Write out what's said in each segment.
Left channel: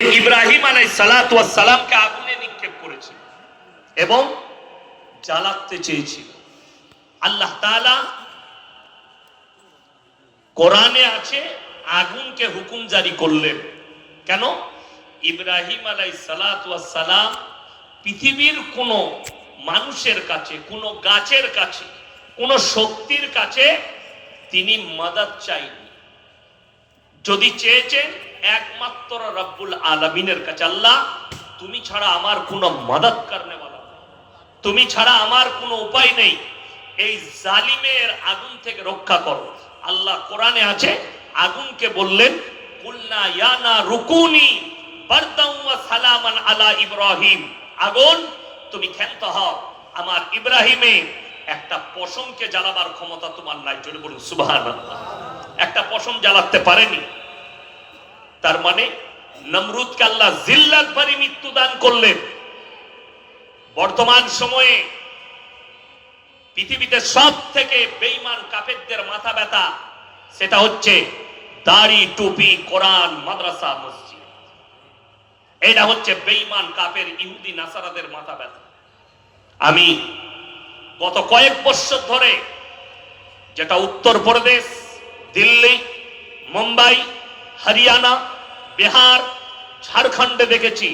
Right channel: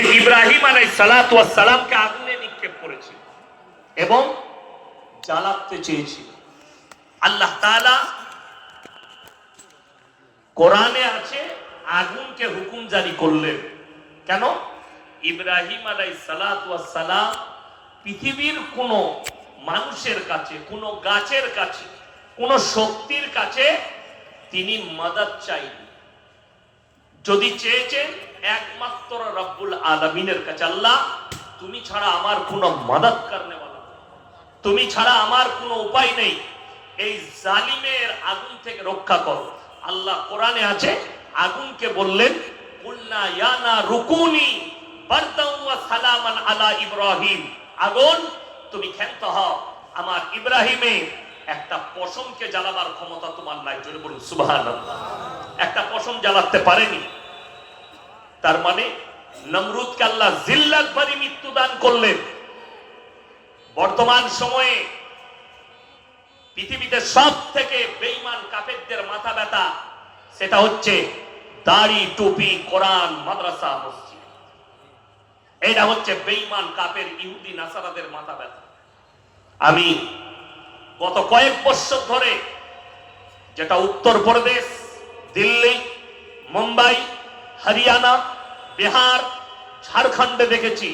ইব্রাহিম আলাইহিস সালাতু ওয়াস সালামকে আগুনে নিক্ষেপ করেছিল এবং জ্বালাতে চেয়েছিল। আল্লাহ তাআলা কোরআনে আছে আগুনকে হুকুম জারি করলেন। কেন? ইব্রাহিম আলাইহিস সালাতু ওয়াস সালাম পৃথিবীর কোন মানুষের কাছে, কোন গাছের কাছে, কোন শক্তির কাছে তিনি মাদদ চাইনি। যদি চেয়েছেন একমাত্র রব্বুল আলামিনের কাছে, আল্লাহ তুমি ছাড়া আমার কোনো মদদ করনে ওয়ালা, তুমি ছাড়া আমার কোনো উপায় নেই, এই জালিমের আগুন থেকে রক্ষা করো। আল্লাহ কোরআনে আছে আগুনকে বললেন কুলনা ইয়া না রুকুনি বারদাও ওয়া সালামান আলা ইব্রাহিম, আগুন তুমি ক্ষান্ত হও, আমার ইব্রাহিমের একটা পশমকে জ্বালাবার ক্ষমতা তোমার নাই। জোরে বলুন সুবহানাল্লাহ। একটা পশম জ্বালাতে পারেনি। তার মানে নমরুদকে আল্লাহ জিল্লাত ভরি মৃত্যু দান করলেন। বর্তমান সময়ে পৃথিবীতে সব থেকে বেঈমান কাফেরদের মাথা ব্যথা সেটা হচ্ছে দাড়ি, টুপি, কোরআন, মাদ্রাসা, মসজিদ। এটা হচ্ছে বেঈমান কাফের ইহুদি নাসারাদের মাথা ব্যথা। আমি গত কয়েক বছর ধরে যেটা উত্তরপ্রদেশ, দিল্লি, মুম্বাই, হরিয়ানা, বিহার, ঝাড়খণ্ডে দেখেছি,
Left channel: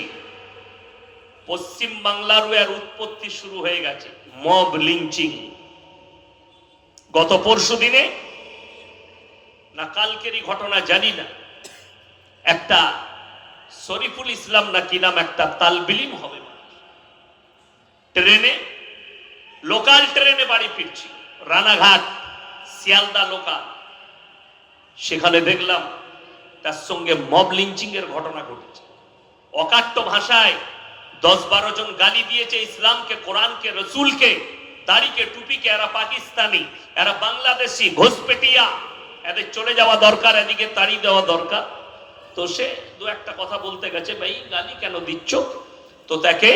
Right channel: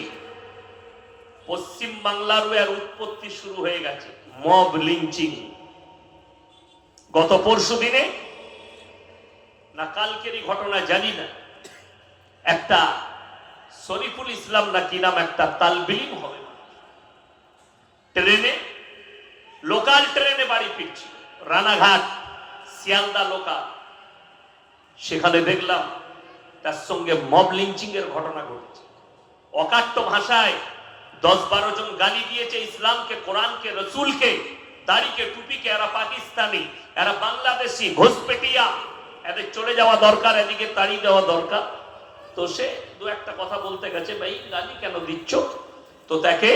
পশ্চিম বাংলারও এর উৎপত্তি শুরু হয়ে গেছে, মব লিঞ্চিং। গত পরশু দিনে না কালকেরই ঘটনা জানি না, একটা শরীফুল ইসলাম না কি নাম একটা তালবিলিম হবে, ট্রেনে, লোকাল ট্রেনে বাড়ি ফিরছি, রানাঘাট শিয়ালদা লোকাল, সেখানে দেখলাম তার সঙ্গে মব লিঞ্চিং এর ঘটনা ঘটেছে। অকাট্য ভাষায় 10-12 জন গালি দিয়েছে ইসলামকে, কোরআনকে, রসুলকে, দাড়িকে, টুপিকে। এরা পাকিস্তানি, এরা বাংলাদেশি, ঘোষপেটিয়া, এদের চলে যাওয়া দরকার, এদিকে তাড়িয়ে দেওয়া দরকার। তো সে দু একটা কথা বলতে গেছে, ভাই গালি কেন দিচ্ছ? তো তাকে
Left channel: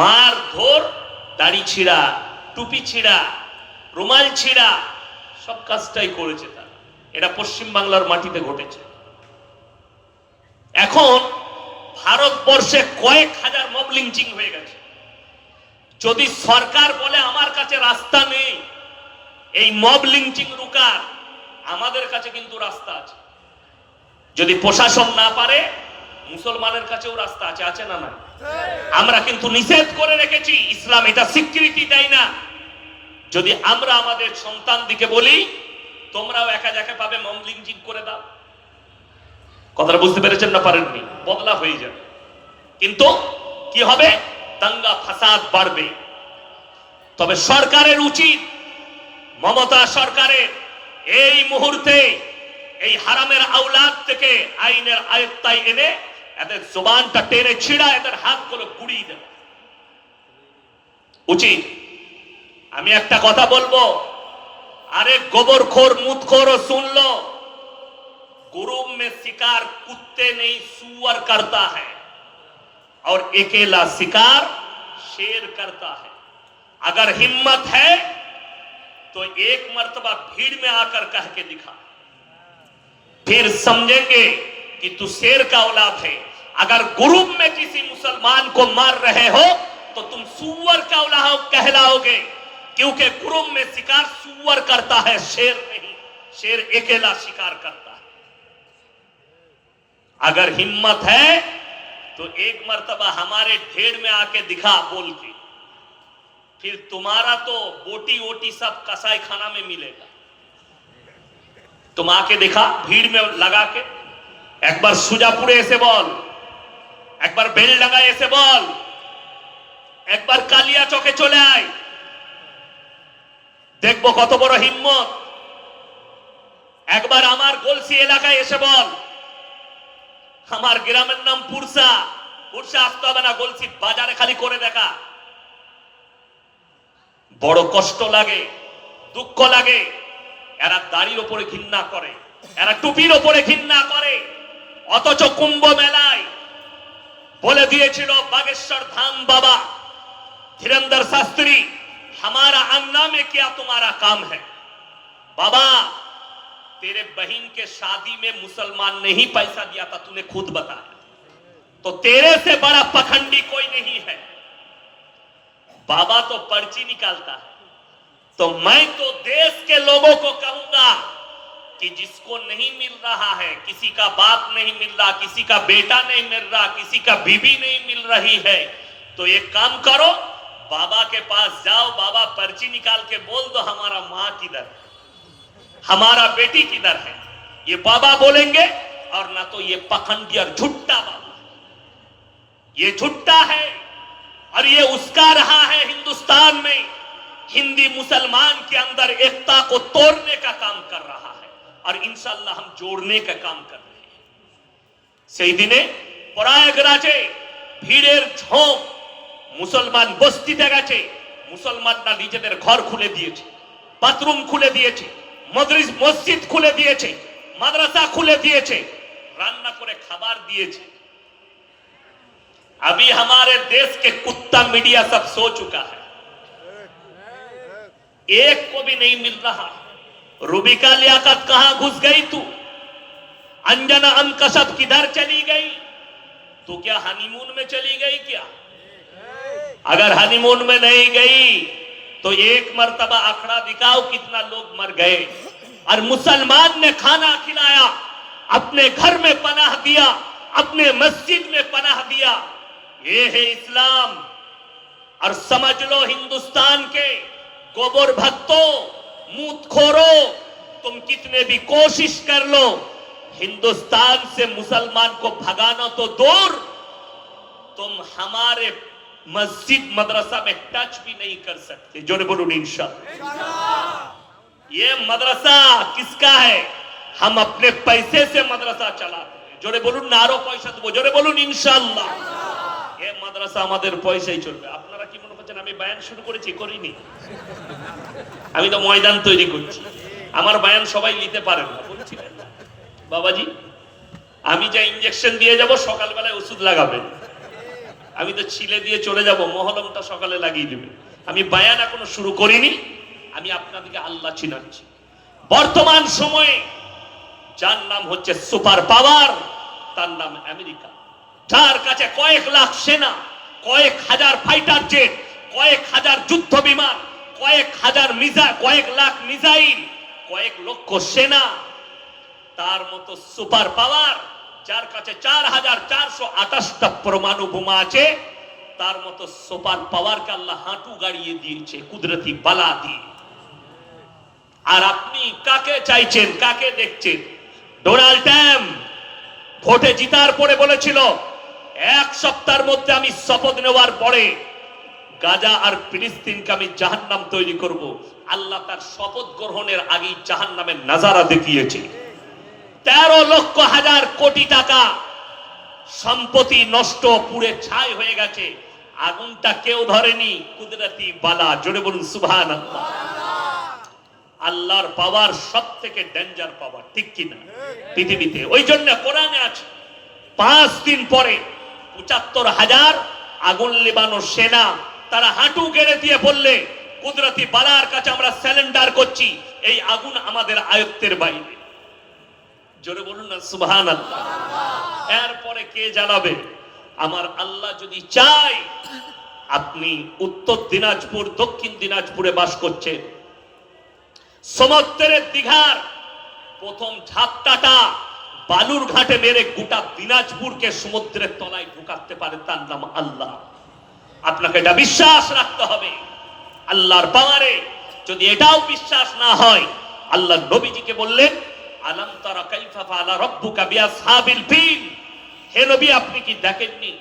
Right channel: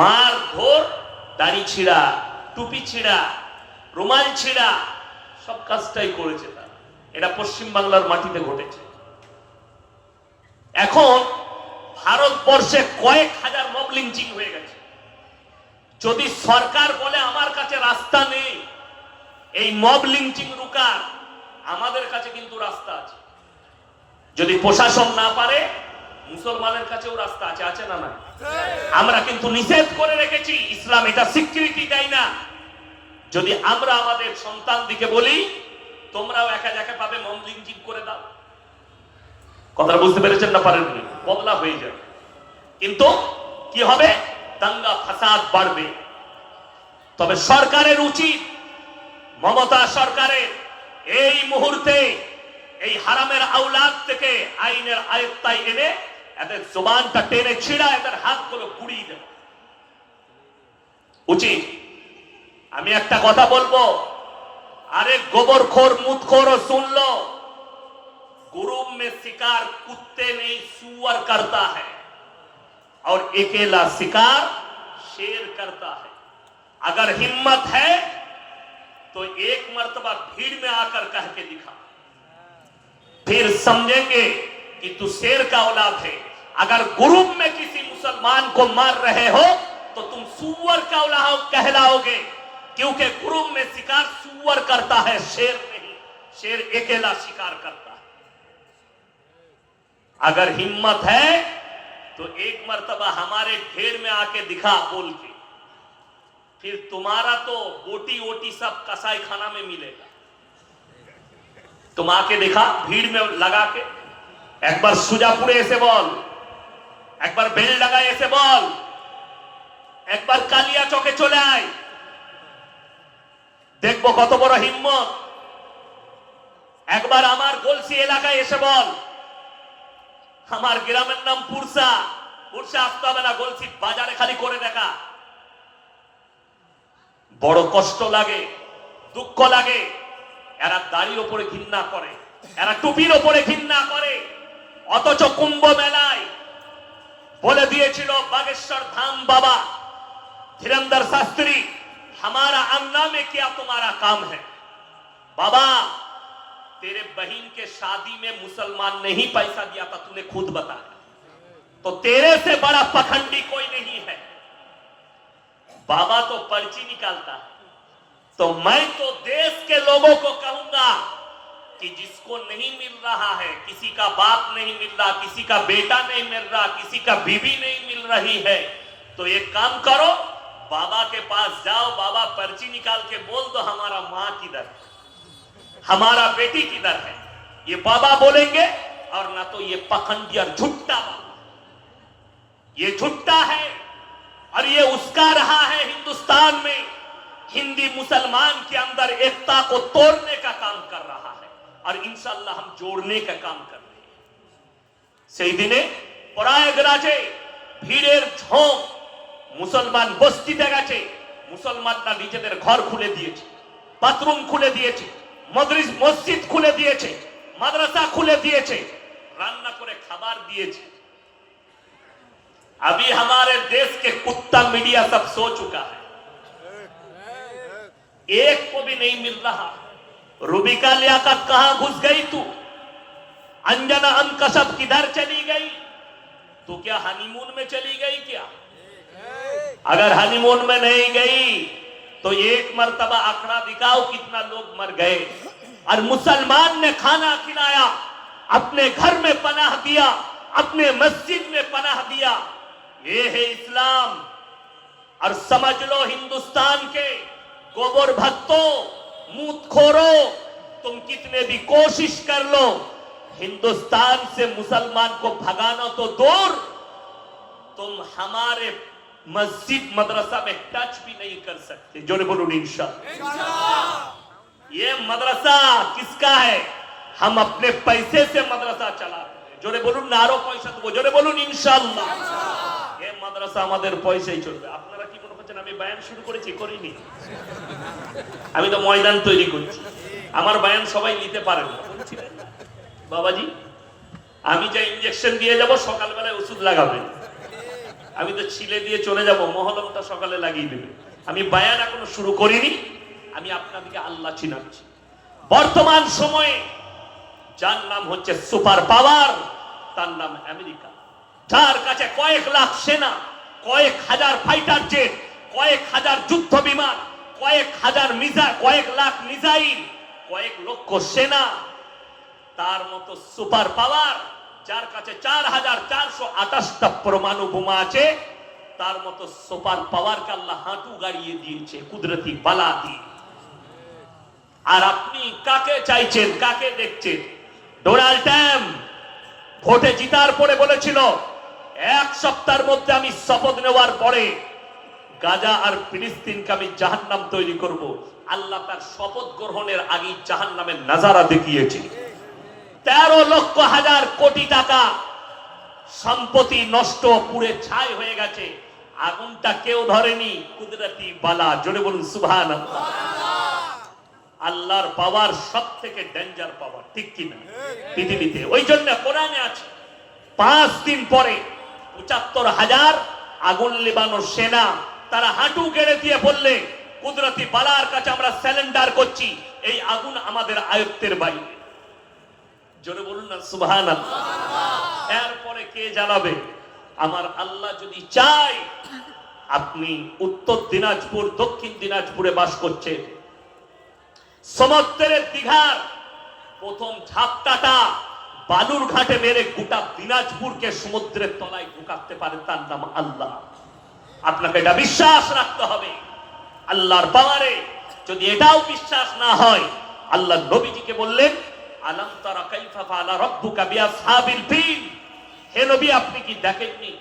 মার ধর, দাড়ি ছিঁড়া, টুপি ছিঁড়া, রুমাল ছিঁড়া, সব কাজটাই করেছে তার। এটা পশ্চিম বাংলার মাটিতে ঘটেছে। এখন ভারতবর্ষে কয়েক হাজার মব লিঞ্চিং হয়ে গেছে। যদি সরকার বলে আমার কাছে রাস্তা নেই এই মব লিঞ্চিং রুকার, আমাদের কাছে কিন্তু রাস্তা আছে। যদি প্রশাসন না পারে, মুসলমানের কাছেও রাস্তা আছে, আছে না নাই? আমরা কিন্তু নিষেধ করে রেখেছি, ইসলাম এটা স্বীকৃতি দেয় না। যদি আমরা আমাদের সন্তান দিকে বলি তোমরাও একা একা পাবে, মব লিঞ্চিং করে দাও, কথাটা বুঝতে পেরেছেন না পারেননি? বদলা হয়ে যাবে। কিন্তু কি হবে? দাঙ্গা ফাসাদ বাড়বে। তবে সরকারের উচিত, মমতা সরকারের এই মুহূর্তে এই হারামের আওলাদ থেকে আইনের আয়ত্তায় এনে এদের জবানটা টেনে ছিঁড়া, এদের হাতগুলো পুড়িয়ে দেওয়া উচিত। আমি একটা কথা বলবো, আরে গোবরখোর মুতখোর सुन लो, गुरूब में शिकार कुत्ते नहीं सुअर करता है और अकेला शिकार शेर करता है। अगर हिम्मत है तो एक मर्तबा भीड़ में आकर कह के दिखा, फिर समझेंगे कि तू शेर का औलाद है। अगर ग्रुप में किसी मुसलमान को मार रहे हो तो तुम सुअर का औलाद कहलाओगे, क्योंकि ग्रुप में शिकार सुअर करता है, शेर नहीं। शेर अकेला शिकार करता है। अगर हिम्मत है तो एक मर्तबा हमारे ढेर में आके दिखा बोल के, फिर तुम्हारा तो बोटी वोटी सब कसाई खाना में मिलेगा। तुम आके देखा भीड़ में लगा के, एक बार सुजापुरे ऐसे बोल, एक बार बेल लगा ऐसे बोल, एक बार कालिया चौके चले आए, देखबो कत बड़ हिम्मत। एक बार आमार गोलसी एलाकाय एसे बोल, আমার গ্রামের নাম পুরসা, পুরসা আসতে হবে না, গোলসি বাজারে খালি করে দেখা। বড় কষ্ট লাগে, দুঃখ লাগে। এরা দাড়ির উপরে ঘৃণা করে, এরা টুপির উপরে ঘৃণা করে, অথচ কুম্ভ মেলায় বলে দিয়েছিল বাগেশ্বর ধাম বাবা ধীরেন্দ্র শাস্ত্রী, हमारा अन्ना में क्या तुम्हारा काम है? बाबा तेरे बहन के शादी में मुसलमान ने ही पैसा दिया था, तूने खुद बताया। तो तेरे से बड़ा पखंडी कोई नहीं है। बाबा तो पर्ची निकालता है, तो मैं तो देश के लोगों को कहूंगा कि जिसको नहीं मिल रहा है, किसी का बाप नहीं मिल रहा, किसी का बेटा नहीं मिल रहा, किसी का बीवी नहीं मिल रही है, तो एक काम करो, बाबा के पास जाओ, बाबा पर्ची निकाल के बोल दो हमारा माँ किधर, हमारा बेटी किधर है। ये बाबा बोलेंगे, और ना तो ये पखंडी और झुट्टा बाबा, ये झुट्टा है और ये उसका रहा है हिंदुस्तान में हिंदी मुसलमान के अंदर एकता को तोड़ने का काम कर रहा है, और इंशाअल्लाह हम जोड़ने का काम कर रहे हैं। সেই দিনে প্রয়াগরাজে ভিড়ের ঝোঁক মুসলমান বস্তিতে গেছে, মুসলমানরা নিজেদের ঘর খুলে দিয়েছে, বাথরুম খুলে দিয়েছে, মসজিদ খুলে দিয়েছে, মাদ্রাসা খুলে দিয়েছে, রান্না করে খাবার দিয়েছে। अभी हमारे देश के कुत्ता मीडिया सब सो चुका है, एक को भी नहीं मिल रहा। रूबिका लियाकत कहां घुस गई तू? अंजना अनकशब किधर चली गई? तो क्या हनीमून में चली गई क्या? अगर हनीमून में नहीं गई तो एक मर्तबा आंकड़ा दिखाओ कितना लोग मर गए। और मुसलमान ने खाना खिलाया, अपने घर में पनाह दिया, अपने मस्जिद में पनाह दिया। ये है इस्लाम। और समझ लो हिंदुस्तान के गोबर भक्तों, मूतखोरों, तुम कितने भी कोशिश कर लो, हिंदुस्तान से मुसलमान को भगाना तो दूर, तुम हमारे मस्जिद मदरसा में टच भी नहीं कर सकते। जोरे बोलो इंशाअल्लाह। ये मदरसा किसका है? हम अपने पैसे से मदरसा चलाते हैं। जोरे बोलून नारो पैसा देबो, जोरे बोलून इंशाअल्लाह। ये मदरसा আমাদের পয়সাই চলবে। আপনারা কি মনে করছেন আমি বয়ান শুরু করেছি? করিনি। আমি তো ময়দান তৈরি করছি। আমার বয়ান সবাই নিতে পারে না, বলছিলেন বাবাজি আমি যা ইনজেকশন দিয়ে যাব সকালবেলায় ওষুধ লাগাবেন, আমি তো ছিলে দিয়ে চলে যাব, মহলমটা সকালে লাগিয়ে দেবে। আমি বয়ান এখনো শুরু করিনি, আমি আপনাদেরকে আল্লাহ চিনাচ্ছি। বর্তমান সময়ে যার নাম হচ্ছে সুপার পাওয়ার, তার নাম আমেরিকা, যার কাছে কয়েক লাখ সেনা, কয়েক হাজার ফাইটার জেট, কয়েক হাজার যুদ্ধ বিমান, কয়েক হাজার মিসাইল, কয়েক লাখ মিসাইল, কয়েক লক্ষ সেনা, তার মতো সুপার পাওয়ার যার কাছে ৪,৪২৮টা পরমাণু বোমা আছে, তার মতো সুপার পাওয়ারকে আল্লাহ হাঁটু গাড়িয়ে দিয়েছে কুদরতি বালা দিয়ে। আর আপনি কাকে চাইছেন, কাকে দেখছেন? ডোনাল্ড ট্রাম্প ভোটে জিতার পরে বলেছিল এক সপ্তাহের মধ্যে আমি শপথ নেওয়ার পরে গাজা আর ফিলিস্তিনকে আমি জাহান্নাম তৈরি করব। আল্লাহ তার শপথ গ্রহণের আগেই জাহান্নামের নাজারা দেখিয়েছে। ১৩ লক্ষ হাজার কোটি টাকা সম্পত্তি নষ্ট, পুড়ে ছাই হয়ে গেছে। আগুনটা কেউ ধরেনি, কুদরতি বালা। জোরে বলুন সুবহানাল্লাহ। আল্লাহর পাওয়ার সব থেকে ডেঞ্জার পাওয়ার, ঠিক কিনা পৃথিবীতে? ওই জন্য কোরআনে আছে 5 দিন পরে ৭৫,০০০ আগুন লিবানো সেনা তারা হাঁটু গেড়ে দিয়ে বললে কুদরতি বালার কাছে আমরা স্যালেন্ডার করছি, এই আগুন আমাদের আয়ত্তের বাইরে। জোরে বলুন না সুবহানাল্লাহ। এরপরে কে জ্বালাবে? আমার আল্লাহ যদি চায়। আপনি উত্তর দিনাজপুর, দক্ষিণ দিনাজপুরে বাস করছেন, সমুদ্রের দীঘার প্রথম ঝাপটাটা বালুর ঘাটে মেরে গোটা দিনাজপুরকে সমুদ্রের তলায় ঢুকাতে পারে, তার নাম আল্লাহ। আপনাকে এটা বিশ্বাস রাখতে হবে আল্লাহর পাওয়ারে। যদি এটাও বিশ্বাস না হয়, আল্লাহ নবীজিকে বললেন আলাম তারা কাইফা ফাআলা রাব্বুকা বিআসহাবিল ফিল। হে নবী, আপনি কি দেখেননি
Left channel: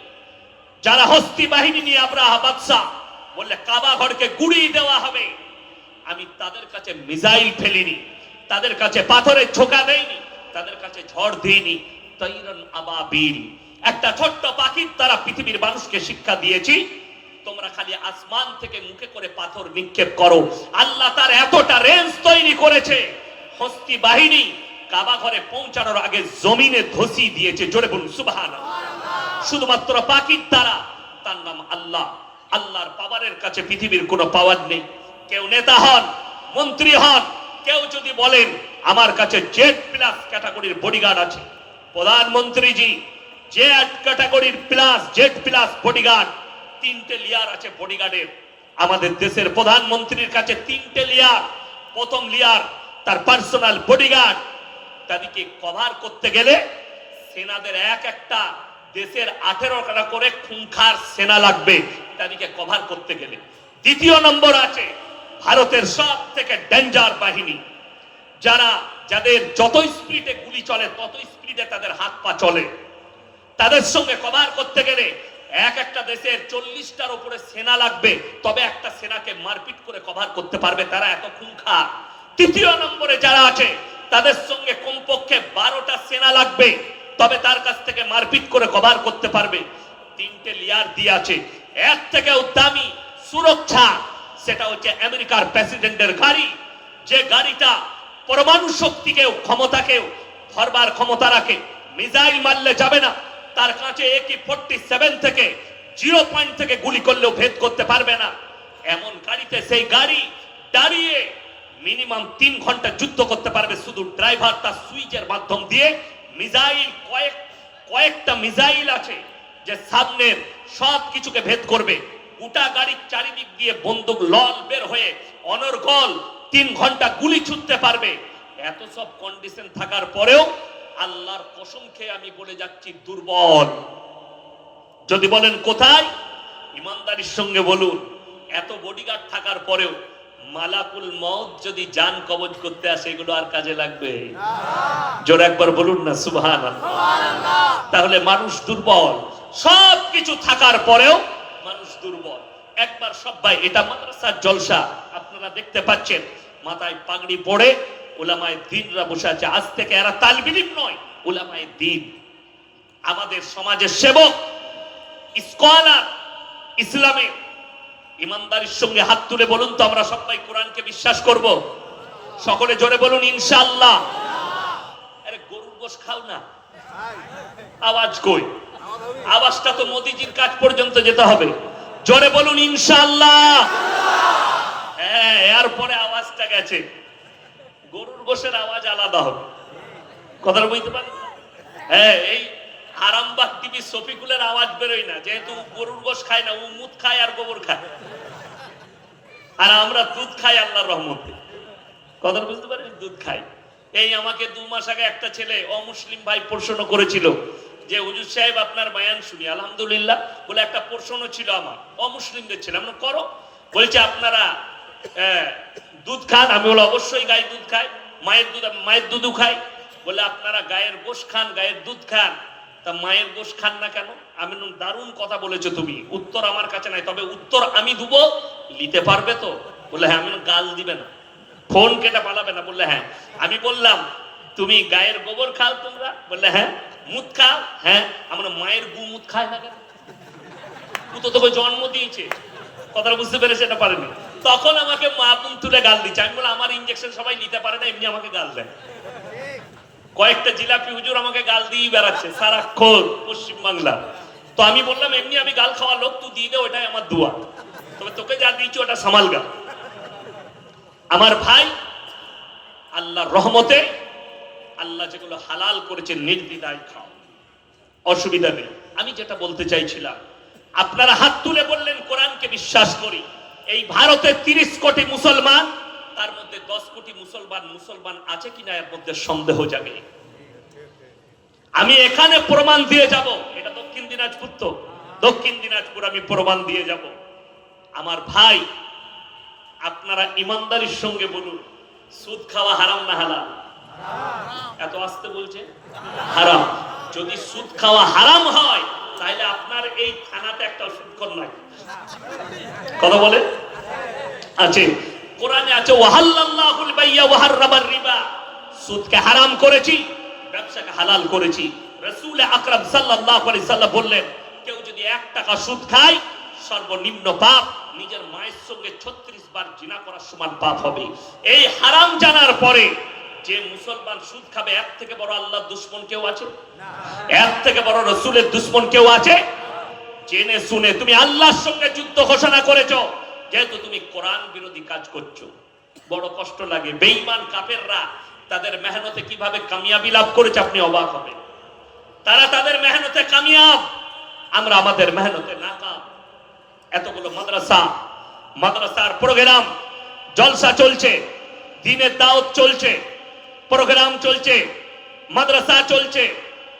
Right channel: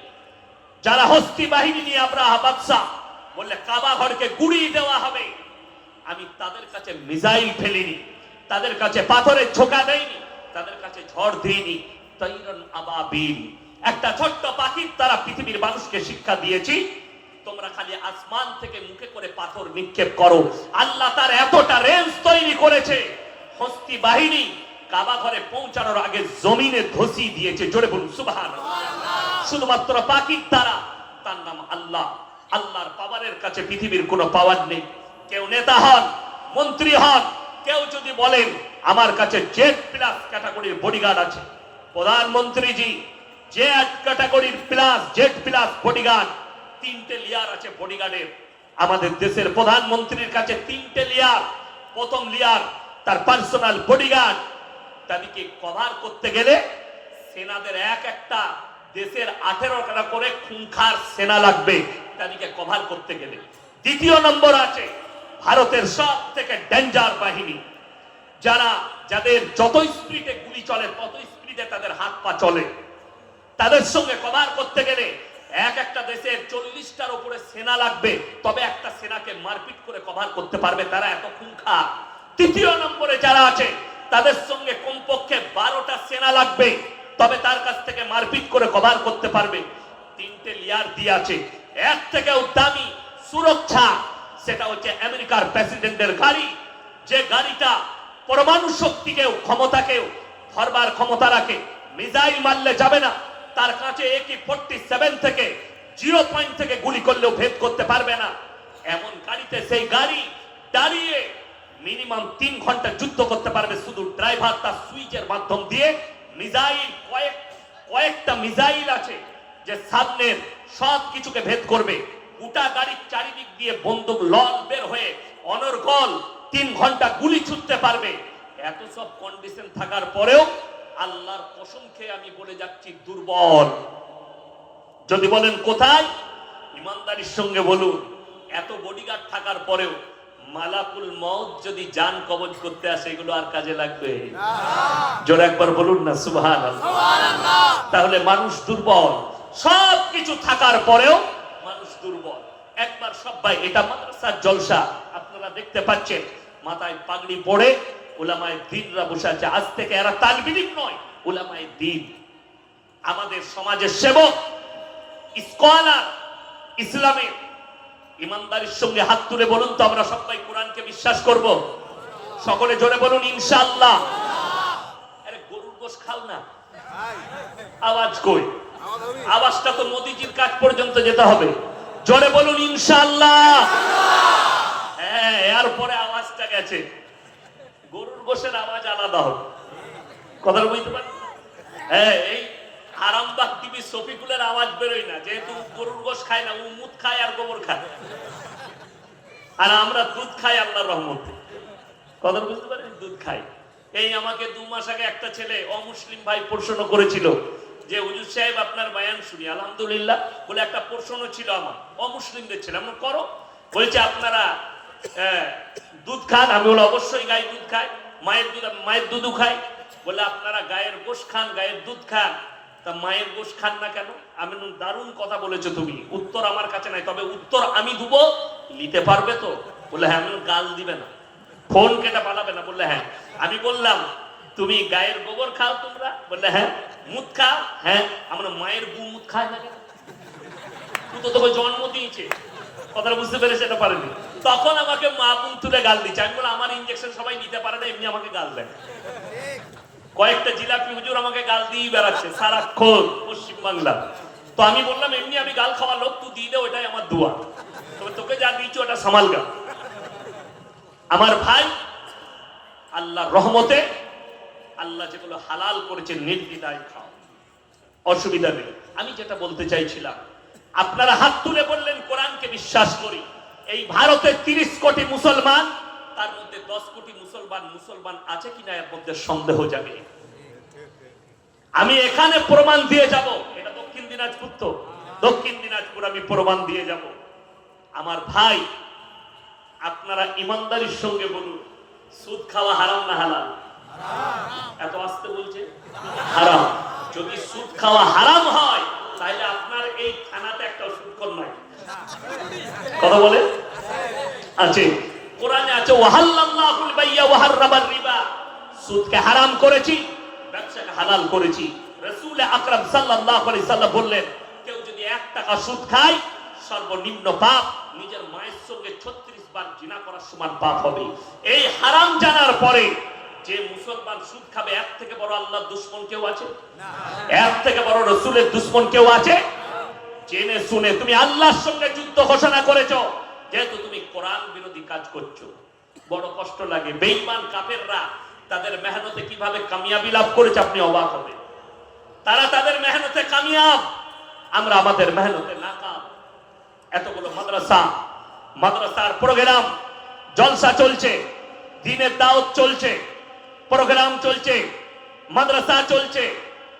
যারা হস্তি বাহিনী নিয়ে আব্রাহা বাদশা বললে কাবা ঘরকে গুড়িয়ে দেওয়া হবে, আমি তাদের কাছে মিসাইল ফেলিনি, তাদের কাছে পাথরের ছোকা দেইনি, তাদের কাছে ঝড় দিইনি, তাইরান আবাবিল, একটা ছোট্ট পাখির দ্বারা পৃথিবীর মানুষকে শিক্ষা দিয়েছি, তোমরা খালি আসমান থেকে মুখে করে পাথর নিক্ষেপ করো। আল্লাহ তার এতটা রেঞ্জ তৈরি করেছে, হস্তি বাহিনী কাবা ঘরে পৌঁছানোর আগে জমিনে ধসিয়ে দিয়েছে। জোরে বলুন সুবহানাল্লাহ। শুধুমাত্র পাখির দ্বারা, তার নাম আল্লাহ। আল্লাহর পাওয়ারের কাছে পৃথিবীর কোনো পাওয়ার নেই। কেউ নেতা হন, মন্ত্রী হন, কেউ যদি বলেন আমার কাছে জেড প্লাস ক্যাটাগরির বডিগার্ড আছে, প্রধানমন্ত্রীজি জেড ক্যাটাগরির প্লাস জেড প্লাস বডিগার্ড, 3টে লেয়ার আছে বডিগার্ডের। আমাদের দেশের প্রধানমন্ত্রীর কাছে 3টে লেয়ার। প্রথম লেয়ার তার পার্সোনাল বডিগার্ড, তাদেরকে কভার করতে গেলে সেনাদের এক একটা দেশের 18টা করে খুনখার সেনা লাগবে তাদেরকে কভার করতে গেলে। দ্বিতীয় নম্বর আছে ভারতের সব থেকে ডেঞ্জার বাহিনী, যাদের যত স্পিডে গুলি চলে তত স্পিডে তাদের হাত পা চলে। তাদের সঙ্গে কভার করতে গেলে এক একটা দেশের 40টার উপরে সেনা লাগবে, তবে একটা সেনাকে মারপিট করে কভার করতে পারবে, তারা এত খুনখার। তৃতীয় নম্বরে যারা আছে তাদের সঙ্গে কমপক্ষে 12টা সেনা লাগবে, তবে তার কাছ থেকে মারপিট করে কভার করতে পারবে। 3টে লেয়ার দিয়ে আছে। এর থেকে দামি সুরক্ষা সেটা হচ্ছে আমেরিকার প্রেসিডেন্টের গাড়ি, যে গাড়িটা পরমাণু শক্তিকেও ক্ষমতাকেও ধরবার ক্ষমতা রাখে। মিসাইল মারলে যাবে না, তার কাছে AK-47 থেকে 0 পয়েন্ট থেকে গুলি করলেও ভেদ করতে পারবে না। এমন গাড়িতে সেই গাড়ি দাঁড়িয়ে মিনিমাম 3 ঘন্টা যুদ্ধ করতে পারবে, শুধু ড্রাইভার তার সুইচের মাধ্যম দিয়ে। মিসাইল কয়েকটা মিসাইল আছে যে সামনের সব কিছুকে ভেদ করবে। গোটা গাড়ির চারিদিক দিয়ে বন্দুক লল বের হয়ে অনর্গল 3 ঘন্টা গুলি ছুটতে পারবে। এত সব কন্ডিশন থাকার পরেও আল্লাহর কসম খেয়ে আমি বলে যাচ্ছি দুর্বল। যদি বলেন কোথায়, ইমানদারির সঙ্গে বলুন, এত বডিগার্ড থাকার পরেও মালাকুল মউত যদি জান কবজ করতে আসে এগুলো আর কাজে লাগবে? জোরে একবার বলুন না সুবহানাল্লাহ। তাহলে মানুষ দুর্বল, সব কিছু থাকার পরেও মানুষ দুর্বল। একবার সবাই, এটা মাদ্রাসার জলসা, আপনারা দেখতে পাচ্ছেন মাথায় পাগড়ি পড়ে উলামায়ে দ্বীনরা বসে আছে। আজ থেকে এরা তালিব ইলম নয়, উলামায়ে দ্বীন, আমাদের সমাজের সেবক, স্কলার, ইসলামের। ইমানদারির সঙ্গে হাত তুলে বলুন তো আমরা সবাই কোরআনকে বিশ্বাস করব? সকলে জোরে বলুন ইনশাআল্লাহ। আরে গরুর গোশত খাও না, আওয়াজ কই? আওয়াজটা তো মোদিজির কাজ পর্যন্ত যেতে হবে। জোরে বলুন ইনশাআল্লাহ। হ্যাঁ, এরপরে আওয়াজটা গেছে, গরুর গোশের আওয়াজ আলাদা হবে। কথা বুঝতে পারেন? হ্যাঁ, এই আরামবাগ টিভি শফিকুলের আওয়াজ বেরোয় না, যেহেতু গরুর গোশ খায় না, ও মুদ খায় আর গোবর খায়, আর আমরা দুধ খাই আল্লাহর রহমতে। কথা বুঝতে পারেন? দুধ খাই। এই আমাকে 2 মাস আগে একটা ছেলে অমুসলিম ভাই প্রশ্ন করেছিল যে হুজুর সাহেব আপনার বয়ান শুনি আলহামদুলিল্লাহ, বলে একটা প্রশ্ন ছিল আমার, অমুসলিমদের ছিল, আমরা করো, বলছে আপনারা দুধ খান? আমি বলে অবশ্যই গাই দুধ খাই, মায়ের দুধও খাই। বলে আপনারা গায়ের গোশ খান, গায়ের দুধ খান, তা মায়ের গোশ খান না কেন? আমি দারুণ কথা বলেছো তুমি, উত্তর আমার কাছে নাই, তবে উত্তর আমি দেবো, নিতে পারবে তো? বলে হ্যাঁ। আমি গাল দিবে না, ফোন কেটে পালাবে না। বললে হ্যাঁ। আমি বললাম তুমি গায়ের গোবর খাও তোমরা? বললে হ্যাঁ। মুদ খাও? হ্যাঁ। আমরা মায়ের গু মুদ খায় না কেন? তো তোকে জন্ম দিয়েছে। কথা বুঝতে পেরে সেটা পারেনি। তখন আমাকে মা বোন তুলে গাল দিচ্ছে। আমি বলে আমার ইনজেকশন সবাই নিতে পারে না, এমনি আমাকে গাল দেয়। কয়েকটা জিলাপি হুজুর আমাকে গাল দিয়ে বেড়াচ্ছে সারাক্ষণ পশ্চিম বাংলা। তো আমি বললাম এমনি আমি গাল খাওয়া লোক, তুই দিয়ে দে, ওটাই আমার দোয়া, তবে তোকে যা দিচ্ছি ওটা সামাল গা। আমার ভাই, আল্লাহর রহমতে আল্লাহ যেগুলো হালাল করেছে নির্দ্বিধায় খাও, অসুবিধা নেই। আমি যেটা বলতে চাইছিলাম, আপনারা হাত তুলে বললেন কোরআনকে বিশ্বাস করি। এই ভারতের 30 কোটি মুসলমান, তার মধ্যে 10 কোটি মুসলমান আছে কিনা এর মধ্যে সন্দেহ যাবে। আমি এখানে প্রমাণ দিয়ে যাব, এটা দক্ষিণ দিনাজপুর, তো দক্ষিণ দিনাজপুর আমি প্রমাণ দিয়ে যাব। আমার ভাই, আপনারা ইমানদারির সঙ্গে বলুন, সুদ খাওয়া হারাম না হালাল? এত আসতে বলছে হারাম। যদি সুদ খাওয়া হারাম হয় তাহলে আপনার এই থানাতে একটা সুদখোর নাই। কথা বলে আছে, কোরআনে আছে ওয়াহাল্লাল্লাহুল বাইয়া ওয়া হাররামার রিবা, সুদকে হারাম করেছি, ব্যবসাকে হালাল করেছি। রাসূল আকরাম সাল্লাল্লাহু আলাইহি সাল্লাম বললেন, কেউ যদি 1 টাকা সুদ খায়, সর্বনিম্ন পাপ নিজের মায়ের সঙ্গে 36 বার জিনা করার সমান পাপ হবে। এই হারাম জানার পরে যে মুসলমান সুদ খাবে, এর থেকে বড় আল্লাহর দুশমন কেউ আছে? এর থেকে বড় রাসূলের দুশমন কেউ আছে? জেনে শুনে তুমি আল্লাহর সঙ্গে যুদ্ধ ঘোষণা করেছো, যেহেতু তুমি কোরআন বিরোধী কাজ করছো। বড় কষ্ট লাগে। বেঈমান কাফেররা তাদের মেহনতে কিভাবে কামিয়াবি লাভ করেছে আপনি অবাক হবেন। তারা তাদের মেহনতে কামিয়াব, আমরা আমাদের মেহনতে নাকাম। এতগুলো মাদ্রাসার প্রোগ্রাম জলসা চলছে, দিনের দাওয়াত চলছে, প্রোগ্রাম চলছে, মাদ্রাসা চলছে,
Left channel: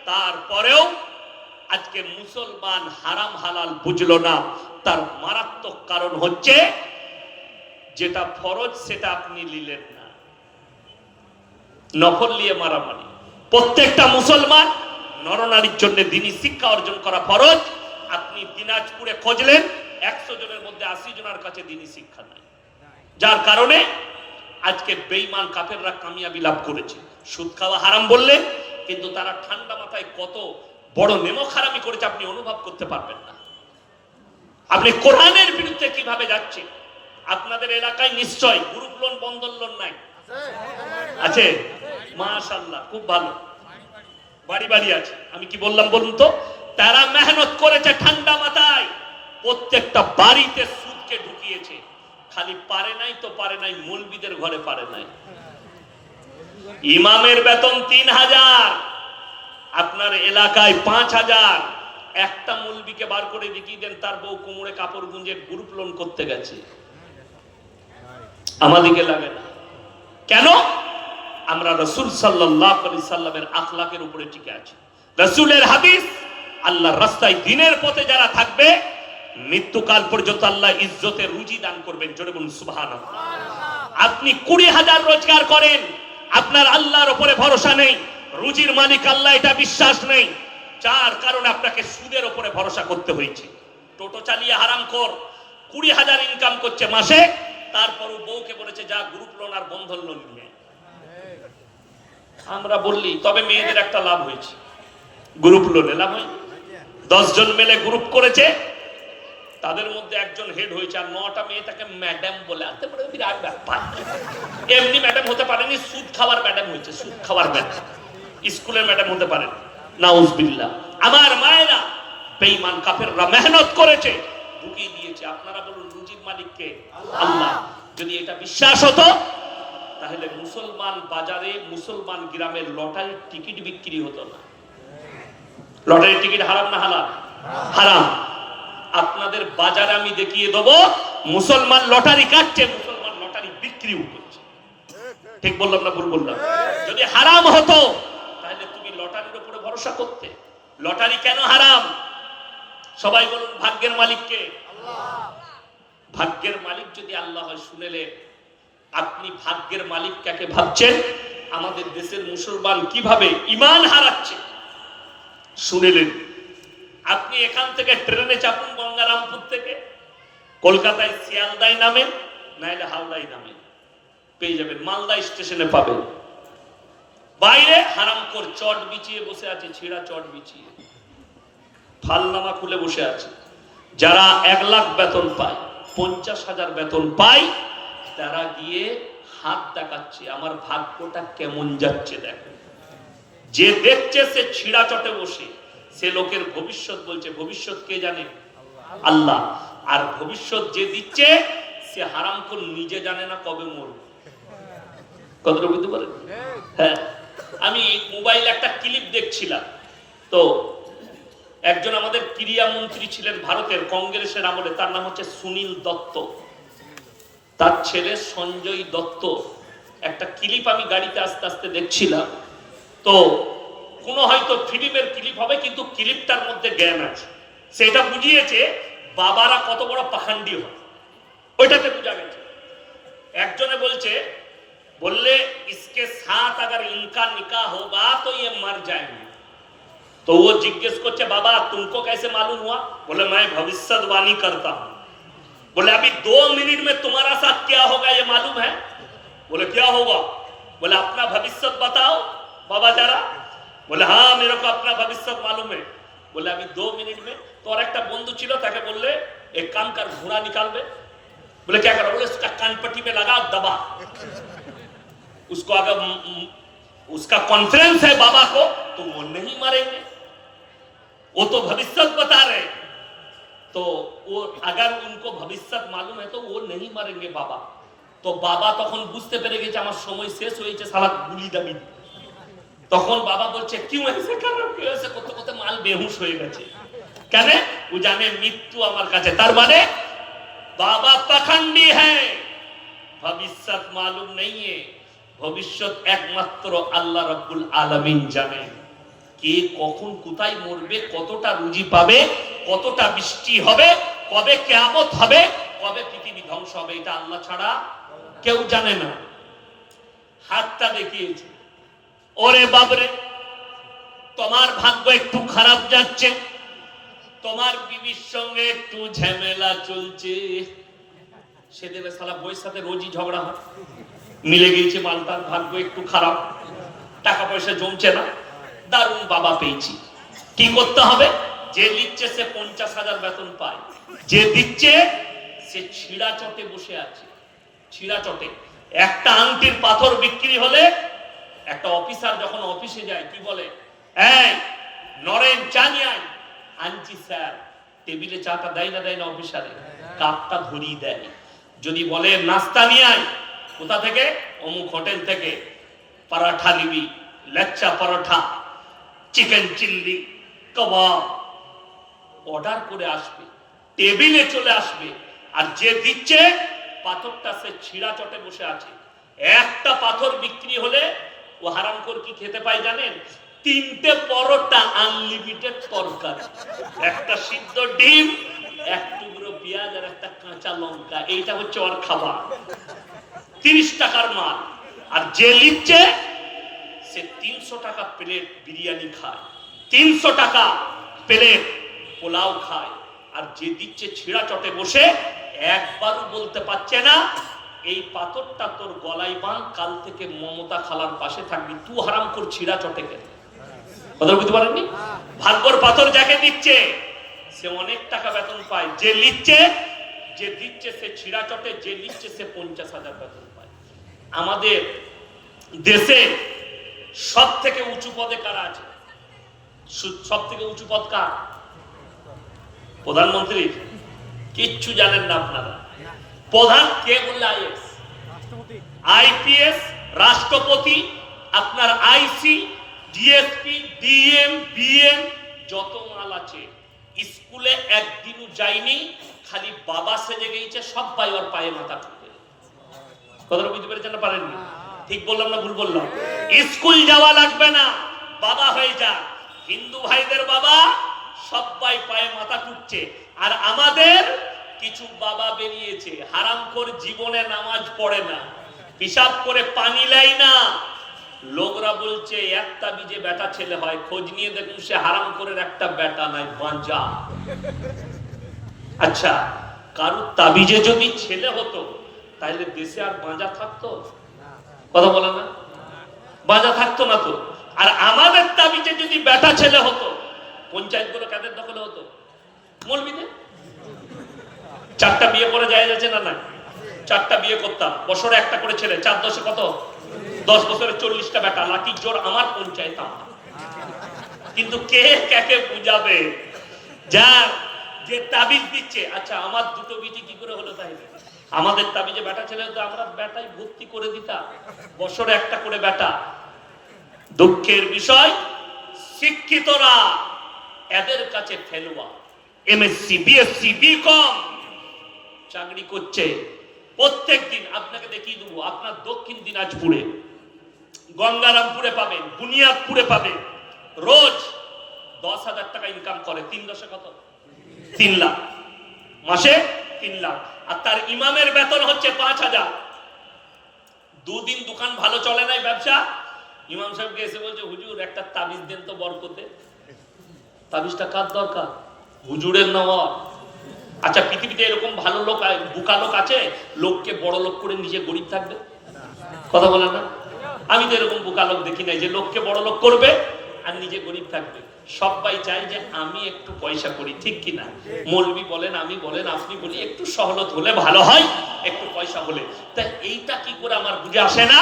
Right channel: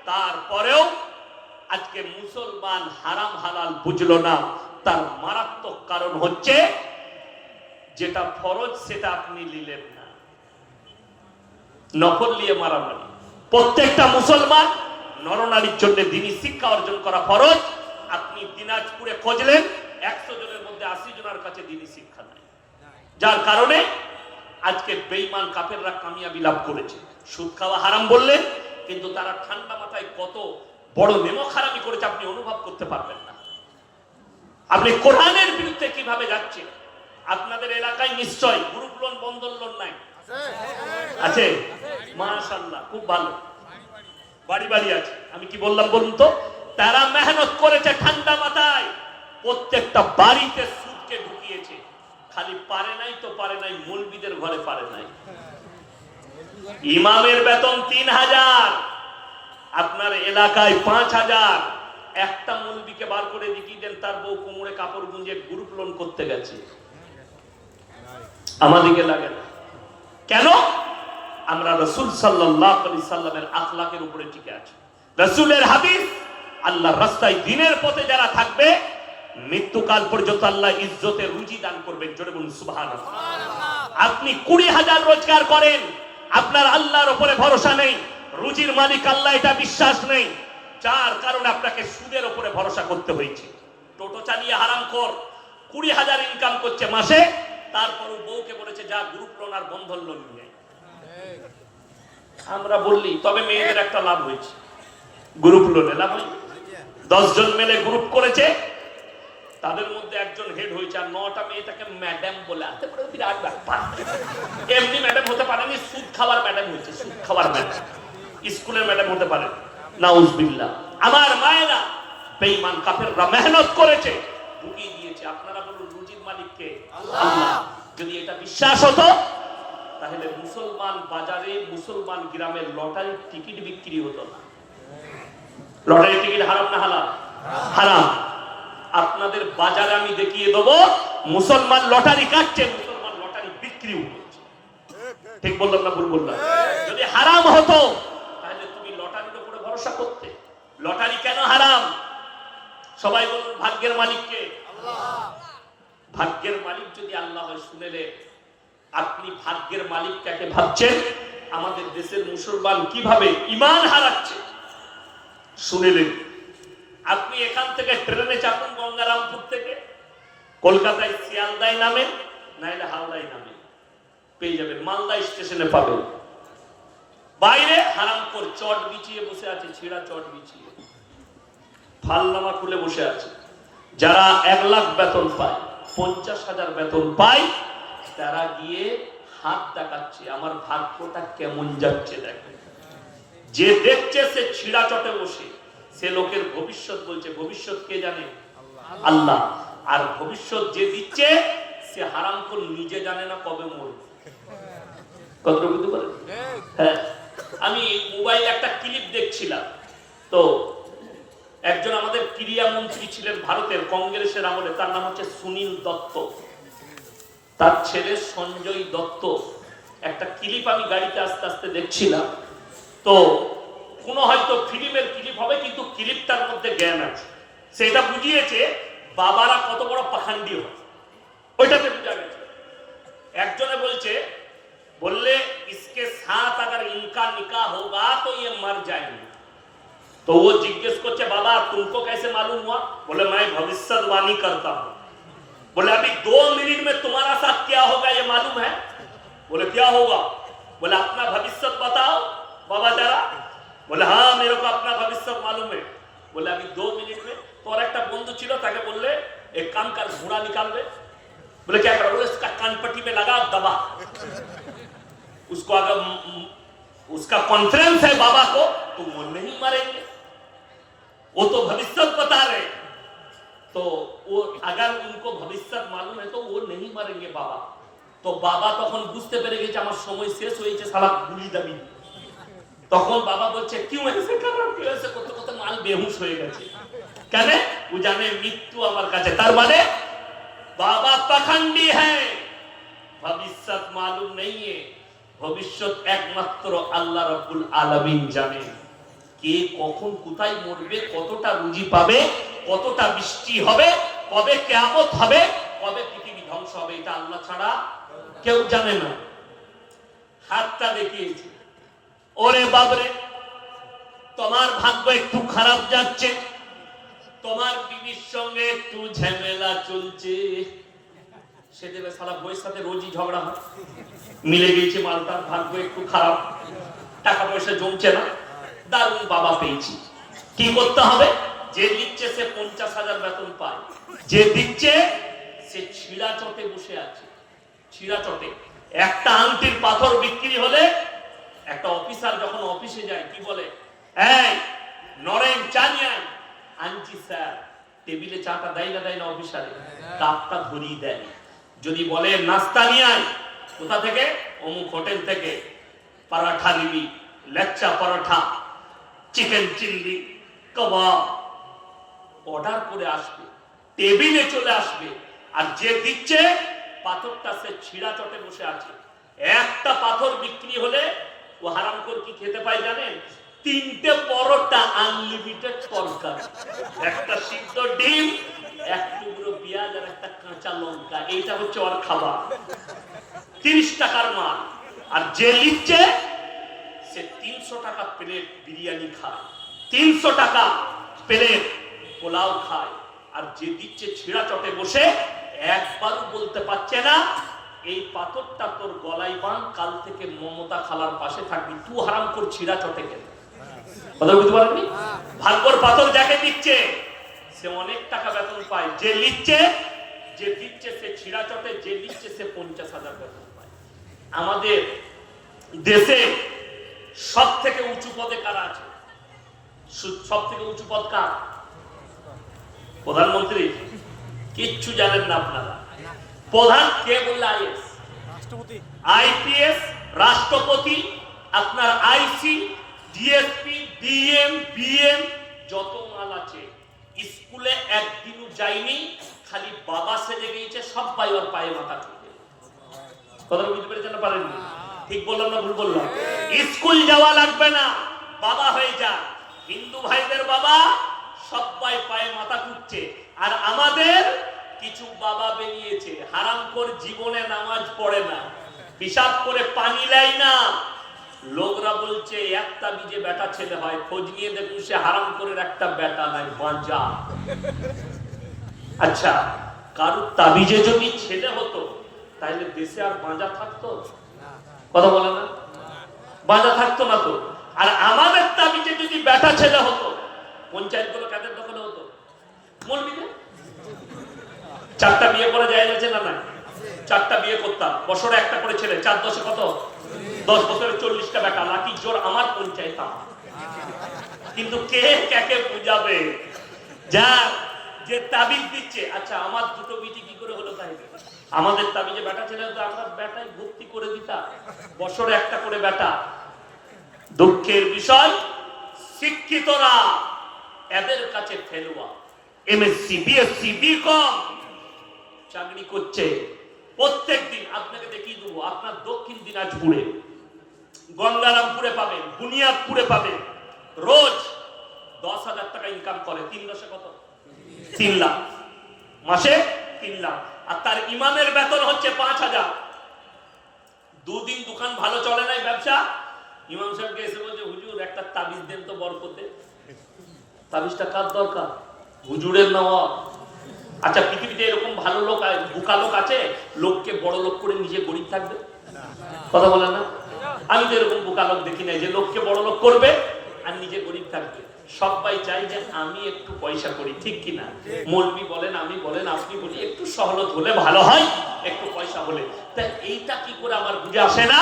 তারপরেও আজকে মুসলমান হারাম হালাল বুঝলো না। তার মারাত্মক কারণ হচ্ছে যেটা ফরজ সেটা আপনি নিলেন না, নফল নিয়ে মারামারি। প্রত্যেকটা মুসলমান নরনারীর জন্য দ্বীনি শিক্ষা অর্জন করা ফরজ। আপনি দিনাজপুরে খুঁজলেন 100 জনের মধ্যে 80 জনের কাছে দ্বীনি শিক্ষা নাই, যার কারণে আজকে বেঈমান কাফেররা কামিয়াবি লাভ করেছে। সুদ খাওয়া হারাম বললে কিন্তু তারা ঠান্ডা মাথায় কত বড় নেমক হারামি করেছে আপনি অনুভব করতে পারবেন না। আপনি কোরআনের বিরুদ্ধে কিভাবে যাচ্ছে। আপনাদের এলাকায় নিশ্চয় গ্রুপ লোন বন্ধন লোন নাই আছে? মাশাআল্লাহ, খুব ভালো, বাড়ি বাড়ি আছে। আমি কি বললাম বলুন তো? তারা মেহনত করেছে ঠান্ডা মাথায়, প্রত্যেকটা বাড়িতে সুদকে ঢুকিয়েছে। খালি পারে নাই তো পারে নাই, মৌলবীদের ঘরে পারে নাই। ইমামের বেতন 3000, আপনার এলাকায় 5000। একটা মৌলবীকে বার করে দেখিয়ে দেন তার বউ কোমরে কাপড় গুঁজে গ্রুপ লোন করতে গেছে, আমাদেরকে লাগে না। কেন? আমরা রাসূল সাল্লাল্লাহু আলাইহি সাল্লামের আখলাকের উপরে টিকে আছি। রাসূলের হাদিস, আল্লাহর রাস্তায় দ্বীনের পথে যারা থাকবে মৃত্যুকাল পর্যন্ত আল্লাহ ইজ্জতের রুজি দান করবেন। জোরে বলুন সুবহানাল্লাহ। আপনি 20,000 রোজগার করেন, আপনার আল্লাহর উপরে ভরসা নেই, রুজির মালিক আল্লাহ এটা বিশ্বাস নেই, যার কারণে আপনাকে সুদের উপরে ভরসা করতে হয়েছে। টোটো চালিয়ে হারামখোর 20,000 ইনকাম করছে মাসে, তারপরও বউকে বলেছে যা গ্রুপ লোন আর বন্ধন লোন নিয়ে। আমরা বললি তবে মেয়েদের একটা লাভ হয়েছে, গ্রুপ লোনে লাভ হয়। 10 জন মিলে গ্রুপ করেছে, তাদের মধ্যে একজন হেড হয়েছে, আর 9টা মেয়ে তাকে ম্যাডাম বলে। আনতে পারে বিরাট ব্যাপার। এমনি ম্যাডাম হতে পারেনি, সুদ খাওয়ার ম্যাডাম হয়েছে, সুদ খাওয়ার ম্যাডাম, স্কুলের ম্যাডাম হতে পারে। নাউজুবিল্লাহ। আমার মায়েরা, বেঈমান কাফেররা মেহনত করেছে, ঢুকিয়ে দিয়েছে। আপনারা বলুন রুজির মালিককে আল্লাহ। যদি এটা বিশ্বাস হতো তাহলে মুসলমান বাজারে, মুসলমান গ্রামের লটারির টিকিট বিক্রি হতো না। লটারির টিকিট হারাম না হালাল? হারাম। আপনাদের বাজারে আমি দেখিয়ে দেব, মুসলমান লটারি কাটছে, মুসলমান লটারি বিক্রি হচ্ছে। ঠিক বললাম না ভুল বললাম? যদি হারাম হতো তাহলে তুমি লটারির উপরে ভরসা করতে। লটারি কেন হারাম? সবাই বলুন ভাগ্যের মালিককে আল্লাহ। ভাগ্যের মালিক যদি আল্লাহ হয়, শুনেলে আপনি ভাগ্যের মালিক কাকে ভাবছেন? আমাদের দেশের মুসলমান কিভাবে ঈমান হারাচ্ছে শুনেলেন। আপনি এখান থেকে ট্রেনে চাপুন গঙ্গারামপুর থেকে, কলকাতায় শিয়ালদায় নামেন, নাইলে হাওড়ায় নামেন, পেয়ে যাবেন, মালদা স্টেশনে পাবেন। বাইরে হারামখোর চট বিছিয়ে বসে আছে, ছেঁড়া চট বিছিয়ে, ফালনামা খুলে বসে আছে। যারা 1 লাখ বেতন পায়, 50,000 বেতন পায়, তারা গিয়ে হাত দেখাচ্ছে আমার ভাগ্যটা কেমন যাচ্ছে দেখেন। যে দেখছে সে ছিঁড়া চটে বসে, সে লোকের ভবিষ্যৎ বলছে। ভবিষ্যৎ কে জানে? আল্লাহ। আর ভবিষ্যৎ যে দিচ্ছে সে হারামখোর নিজে জানে না কবে মরবে। কতটা বুঝতে পারেন? হ্যাঁ, আমি মোবাইলে একটা ক্লিপ দেখছিলাম, তো একজন আমাদের ক্রীড়া মন্ত্রী ছিলেন ভারতের কংগ্রেসের আমলে, তার নাম হচ্ছে সুনীল দত্ত, তার ছেলে সঞ্জয় দত্ত। একটা ক্লিপ আমি গাড়িতে আস্তে আস্তে দেখছিলাম, তো কোন হয়তো ফিল্মের ক্লিপ হবে, কিন্তু ক্লিপটার মধ্যে জ্ঞান আছে। সেটা বুঝিয়েছে বাবারা কত বড় পাখান্ডি হয়, ওইটাতে বুঝা গেছে। একজনে বলছে, বললে इसके साथ अगर इनका निकाह होगा तो ये मर जाएंगे। तो वो जिज्ञेस करते बाबा तुमको कैसे मालूम हुआ? बोले मैं भविष्यवाणी करता हूं। बोले अभी 2 मिनट में तुम्हारा साथ क्या होगा ये मालूम है? बोले क्या होगा? बोले अपना भविष्य बताओ बाबा जरा। बोले हाँ मेरे को अपना भविष्य मालूम है। बोले अभी 2 मिनट में। तो और एक बंधु छिलो, ताके बोलले एक काम कर, घोड़ा निकाल दे। बोले क्या करो? बोले उसका कानपट्टी पे लगा दबा, उसको अगर उसका कॉन्फ्रेंस है बाबा को तो वो नहीं मरेंगे, वो तो भविष्य बता रहे। तो वो अगर उनको भविष्य मालूम है तो वो नहीं मरेंगे बाबा। तो बाबा तখন বুঝতে পেরে গেছে আমার সময় শেষ হয়েছে, সারা গুলি দাবি। তখন বাবা বলছে কি হয়েছে, খারাপ কি হয়েছে, কত কত মাল বেহুশ হয়ে গেছে। কেন? ও জানে মৃত্যু আমার কাছে। তার মানে বাবা পাখন্ডী হ্যাঁ, ভবিষ্যৎ মালুম নেই, ভবিষ্যৎ একমাত্র আল্লাহ রাব্বুল আলামিন জানেন। কে কখন কোথায় মরবে, কতটা রুজি পাবে, কতটা বৃষ্টি হবে, কবে কিয়ামত হবে, কবে পৃথিবী ধ্বংস হবে, এটা আল্লাহ ছাড়া কেউ জানে না। হাতটা দেখিয়েছে, ওরে বাবরে তোমার ভাগ্য একটু খারাপ যাচ্ছে, তোমার বিবির সঙ্গে একটু ঝামেলা চলছে। সেদিন সালা বইয়ের সাথে রোজই ঝগড়া হয়, মিলে গিয়েছে মালটার, ভাগ্য একটু খারাপ, টাকা পয়সা জমছে না। দারুণ বাবা পেয়েছি, কি করতে হবে? যে দিচ্ছে সে 50,000 বেতন পায়, যে দিচ্ছে সে ছিড়া চটে বসে আছে। ছিড়া চটে একটা আংটির পাথর বিক্রি হলে একটা অফিসার যখন অফিসে যায় কি বলে, এই নরেন চা নিয়ে আয়। আনছি স্যার। টেবিলে চাটা দেয় না অফিসারে, কাপটা ধরিয়ে দেয়। যদি বলে নাস্তা নিয়ে আয়, কোথা থেকে? অমুক হোটেল থেকে, পরাঠা নিবি, লেচ্চা পরোঠা, চিকেন চিল্লি, কাবাব অর্ডার করে আসবে, টেবিলে চলে আসবে। আর যে দিচ্ছে পাথরটা সে ছিড়া চটে বসে আছে। একটা পাথর বিক্রি হলে ও হারামখোর কি খেতে পায় জানেন? 3টে পরোটা, আনলিমিটেড তরকারি, একটা সিদ্ধ ডিম, এক টুকরো পেঁয়াজ আর একটা কাঁচা লঙ্কা, এইটা হচ্ছে ওর খাবার। 30 টাকার মাল। আর যে লিখছে সে 300 টাকা প্লেট বিরিয়ানি খায়, 300 টাকা প্লেট পোলাও খায়। আর যে দিচ্ছে ছিড়া চটে বসে একবারও বলতে পারছে না এই পাথরটা তোর গলায় বাঁধ, কাল থেকে মমতা খালার পাশে থাকবি, তুই হারাম কর ছিড়া চটে গেলে। কথা বলতে পারেননি? ভাগ্যর পাথর যাকে দিচ্ছে সে অনেক টাকা বেতন পায়, যে লিখছে, যে দিচ্ছে সে ছিড়া চটে, যে লিখছে সে 50,000 বেতন পায়। আমাদের দেশে সব থেকে উঁচু পদে কারা আছে? সব থেকে উঁচু পদ কার? প্রধানমন্ত্রী। কিচ্ছু জানেন না আপনারা। প্রধান কে বললে? আইএস, আইপিএস, রাষ্ট্রপতি, আপনার আইসি, ডিএসপি, ডিএম, বিএম, যত মাল আছে। স্কুলে একদিনও যায়নি, খালি বাবা সেজে গেছে, সবাই ওর পায়ে মাথা ঠুকে। কথা বুঝতে পেরেছেন না পারেননি? ঠিক বললাম না ভুল বললাম? স্কুল যাওয়া লাগবে না, বাবা হয়ে যা। হিন্দু ভাইদের বাবা সবাই পায়ে মাথা ঠুকছে। আর আমাদের কিছু বাবা বেরিয়েছে হারামখোর, জীবনে নামাজ পড়ে না, হিসাব করে পানি লাই না। লোকরা বলছে একটা বীজে বেটা ছেলে হয়, খোঁজ নিয়ে দেখুন সে হারামখোরের একটা বেটা নাই, বাঁচা। আচ্ছা, কারুর তাবিজে যদি ছেলে হতো তাহলে দেশে আর বাঁচা থাকতো? কথা বলে না? বাঁচা থাকতো না তো। আর আমাদের তাবিজে যদি বেটা ছেলে হতো, পঞ্চায়েত গুলো কাদের দখলে হতো? মৌলবীদের। 4টা বিয়ে করা যায় যাচ্ছে না? না, 4টা বিয়ে করতাম, বছরে একটা করে ছেলে, 4 10 কত? 10 বছরে 40টা বেটা, লাঠির জোর আমার পঞ্চায়েত। কিন্তু কে কাকে বুঝাবে? যা যে তাবিজ দিচ্ছে। আচ্ছা, আমার দুটো বিটি কি করে হলো তাহলে? আমাদের তাবিজে বেটা ছেলে হতো, আমরা বেটাই ভর্তি করে দিতাম, বছরে একটা করে বেটা। দুঃখের বিষয়, শিক্ষিতরা এদের কাছে ফেলুয়া, এমএসসি, বিএসসি, বিকম চাকরি করছে। প্রত্যেকদিন আপনাকে দেখিয়ে দেবো, আপনার দক্ষিণ দিনাজপুরে, গঙ্গারামপুরে পাবেন, বুনিয়াদপুরে পাবেন, রোজ 10,000 টাকা ইনকাম করে। 3 10 কত? 3 লাখ, মাসে 3 লাখ। আর তার ইমামের বেতন হচ্ছে 5,000। 2 দিন দোকান ভালো চলে নাই, ব্যবসা, ইমাম সাহেবকে এসে বলছে, হুজুর একটা তাবিজ দেন তো বরকতে। তাবিজটা কার দরকার? হুজুরের নেওয়া। আচ্ছা, পৃথিবীতে এরকম ভালো লোক, বোকা লোক আছে লোককে বড় লোক করে নিজে গরিব থাকবে? কথা বলে না? আমি তো এরকম বোকা লোক দেখি নাই যে লোককে বড় লোক করবে আর নিজে গরিব থাকবে। সবাই চাই যে আমি একটু পয়সা করি, ঠিক কিনা? মৌলবি বলেন, আমি বলেন, আপনি বলি, একটু সহলত হলে ভালো হয়, একটু পয়সা হলে। তাই এইটা কি করে আমার বুঝে আসে না?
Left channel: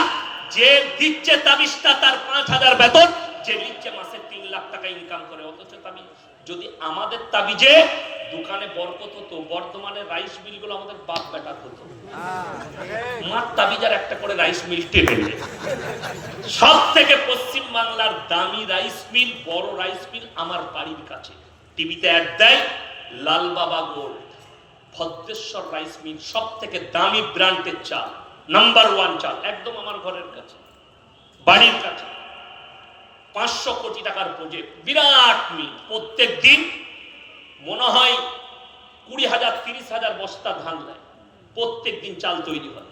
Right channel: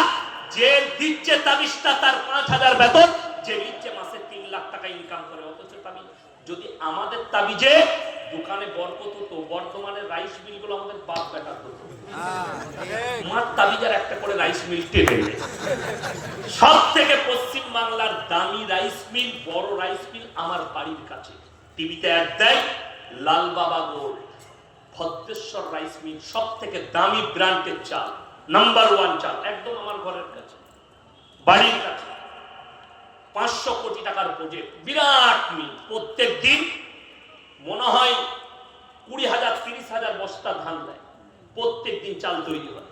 যে দিচ্ছে তাবিজটা তার 5,000 বেতন, যে দিচ্ছে মাসে 3 লাখ টাকা ইনকাম করে, অথচ তাবিজ যদি আমাদের তাবিজে দোকানে বরকত হতো, বর্তমানে রাইস মিল গুলো আমাদের বাপ বেকার হতো। মার তাবিজার একটা করে রাইস মিল টেনে সব থেকে পশ্চিম বাংলার দামি রাইস মিল, বড় রাইস মিল আমার বাড়ির কাছে। টিভিতে অ্যাড দেয়, লাল বাবা গোল্ড, ভদ্রেশ্বর রাইস মিল, সব থেকে দামি ব্র্যান্ডের চাল, নাম্বার 1 চাল, একদম আমার ঘরের কাছে, বাড়ির কাছে। 500 কোটি টাকার প্রজেক্ট, বিরাট মিল। প্রত্যেক দিন মনে হয় 20,000 30,000 বস্তা ধান দেয়, প্রত্যেক দিন চাল তৈরি হয়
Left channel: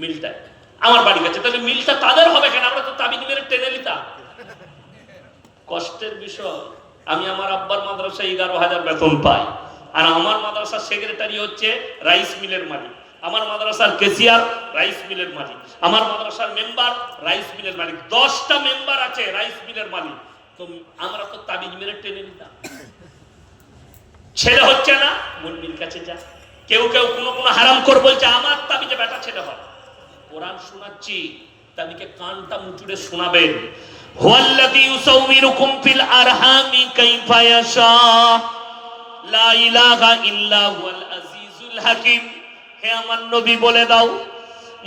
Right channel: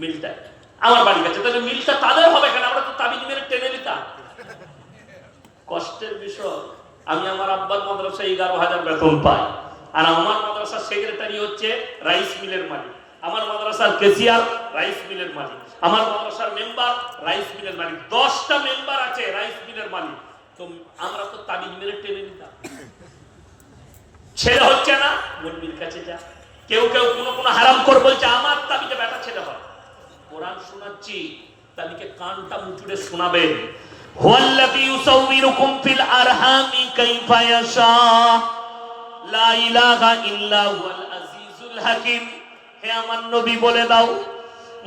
মিলটায় আমার বাড়ির কাছে। তাহলে মিলটা তাদের হবে কেন? আমরা তো তাবিজ মেরে টেনে নিতাম। কষ্টের বিষয়, আমি আমার আব্বার মাদ্রাসায় 11,000 বেতন পাই, আর আমার মাদ্রাসার সেক্রেটারি হচ্ছে রাইস মিলের মালিক, আমার মাদ্রাসার কেসিয়ার রাইস মিলের মালিক, আমার মাদ্রাসার মেম্বার রাইস মিলের মালিক, 10টা মেম্বার আছে রাইস মিলের মালিক। তো আমরা তো তাবিজ মেরে টেনে নিতাম। ছেলে হচ্ছে না, মলবির কাছে যা। কেউ কেউ কোনো হারাম করে বলছে আমার তাবিজে বেটা ছেলে হয়। কোরআন শোনাচ্ছি, তাবিকে কানটা মুচুড়ে শোনাবেন। হুয়াল্লাযী ইউসাউবিরুকুম ফিল আরহামি কাইফা ইয়াশা, লা ইলাহা ইল্লা হুয়াল আজিজুল হাকিম। হে আমার নবী বলে দাও,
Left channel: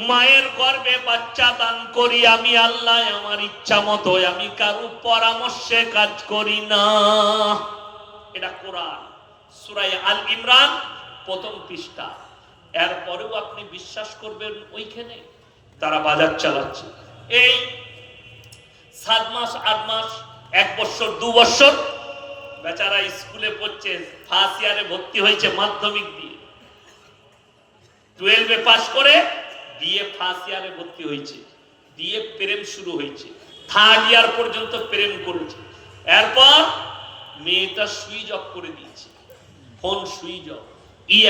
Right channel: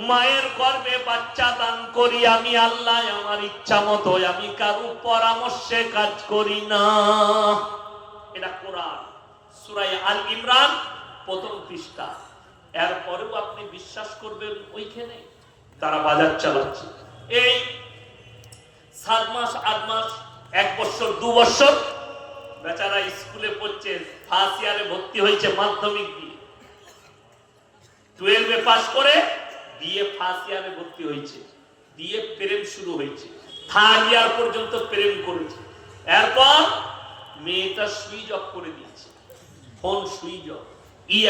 মায়ের গর্ভে বাচ্চা দান করি আমি আল্লাহ, আমার ইচ্ছা মতো, আমি কারো পরামর্শে কাজ করি না। এটা কোরআন, সূরা আল ইমরান 1ম পৃষ্ঠা। এরপরেও আপনি বিশ্বাস করবেন ওইখানে তারা বাজার চালাচ্ছে। এই 7 মাস 8 মাস 1 বছর 2 বছর বেচারা স্কুলে পড়ছে, ফার্স্ট ইয়ারে ভর্তি হয়েছে মাধ্যমিক দিয়ে, 12 পাস করে বিএ ফার্স্ট ইয়ারে ভর্তি হয়েছে, বিএ প্রেম শুরু হয়েছে, 3rd ইয়ার পর্যন্ত প্রেম করেছে। এরপর মেয়েটা সুইচ অফ করে দিয়েছে, ফোন সুইচ অফ।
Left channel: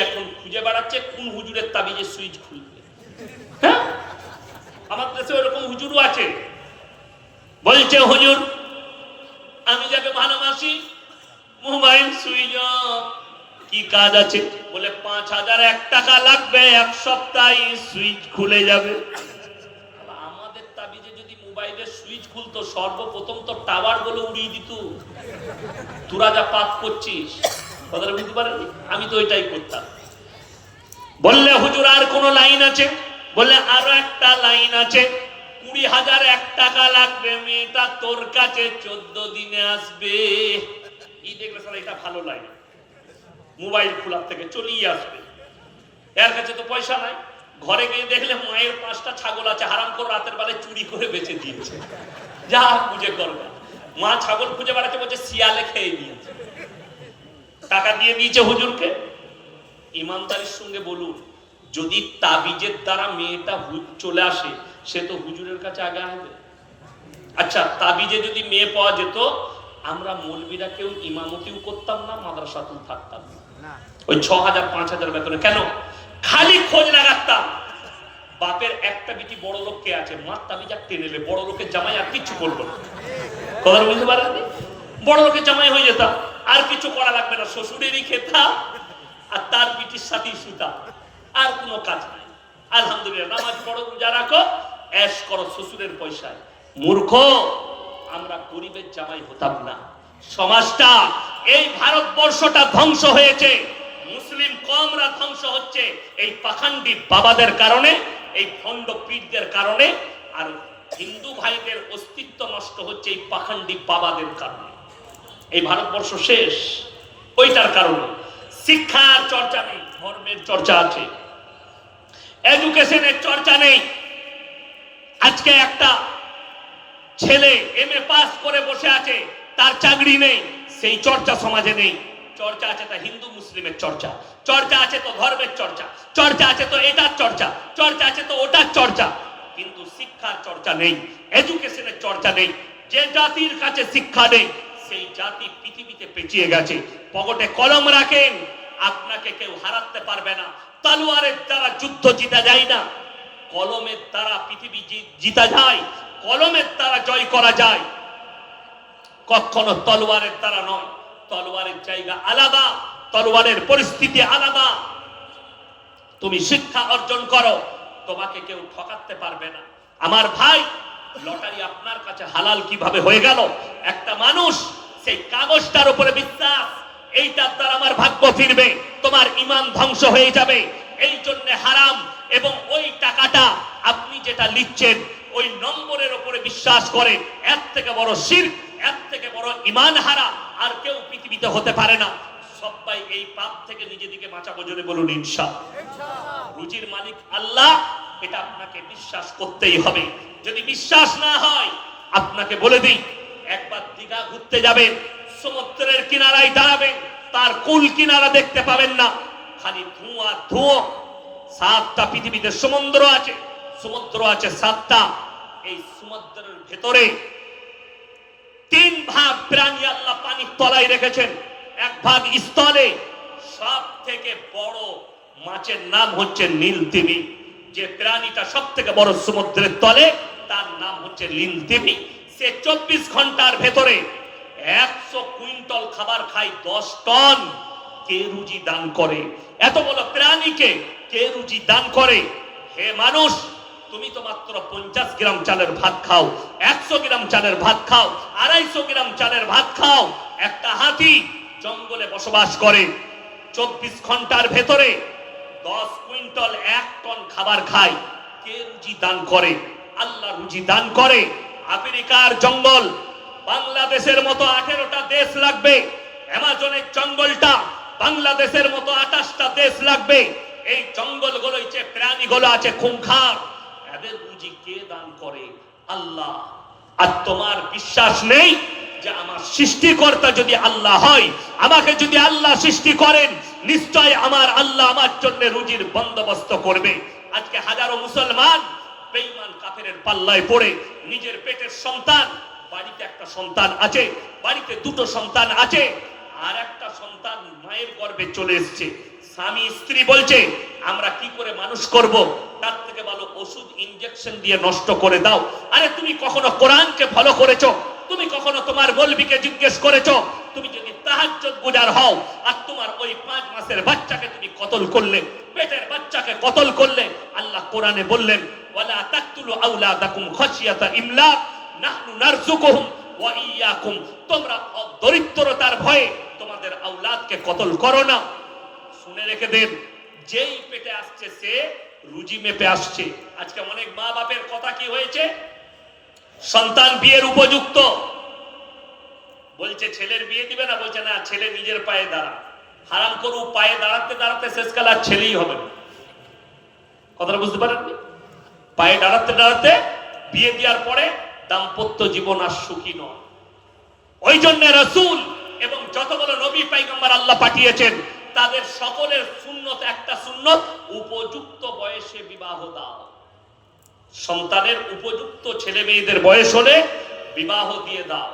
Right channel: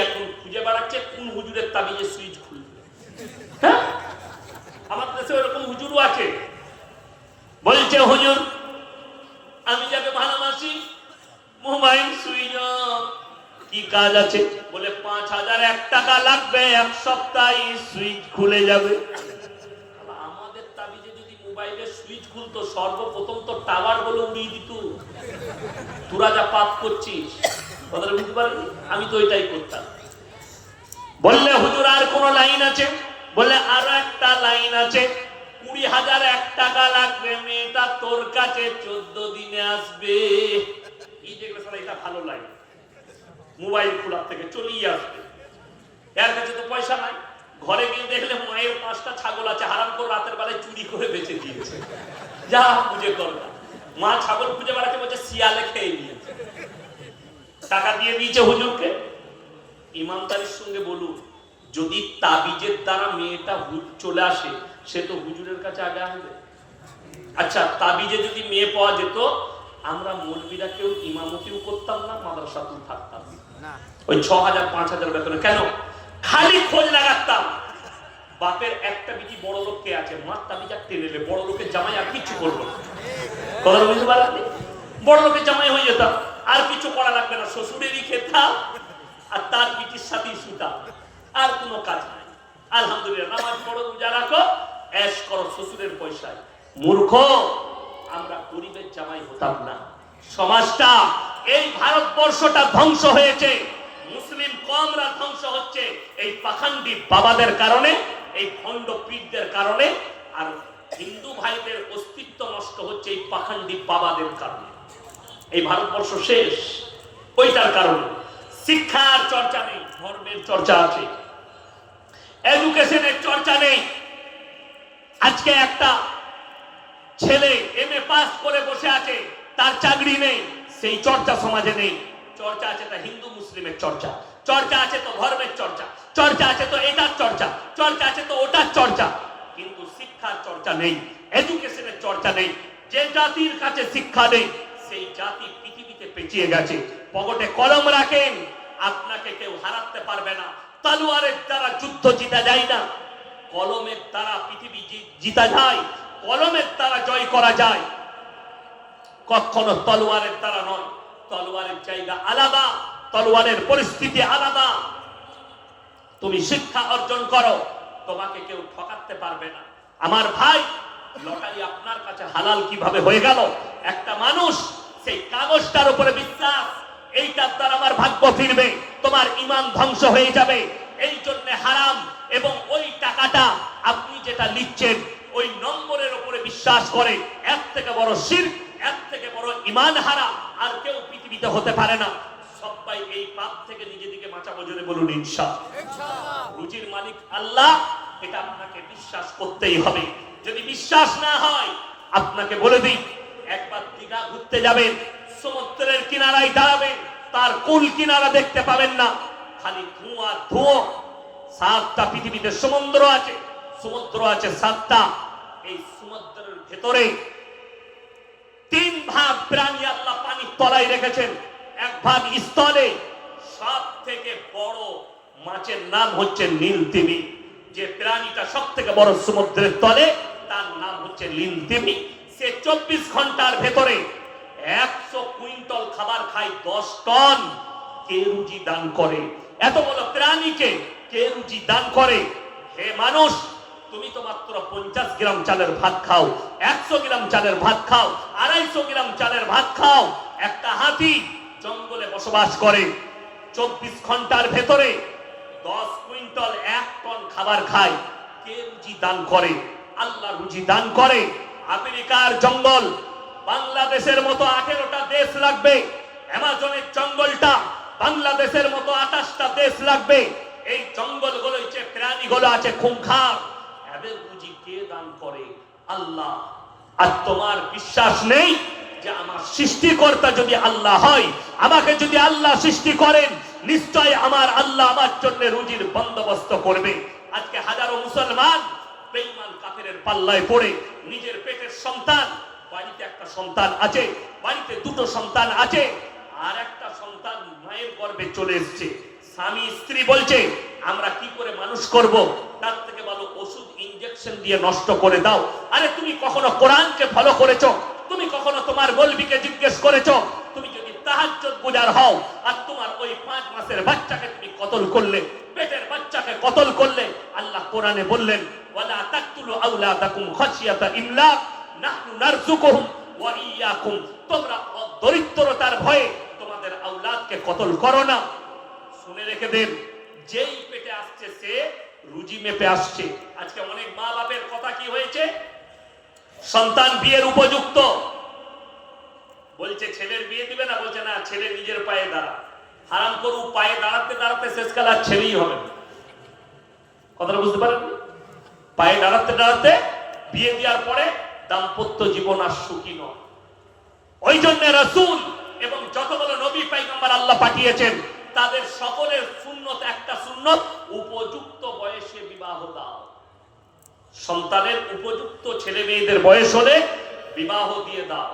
এখন খুঁজে বেড়াচ্ছে কোন হুজুরের তাবিজে সুইচ খুলবে। হ্যাঁ, আমাদের দেশে ওরকম হুজুরও আছে। বলছে হুজুর আমি যাকে ভালোবাসি, মোবাইল সুইচ অফ, কি কাজ আছে? বলে 5,001 টাকা লাগবে, 1 সপ্তাহে সুইচ খুলে যাবে। আমাদের তাবিজে যদি মোবাইলের সুইচ খুলতো, সর্বপ্রথম তো টাওয়ার বলে উড়িয়ে দিত। তোরা যা পাপ করছিস, কথাটা বুঝতে পারলি? আমি তো ওইটাই করতাম। বললে হুজুর আর কোন লাইন আছে? বলে আরো একটা লাইন আছে, 20,001 টাকা লাগবে, মেয়েটা তোর কাছে 14 দিনে আসবে। এই দেখলে এটা ভালো লাইন, মোবাইল খোলার থেকে চলিয়ে আসবে। এর কাছে তো পয়সা নাই, ঘরে গিয়ে দেখলে মায়ের 5টা ছাগল আছে, হারাম করে রাতের বেলায় চুরি করে বেঁচে দিয়েছে, যা খুঁজে করবে। মা ছাগল খুঁজে বেড়াতে বলছে শিয়ালে খেয়ে নিয়েছে, টাকা দিয়ে দিয়েছে হুজুরকে। ইমানদারির সঙ্গে বলুন, যদি তাবিজের দ্বারা মেয়েটা চলে আসে, সে তো হুজুরের কাছে আগে আসবে। আচ্ছা, তাবিজে যদি মেয়ে পাওয়া যেত, আমরা মৌলবীরা কেউ ইমামতিও করতাম না, মাদ্রাসাতেও থাকতাম না। ওই 6,000 5,000 বেতনে কেন? খালি খোঁজ লাগাতাম বাপের একটা বিটি বড় লোক কে আছে, মার তাবিজ টেনে নেবে, বড় লোকের জামাই আর কিছু করবো না। তোমরা বুঝতে পারলি? বড় লোকের জামাই হয়ে যেতাম, আর কিছু করা লাগবে না, শ্বশুরেরই খেতাম আর তার বিটির সাথেই শুতাম, আর কোনো কাজ নাই। আলহামদুলিল্লাহ, নামাজ পড়ো, রোজা রাখো, ऐश করো শ্বশুরের পয়সায়। মূর্খ, আমরা গরিবের জামাই হতাম না। সমাজটা, এই ভারতবর্ষটা ধ্বংস হয়েছে, মুসলিম কমরা ধ্বংস হচ্ছে এই পাখান্ডি বাবাদের কারণে, এই ভণ্ড পীরদের কারণে। আর হিন্দু ভাইদের অস্তিত্ব নষ্ট হচ্ছে এই পাখান্ডি বাবাদের কারণে। এই ভারতবর্ষ শেষ ওইটার কারণে। শিক্ষার চর্চা নেই, ধর্মের চর্চা আছে, এডুকেশনের চর্চা নেই। আজকে একটা ছেলে এমএ পাস করে বসে আছে, তার চাকরি নেই, সেই চর্চা সমাজে নেই। চর্চা আছে তা হিন্দু মুসলিমের চর্চা, চর্চা আছে তো ধর্মের চর্চা, চর্চা আছে তো এটার চর্চা, চর্চা আছে তো ওটার চর্চা, কিন্তু শিক্ষার চর্চা নেই, এডুকেশনের চর্চা নেই। যে জাতির কাছে শিক্ষা নেই, সেই জাতি পৃথিবীতে পেঁচিয়ে গেছে। পকেটে কলম রাখেন, আপনাকে কেউ হারাতে পারবে না। তলোয়ারের দ্বারা যুদ্ধ জিতা যায় না, কলমের দ্বারা পৃথিবী জিতা যায়, কলমের দ্বারা জয় করা যায়, কখনো তলোয়ারের দ্বারা নয়। তলোয়ারের জায়গা আলাদা, তলোয়ারের পরিস্থিতি আলাদা। তুমি শিক্ষা অর্জন করো, তোমাকে কেউ ঠকাতে পারবে না। আমার ভাই, লটারি আপনার কাছে হালাল কিভাবে হয়ে গেল? একটা মানুষ সেই কাগজটার উপরে বিশ্বাস, এইটার দ্বারা আমার ভাগ্য ফিরবে, তোমার ঈমান ধ্বংস হয়ে যাবে। এই জন্য হারাম। এবং ওই টাকাটা আপনি যেটা লিখছেন ওই নম্বরের উপরে বিশ্বাস করে, এর থেকে বড় শিরক, এর থেকে বড় ঈমান হারা আর কেউ পৃথিবীতে হতে পারে না। সবাই এই পাপ থেকে নিজেদেরকে বাঁচাবো, জোরে বলুন ইনশাআল্লাহ। রুজির মালিক আল্লাহ, এটা আপনাকে বিশ্বাস করতেই হবে। যদি বিশ্বাস না হয়, আপনাকে বলে দিই, একবার দীঘা ঘুরতে যাবেন, সমুদ্রের কিনারায় দাঁড়াবেন, তার কুল কিনারা দেখতে পাবেন না, খালি ধোঁয়া ধোঁয়া। 7টা পৃথিবীতে সমুদ্র আছে, সমুদ্র আছে 7টা। এই সমুদ্রের ভেতরে 3 ভাগ প্রাণী আল্লাহ পানির তলায় রেখেছেন, 1 ভাগ স্থলে। সব থেকে বড় মাছের নাম হচ্ছে নীলতিমি। যে প্রাণীটা সব থেকে বড় সমুদ্রের তলে, তার নাম হচ্ছে নীলতিমি। সে 24 ঘন্টার ভেতরে 100 কুইন্টাল খাবার খায়, 10 টন। কে রুজি দান করে? এত বড় প্রাণীকে কে রুজি দান করে? হে মানুষ, তুমি তো মাত্র 50 গ্রাম চালের ভাত খাও, 100 গ্রাম চালের ভাত খাও, 250 গ্রাম চালের ভাত খাও। একটা হাতি জঙ্গলে বসবাস করে, 24 ঘন্টার ভেতরে 10 কুইন্টাল 1 টন খাবার খায়। কে রুজি দান করে? আল্লাহ রুজি দান করে। আমেরিকার জঙ্গল বাংলাদেশের মতো 18টা দেশ লাগবে। অ্যামাজনের জঙ্গলটা বাংলাদেশের মতো 28টা দেশ লাগবে। এই জঙ্গলগুলো যে প্রাণীগুলো আছে খুনখার, এদের রুজি কে দান করে? আল্লাহ। আর তোমার বিশ্বাস নেই যে আমার সৃষ্টিকর্তা যদি আল্লাহ হয়, আমাকে যদি আল্লাহ সৃষ্টি করেন, নিশ্চয় আমার আল্লাহ আমার জন্য রুজির বন্দোবস্ত করবে। আজকে হাজারো মুসলমান বেঈমান কাফেরের পাল্লায় পড়ে নিজের পেটের সন্তান, বাড়িতে একটা সন্তান আছে, বাড়িতে 2টো সন্তান আছে, আর একটা সন্তান মায়ের গর্ভে চলে এসেছে। স্বামী স্ত্রী বলছে আমরা কি করে মানুষ করব, তার থেকে ভালো ওষুধ ইনজেকশন দিয়ে নষ্ট করে দাও। আরে তুমি কখনো কোরআনকে ফলো করেছো? তুমি কখনো তোমার মৌলবীকে জিজ্ঞেস করেছো? তুমি যদি তাহাজ্জুদ গুজার হও আর তোমার ওই 5 মাসের বাচ্চাকে তুমি কতল করলে, পেটের বাচ্চাকে কতল করলে, আল্লাহ কোরআনে বললেন ওয়ালা তাকতুলু আওলাদাকুম খাশিয়াতা ইমলাক নাহনু নারযুকুহুম ওয়া ইয়াকুম। তোমরা দরিদ্রতার ভয়ে তোমাদের আওলাদকে কতল করো না। শুনে রেখে দেন, যেই পেটে আসছে সে রুজি মেপে আসছে। আজকে অনেক মা বাপের কথা কি হয়েছে, সন্তান বিয়ের উপযুক্ত, বলছে ছেলের বিয়ে দিবে না, বলছে না ছেলে নিজের পায়ে দাঁড়া। হারাম করু, পায়ে দাঁড়াতে দাঁড়াতে শেষকাল আর ছেলেই হবে না। কথাটা বুঝতে পারেন? পায়ে দাঁড়াতে দাঁড়াতে বিয়ে দেওয়ার পরে দাম্পত্য জীবন আর সুখী নয়। ওই জন্য রাসূল এবং যতগুলো নবী পয়গম্বর আল্লাহ পাঠিয়েছেন, তাদের সকলের সুন্নত একটা সুন্নত, উপযুক্ত বয়সে বিবাহ দাও। সন্তানের উপযুক্ত ছেলে মেয়েদের বয়স হলে বিবাহ দিয়ে দাও।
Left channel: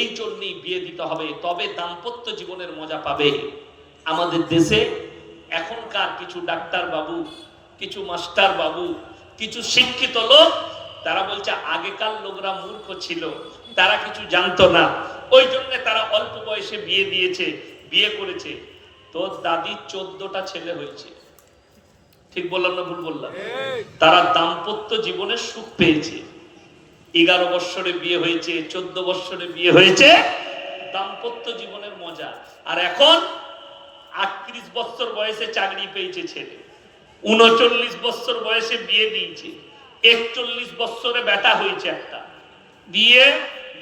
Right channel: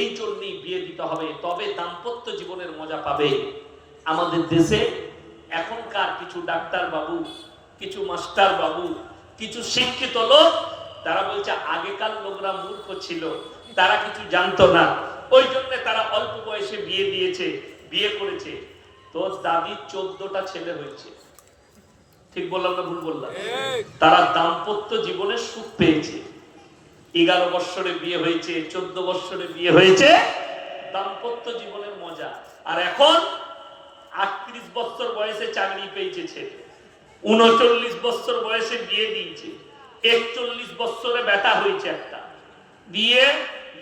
এই জন্যই বিয়ে দিতে হবে, তবে দাম্পত্য জীবনের মজা পাবে। আমাদের দেশে এখনকার কিছু ডাক্তার বাবু, কিছু মাস্টার বাবু, কিছু শিক্ষিত লোক, তারা বলছে আগেকার লোকরা মূর্খ ছিল, তারা কিছু জানতো না, ওই জন্য তারা অল্প বয়সে বিয়ে দিয়েছে, বিয়ে করেছে। তোর দাদির 14টা ছেলে হয়েছে, ঠিক বললাম না ভুল বললাম? তারা দাম্পত্য জীবনে সুখ পেয়েছে। 11 বছরে বিয়ে হয়েছে, 14 বছরে বিয়ে হয়েছে, দাম্পত্য জীবনের মজা। আর এখন 38 বছর বয়সে চাকরি পেয়েছে ছেলে, 39 বছর বয়সে বিয়ে দিয়েছে, 41 বছরে বেটা হয়েছে একটা, বিয়ে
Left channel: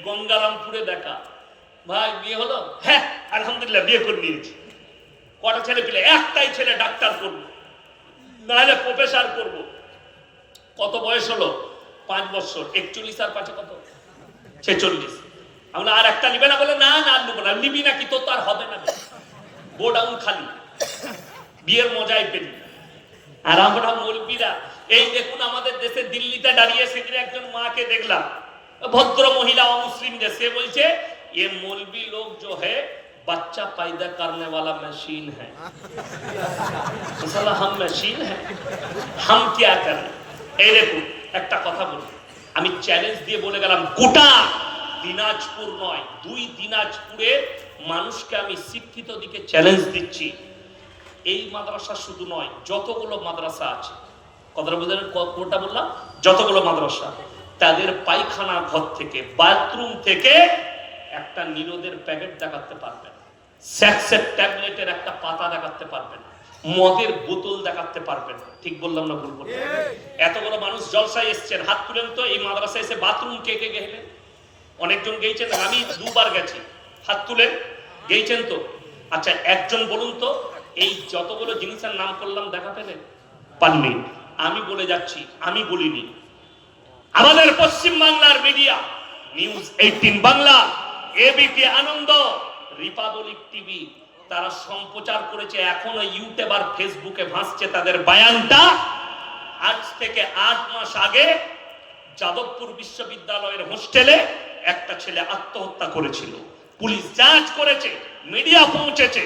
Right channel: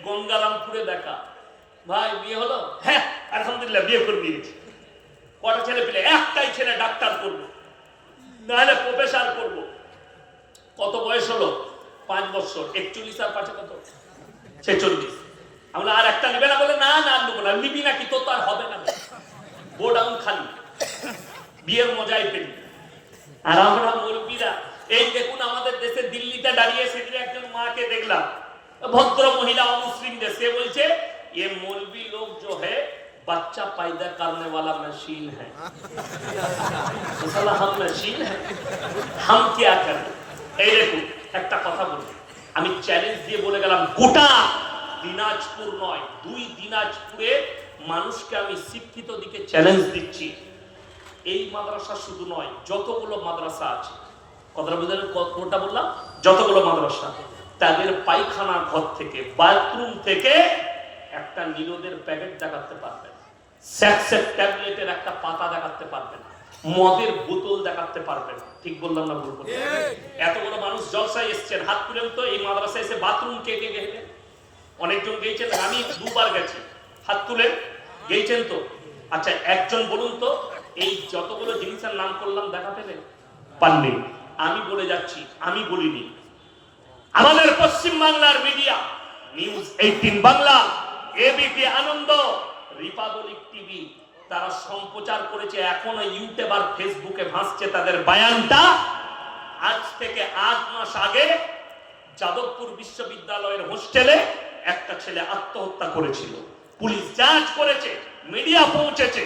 গঙ্গারামপুরে দেখা। ভাই বিয়ে হলো? হ্যাঁ আলহামদুলিল্লাহ বিয়ে করে নিয়েছি। কটা ছেলে পেলে? একটাই ছেলে, ডাক্তার করবো, নাহলে প্রফেসর করবো। কত বয়স হলো? 5 বছর। 41 আর 5 কত? 46। আমরা আর একটা নিবে না? বলে না না নেবো না। নিবি নাকি? তো তার হবে না, গোডাউন খালি, বিয়ের মজাই পেলি। আর আমরা মৌলবীরা, এই দেখুন আমাদের দেশে দিল্লিতে দাঁড়িয়ে সেদিন একজন মাকে দেখলাম, ভদ্র মহিলা, অমুসলিম যে, সে বলছে ये मौलवी लोग जो है बच्चा पैदा करने वाला मशीन है। हम मशीन है, हम क्या करें? এই দেখুন একটা কথা বলি, আমি চ্যালেঞ্জ দিয়ে বলে গেলাম, গোটা দিনাজপুর নয়, 2 দিনাজপুরে মানুষকে আমি শিক্ষিত দিকে চ্যালেঞ্জ দিচ্ছি। এই মাদ্রাসা শুধু নয়, যতগুলো মাদ্রাসা আছে, কথাটা বুঝলেন? কোনটা বললাম? যতগুলো মাদ্রাসা, তাদের পায়খানা ঘর থেকে, বাথরুম থেকে একটা নিরোদের প্যাকেট দেখাতে পারবেন। সেক্সের ট্যাবলেটের একটা পাতা দেখাতে পারবেন, মদের বোতল দেখাতে পারবেন। ঠিক বললাম না ভুল বললাম? এত বড় মানুষ জলসায় এসেছেন, হাত তুলেন তো। এই মাদ্রাসায় এসে বাথরুম কে কে গেলেন? অনেকজন গেছেন, আমি দুবার গেছি। হাত তুলেন, গেছেন তো? আচ্ছা একজন বলুন তো, এই যতগুলো জিনিসের নাম করলাম দেখা পেলেন? পাননি। আমি বলে যাচ্ছি, আমি বলিনি। আমাদের পশ্চিম বাংলার মিডিয়া, নিউজ 18 বাংলা, এবিপি আনন্দ, রিপাবলিক টিভি, তারা সম্প্রচার করেছে। এখনো ইউটিউব আর ফেসবুকে ভাসছে তাদের বয়ানটা। আজ থেকে 8 মাস আগে যাদবপুর বিশ্ববিদ্যালয়ের হোস্টেলে একটা ছেলে আত্মহত্যা করেছিল। পুলিশ যাঞ্চ করেছে, মিডিয়া পৌঁছেছে।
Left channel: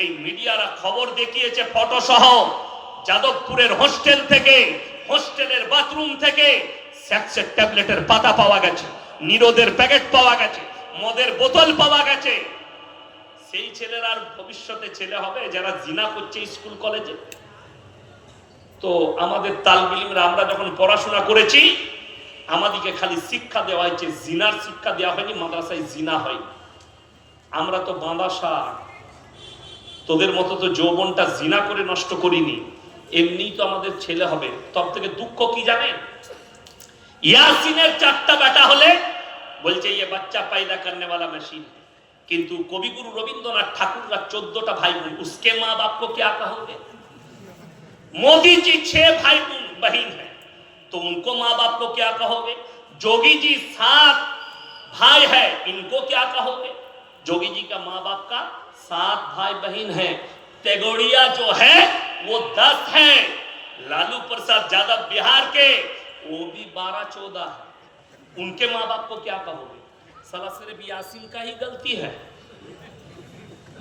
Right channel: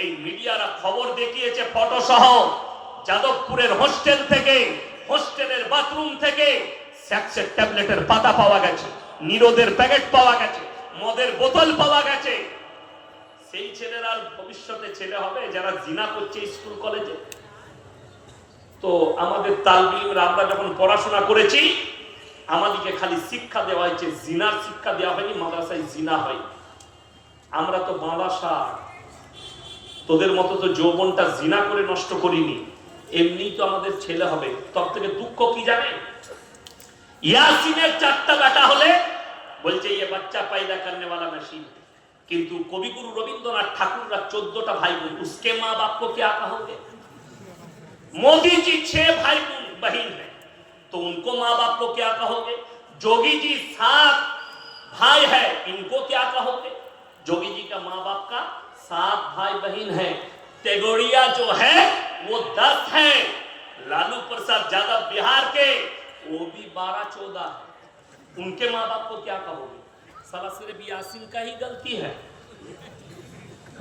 এই মিডিয়ারা খবর দেখিয়েছে ফটো সহ। যাদবপুরের হোস্টেল থেকে, হোস্টেলের বাথরুম থেকে সেক্সের ট্যাবলেটের পাতা পাওয়া গেছে, নিরোদের প্যাকেট পাওয়া গেছে, মদের বোতল পাওয়া গেছে। সেই ছেলেরা ভবিষ্যতে ছেলে হবে যারা জিনা করছে স্কুল কলেজে। তো আমাদের তালবিলরা, আমরা যখন পড়াশোনা করেছি, আমাদেরকে খালি শিক্ষা দেওয়া হয়েছে, জিনার শিক্ষা দেওয়া হয়নি, মাদ্রাসায় জিনা হয়। আমরা তো মাদ্রাসা, তোদের মতো তো যৌবনটা জিনা করে নষ্ট করিনি, এমনি তো আমাদের ছেলে হবে। তব থেকে দুঃখ কি জানেন? ইয়াসিনের 4টা বেটা হলে বলছে ये बच्चा पैदा करने वाला मशीन है, किंतु कविगुरु रविंद्रनाथ ठाकुर का 14टा भाई बहन, उसके माँ बाप को क्या कहोगे? मोदी जी 6 भाई बहन है, तो उनको माँ बाप को क्या कहोगे? जोगी जी 7 भाई है, इनको क्या कहोगे? जोगी जी का माँ बाप का 7 भाई बहन है। तेगोड़िया जो है वो 10 है। लालू प्रसाद यादव बिहार के, वो भी 12-14 है। उनके माँ बाप को क्या कहोगे? साला सिर्फ यासीन का ही गलती है।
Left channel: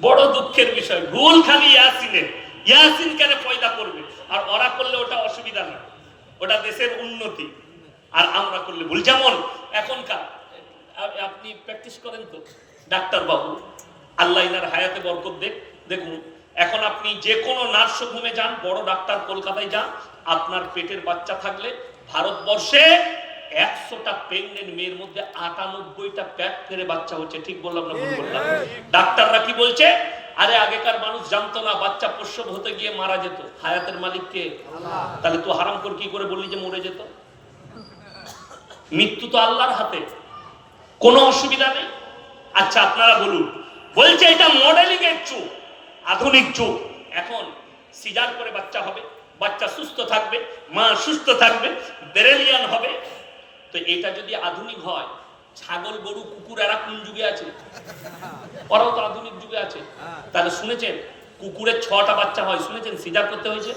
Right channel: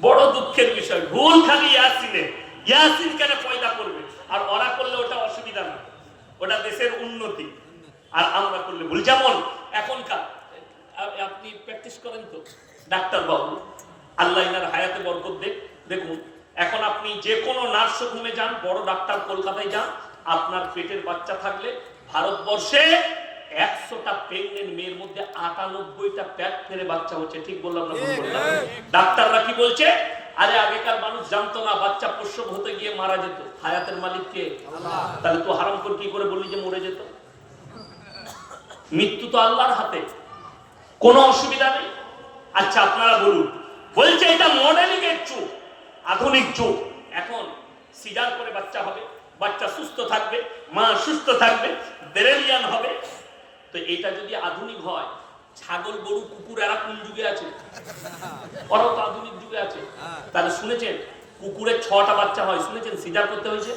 বড় দুঃখের বিষয়, ভুল খালি ইয়াসিনের। ইয়াসিন কেন পয়দা করবে? আর ওরা করলে ওটা অসুবিধা না, ওটা দেশের উন্নতি। আর আমরা করলে ভুল। যেমন এখনকার, আপনি প্র্যাকটিস করেন তো ডাক্তার বাবু, আল্লাহ ইনার হায়াতে বরকত দেখ। দেখুন এখন আপনি যে কোনো নার্সিং হোমে যান, বড় ডাক্তার কলকাতায় যান, আপনার পেটের বাচ্চা থাকলে ভারতবর্ষে 100টা প্রেগনেন্ট মেয়ের মধ্যে 98টা পেট ফেরে বাচ্চা হচ্ছে। ঠিক বললাম না ভুল বললাম? ডাক্তাররা কি বলছে? আরে আগেকার মানুষ জানতো না বাচ্চা প্রসব হতে গিয়ে মারা যেত, হায়াতের মালিক কে? তাহলে তো হারাম করে কি করে বললি যে মরে যেত? মৃত্যু তো আল্লাহর হাতে, কোনো অসুবিধা নেই। আচ্ছা আপনারা বলুন, বলছে এটা মডেলিং এর যুগ, আধুনিক যুগ। এখন সিজার করে বাচ্চা হবে, বাচ্চা সুস্থ থাকবে, মা সুস্থ থাকবে, ব্রেলিয়ান হবে। তো এটা যদি আধুনিক হয়, ছাগল গরু কুকুর এরা কোন যুগে আছে? ওরাও তো আধুনিক যুগে আছে। তাহলে শুনেছেন কুকুরের 6টা বাচ্চা হয়, শুনেছেন সিজার করতে হয়েছে?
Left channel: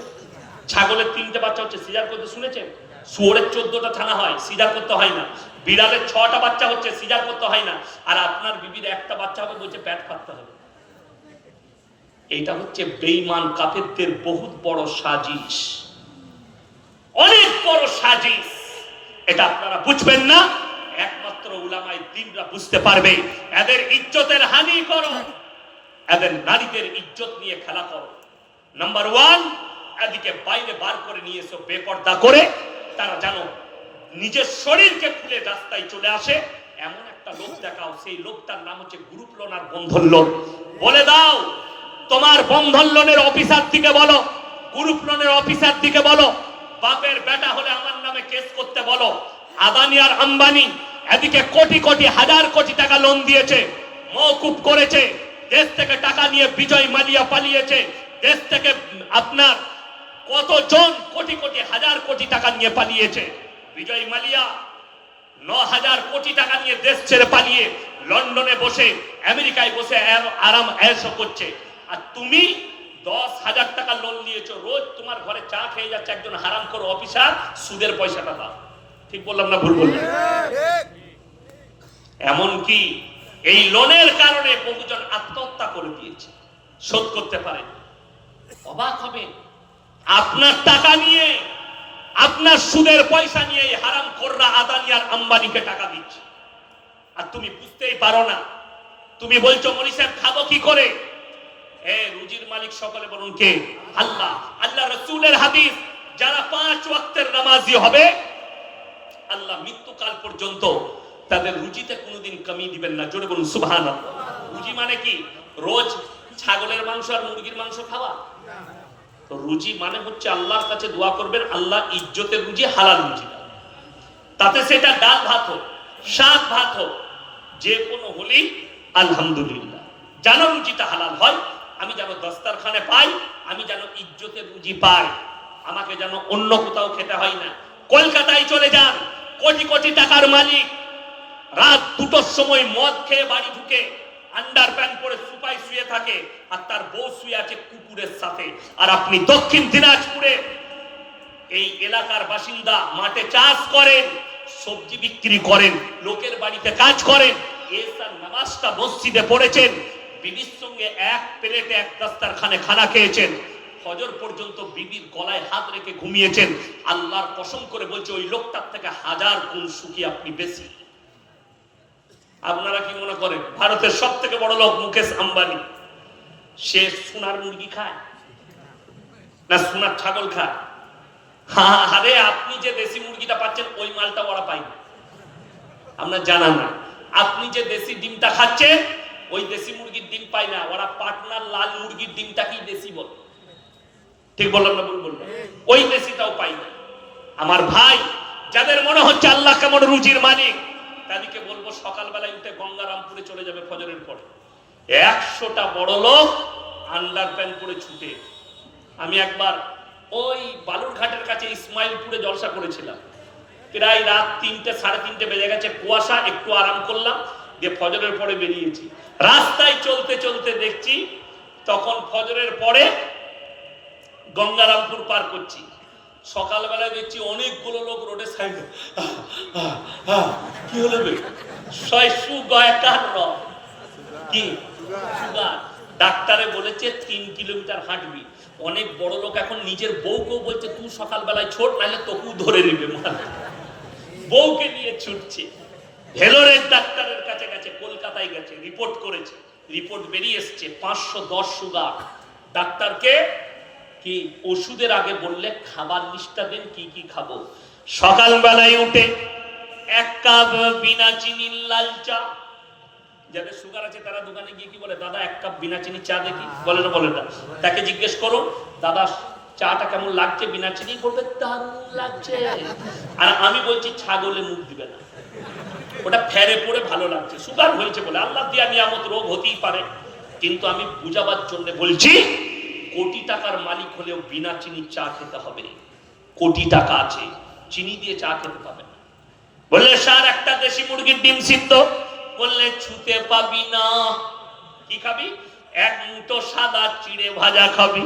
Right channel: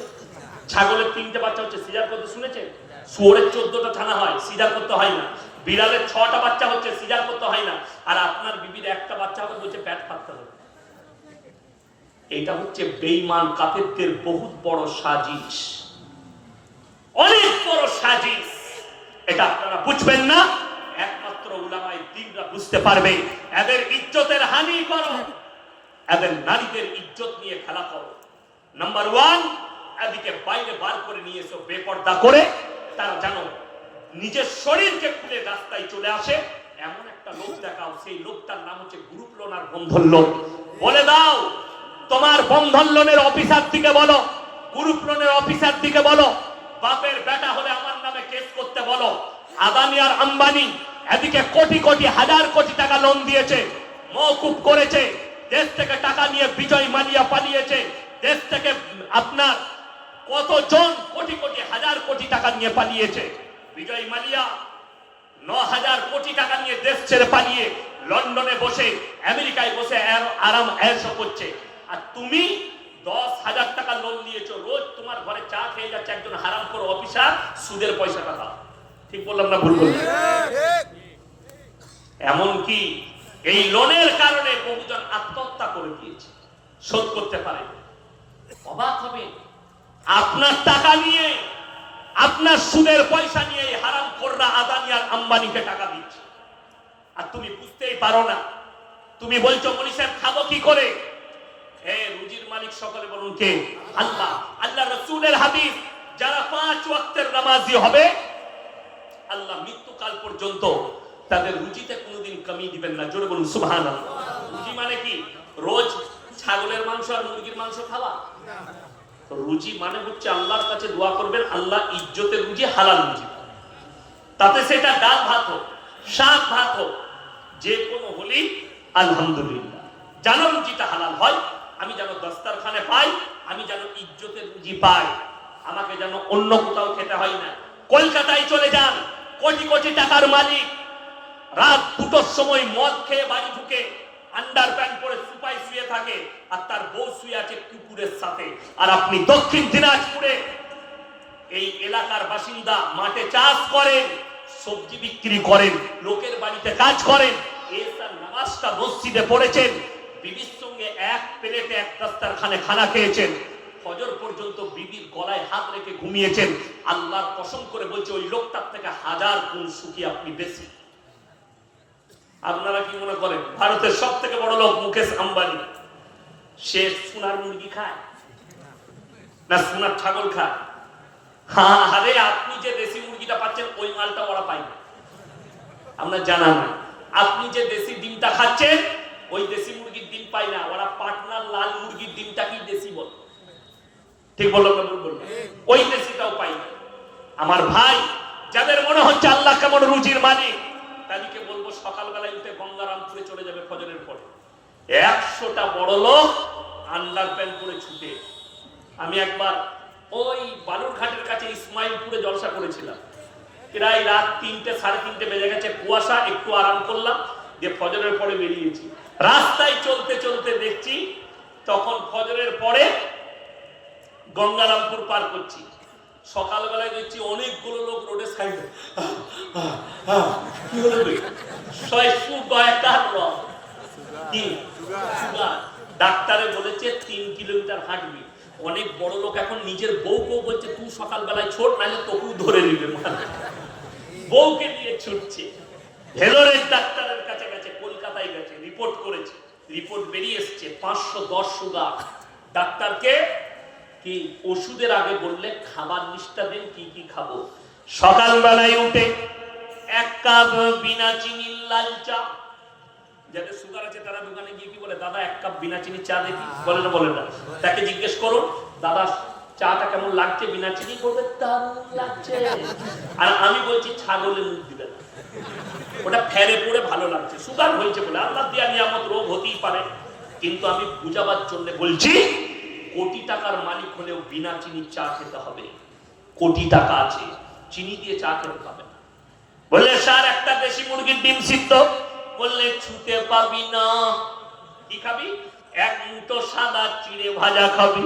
ছাগলের 3টে বাচ্চা হচ্ছে, সিজার করতে শুনেছেন? শুয়োরের 14টা ছানা হয়, সিজার করতে হয় না। বিড়ালের 6টা বাচ্চা হচ্ছে, সিজার করতে হয় না। আর আপনার বিবির একটা বাচ্চা হবে, বলছে পেট ফাটতে হবে। এটা হচ্ছে বেঈমান কাফেরদের বহুত বড় সাজিশ, অনেক বড় সাজিশ। এটা আপনারা বুঝবেন না, একমাত্র উলামায়ে দ্বীনরা বুঝতে পারবে। এদের ইজ্জতের হানি করো, এদের নারীদের ইজ্জত নিয়ে খেলা করো। নাম্বার 1, এদিকে বাইরে বার করে নিয়ে এসো বেপর্দা করে। তারা জানো নিজের শরীরকে খুলে রাস্তায় চলে আসে, এমন একটা লোক দেখাও, সেই লোকটার নাম হচ্ছে গ্রুপ লোন আর বন্ধন লোন। বলে দাও তোমার বন্ধন লোনের অফিসার দিকে বলো, গ্রুপ লোনের অফিসার দিকে বলো, বাপের বেটা হলে আমার নামে কেস করতে বলো। আদানি আর আম্বানি এদিকে কোটি কোটি হাজার কোটি টাকা লোন দিয়েছে, মওকুফ করেছে। দেশ থেকে টাকা নিয়ে বিজয় মালিয়া পালিয়েছে। দেশ থেকে আপনার কতজন কোটি কোটি হাজার কোটি টাকা নিয়ে পালিয়েছে। বিজয় মালিয়া 9,000 কোটি টাকা নিয়ে দেশ ছেড়ে পালিয়ে লন্ডনে বসে, আমেরিকায় বসে আরাম আয়েশ করছে। আর তুমি 10,000 টাকা লোন নিয়েছো, রোজ তোমার ঘরে চা খেয়ে যাচ্ছে একজন হারামখোর অফিসার, সুদের পয়সাটা দাও। ঠিক বললাম না ভুল বললাম? এমনকি এই লোনের কারণে বহুজন আত্মহত্যা করে দিয়েছে, শোধ করতে পারে। অবাক হবে, আপনার টাকা নিয়ে, আপনার সুদের পয়সা নিয়ে হারামখোররা আদানি আর আম্বানিকে টাকা দিচ্ছে, আর তুমি বুঝতেই পারো না। তুমি বলছো মনি সাহেব খাবো কি করে? রুজির মালিক সকলে বলুন কে? আল্লাহ। আল্লাহ রাসূলের হাদিস, যারা 5 ওয়াক্তের নামাজি হবে আল্লাহ মৃত্যুকাল পর্যন্ত তাদের রুজিতে কোনোদিন কমি দিবেন না। জোরে বলুন সুবহানাল্লাহ। রুজি মানে কি? রোজ ছাগলের মাংস আর মুরগির মাংস খাওয়া? রুজি মানে হচ্ছে আল্লাহর কাছে দোয়া করবেন আল্লাহ ইজ্জতের রুজি, হালাল রুজি, তাতে সেটা ডাল ভাত হোক, শাক ভাত হোক, যে কোনো হলেই আলহামদুলিল্লাহ। যেন রুজিটা হালাল হয়, আমি যেন দস্তারখানে পাই, আমি যেন ইজ্জতের রুজি পাই, আমাকে যেন অন্য কোথাও খেতে হয় না। কলকাতায় চলে যান, কোটি কোটি টাকার মালিক রাত 2টোর সময় মদ খেয়ে বাড়ি ঢুকে আন্ডার প্যান্ট পরে সুপাই শুয়ে থাকে, আর তার বউ শুয়ে আছে কুকুরের সাথে। আর আপনি দক্ষিণ দিনাজপুরে এই এলাকার বাসিন্দা, মাঠে চাষ করেন, সবজি বিক্রি করেন, লোকের বাড়িতে কাজ করেন, এসার নামাজটা মসজিদে পড়েছেন, বিবির সঙ্গে এক প্লেটে এক দস্তারখানে খানা খেয়েছেন, ফজর পর্যন্ত বিবির গলায় হাত রেখে ঘুমিয়েছেন। আল্লাহর কসম করে বলছে ওই লোকটার থেকে 1000 গুণ সুখী আপনি বেশি। আপনারা কি মনে করেন ভারতের সব থেকে বড় লোক মুকেশ আম্বানি, সে সোনার মুরগি খায় না সোনার ছাগল খায়? আরে আপনি যে দেশি মুরগিটা পাচ্ছেন ওই মালটা ওরা পাই না, আমরা জানা নাই। আপনি যে দেশি ডিমটা খাচ্ছেন ওই দেশি মুরগির ডিম পাই না, ওরা পাটনার লাল মুরগির ডিমটা কি দেশি বলে, ঠিক বললাম না ভুল বললাম? ওই দেশিটাও পাই না। আমার ভাই যাদের মনে হচ্ছে আল্লাহ কেমন রুজির মালিক, তাদেরকে বলবো সকালবেলায় উঠে গঙ্গারামপুরে চলে যাবে ফজরের পরে, 100টা বড় লোক আন্ডার প্যান্ট পরে ছুটে। আমি একবার ওই বালুরঘাটের কাছে ইসমাইলপুরে জলসা করেছিলাম, প্রায় রাত 3টে 3:30 বেজে গেছে, কুয়াশা, একটু আরাম করলাম, যে ফজরের পরে বেরিয়েছি। রাস্তায় চলতে চলতে দেখছি তখন ফজরের পরে গঙ্গারামপুর পার করছি, সকালবেলায় দেখছি অনেকগুলো লোক রোডের সাইডে। কি হলো? ডাক্তারে বলেছে 3 কিলোমিটার হাঁটবি। অনেক বড় লোক এখন নিজের বউকেও বলছে তুই সকালবেলায় ছোট, নাহলে তোকেও ধরে নিবে, বউকে নিয়ে ছুটছে। ভেলোরের ডাক্তারের কাছে গেছে, কলকাতায় গেছে, রিপোর্ট করেছে, রিপোর্ট বেরিয়ে এসছে 510 সুগার। ডাক্তারকে কি ওষুধের আগে বললে খাবার লিস্টটা দেন, কি কি খাবো। সকালবেলায় উঠে 1 কাপ বিনা চিনির লাল চা, যাদের সুগার আছে তারা দোকানে গিয়ে কি বলে, দাদা 1 কাপ বিনা চিনি চা দেখি, বলে না বলে না। তাকে জিজ্ঞেস করো দাদা চাটা কেমন লাগছে বিনা চিনি, বলবে দারুণ লাগছে। আর আমি বলছি ছাগলে মুখ দিবে না, ওটা ফেরে পড়ে ভালো লাগছে, সুগার হয়েছে বলে, আল্লাহ দিয়া নিয়ামত, রোগ হতেই পারে। কিন্তু আমি বুঝাবার জন্য বলছি, কোটি টাকার মালিক হলেও বিনা চিনি চা খেতে হবে। কোটি টাকা আছে, চিনি দিয়ে চা খেতে পাবে না। বললে স্যার একটা দেশি মুরগির ডিম সিদ্ধ, বললে ছুতে পাবি না। কি খাবি? 1 মুঠো সাদা চিড়ে ভাজা খাবি।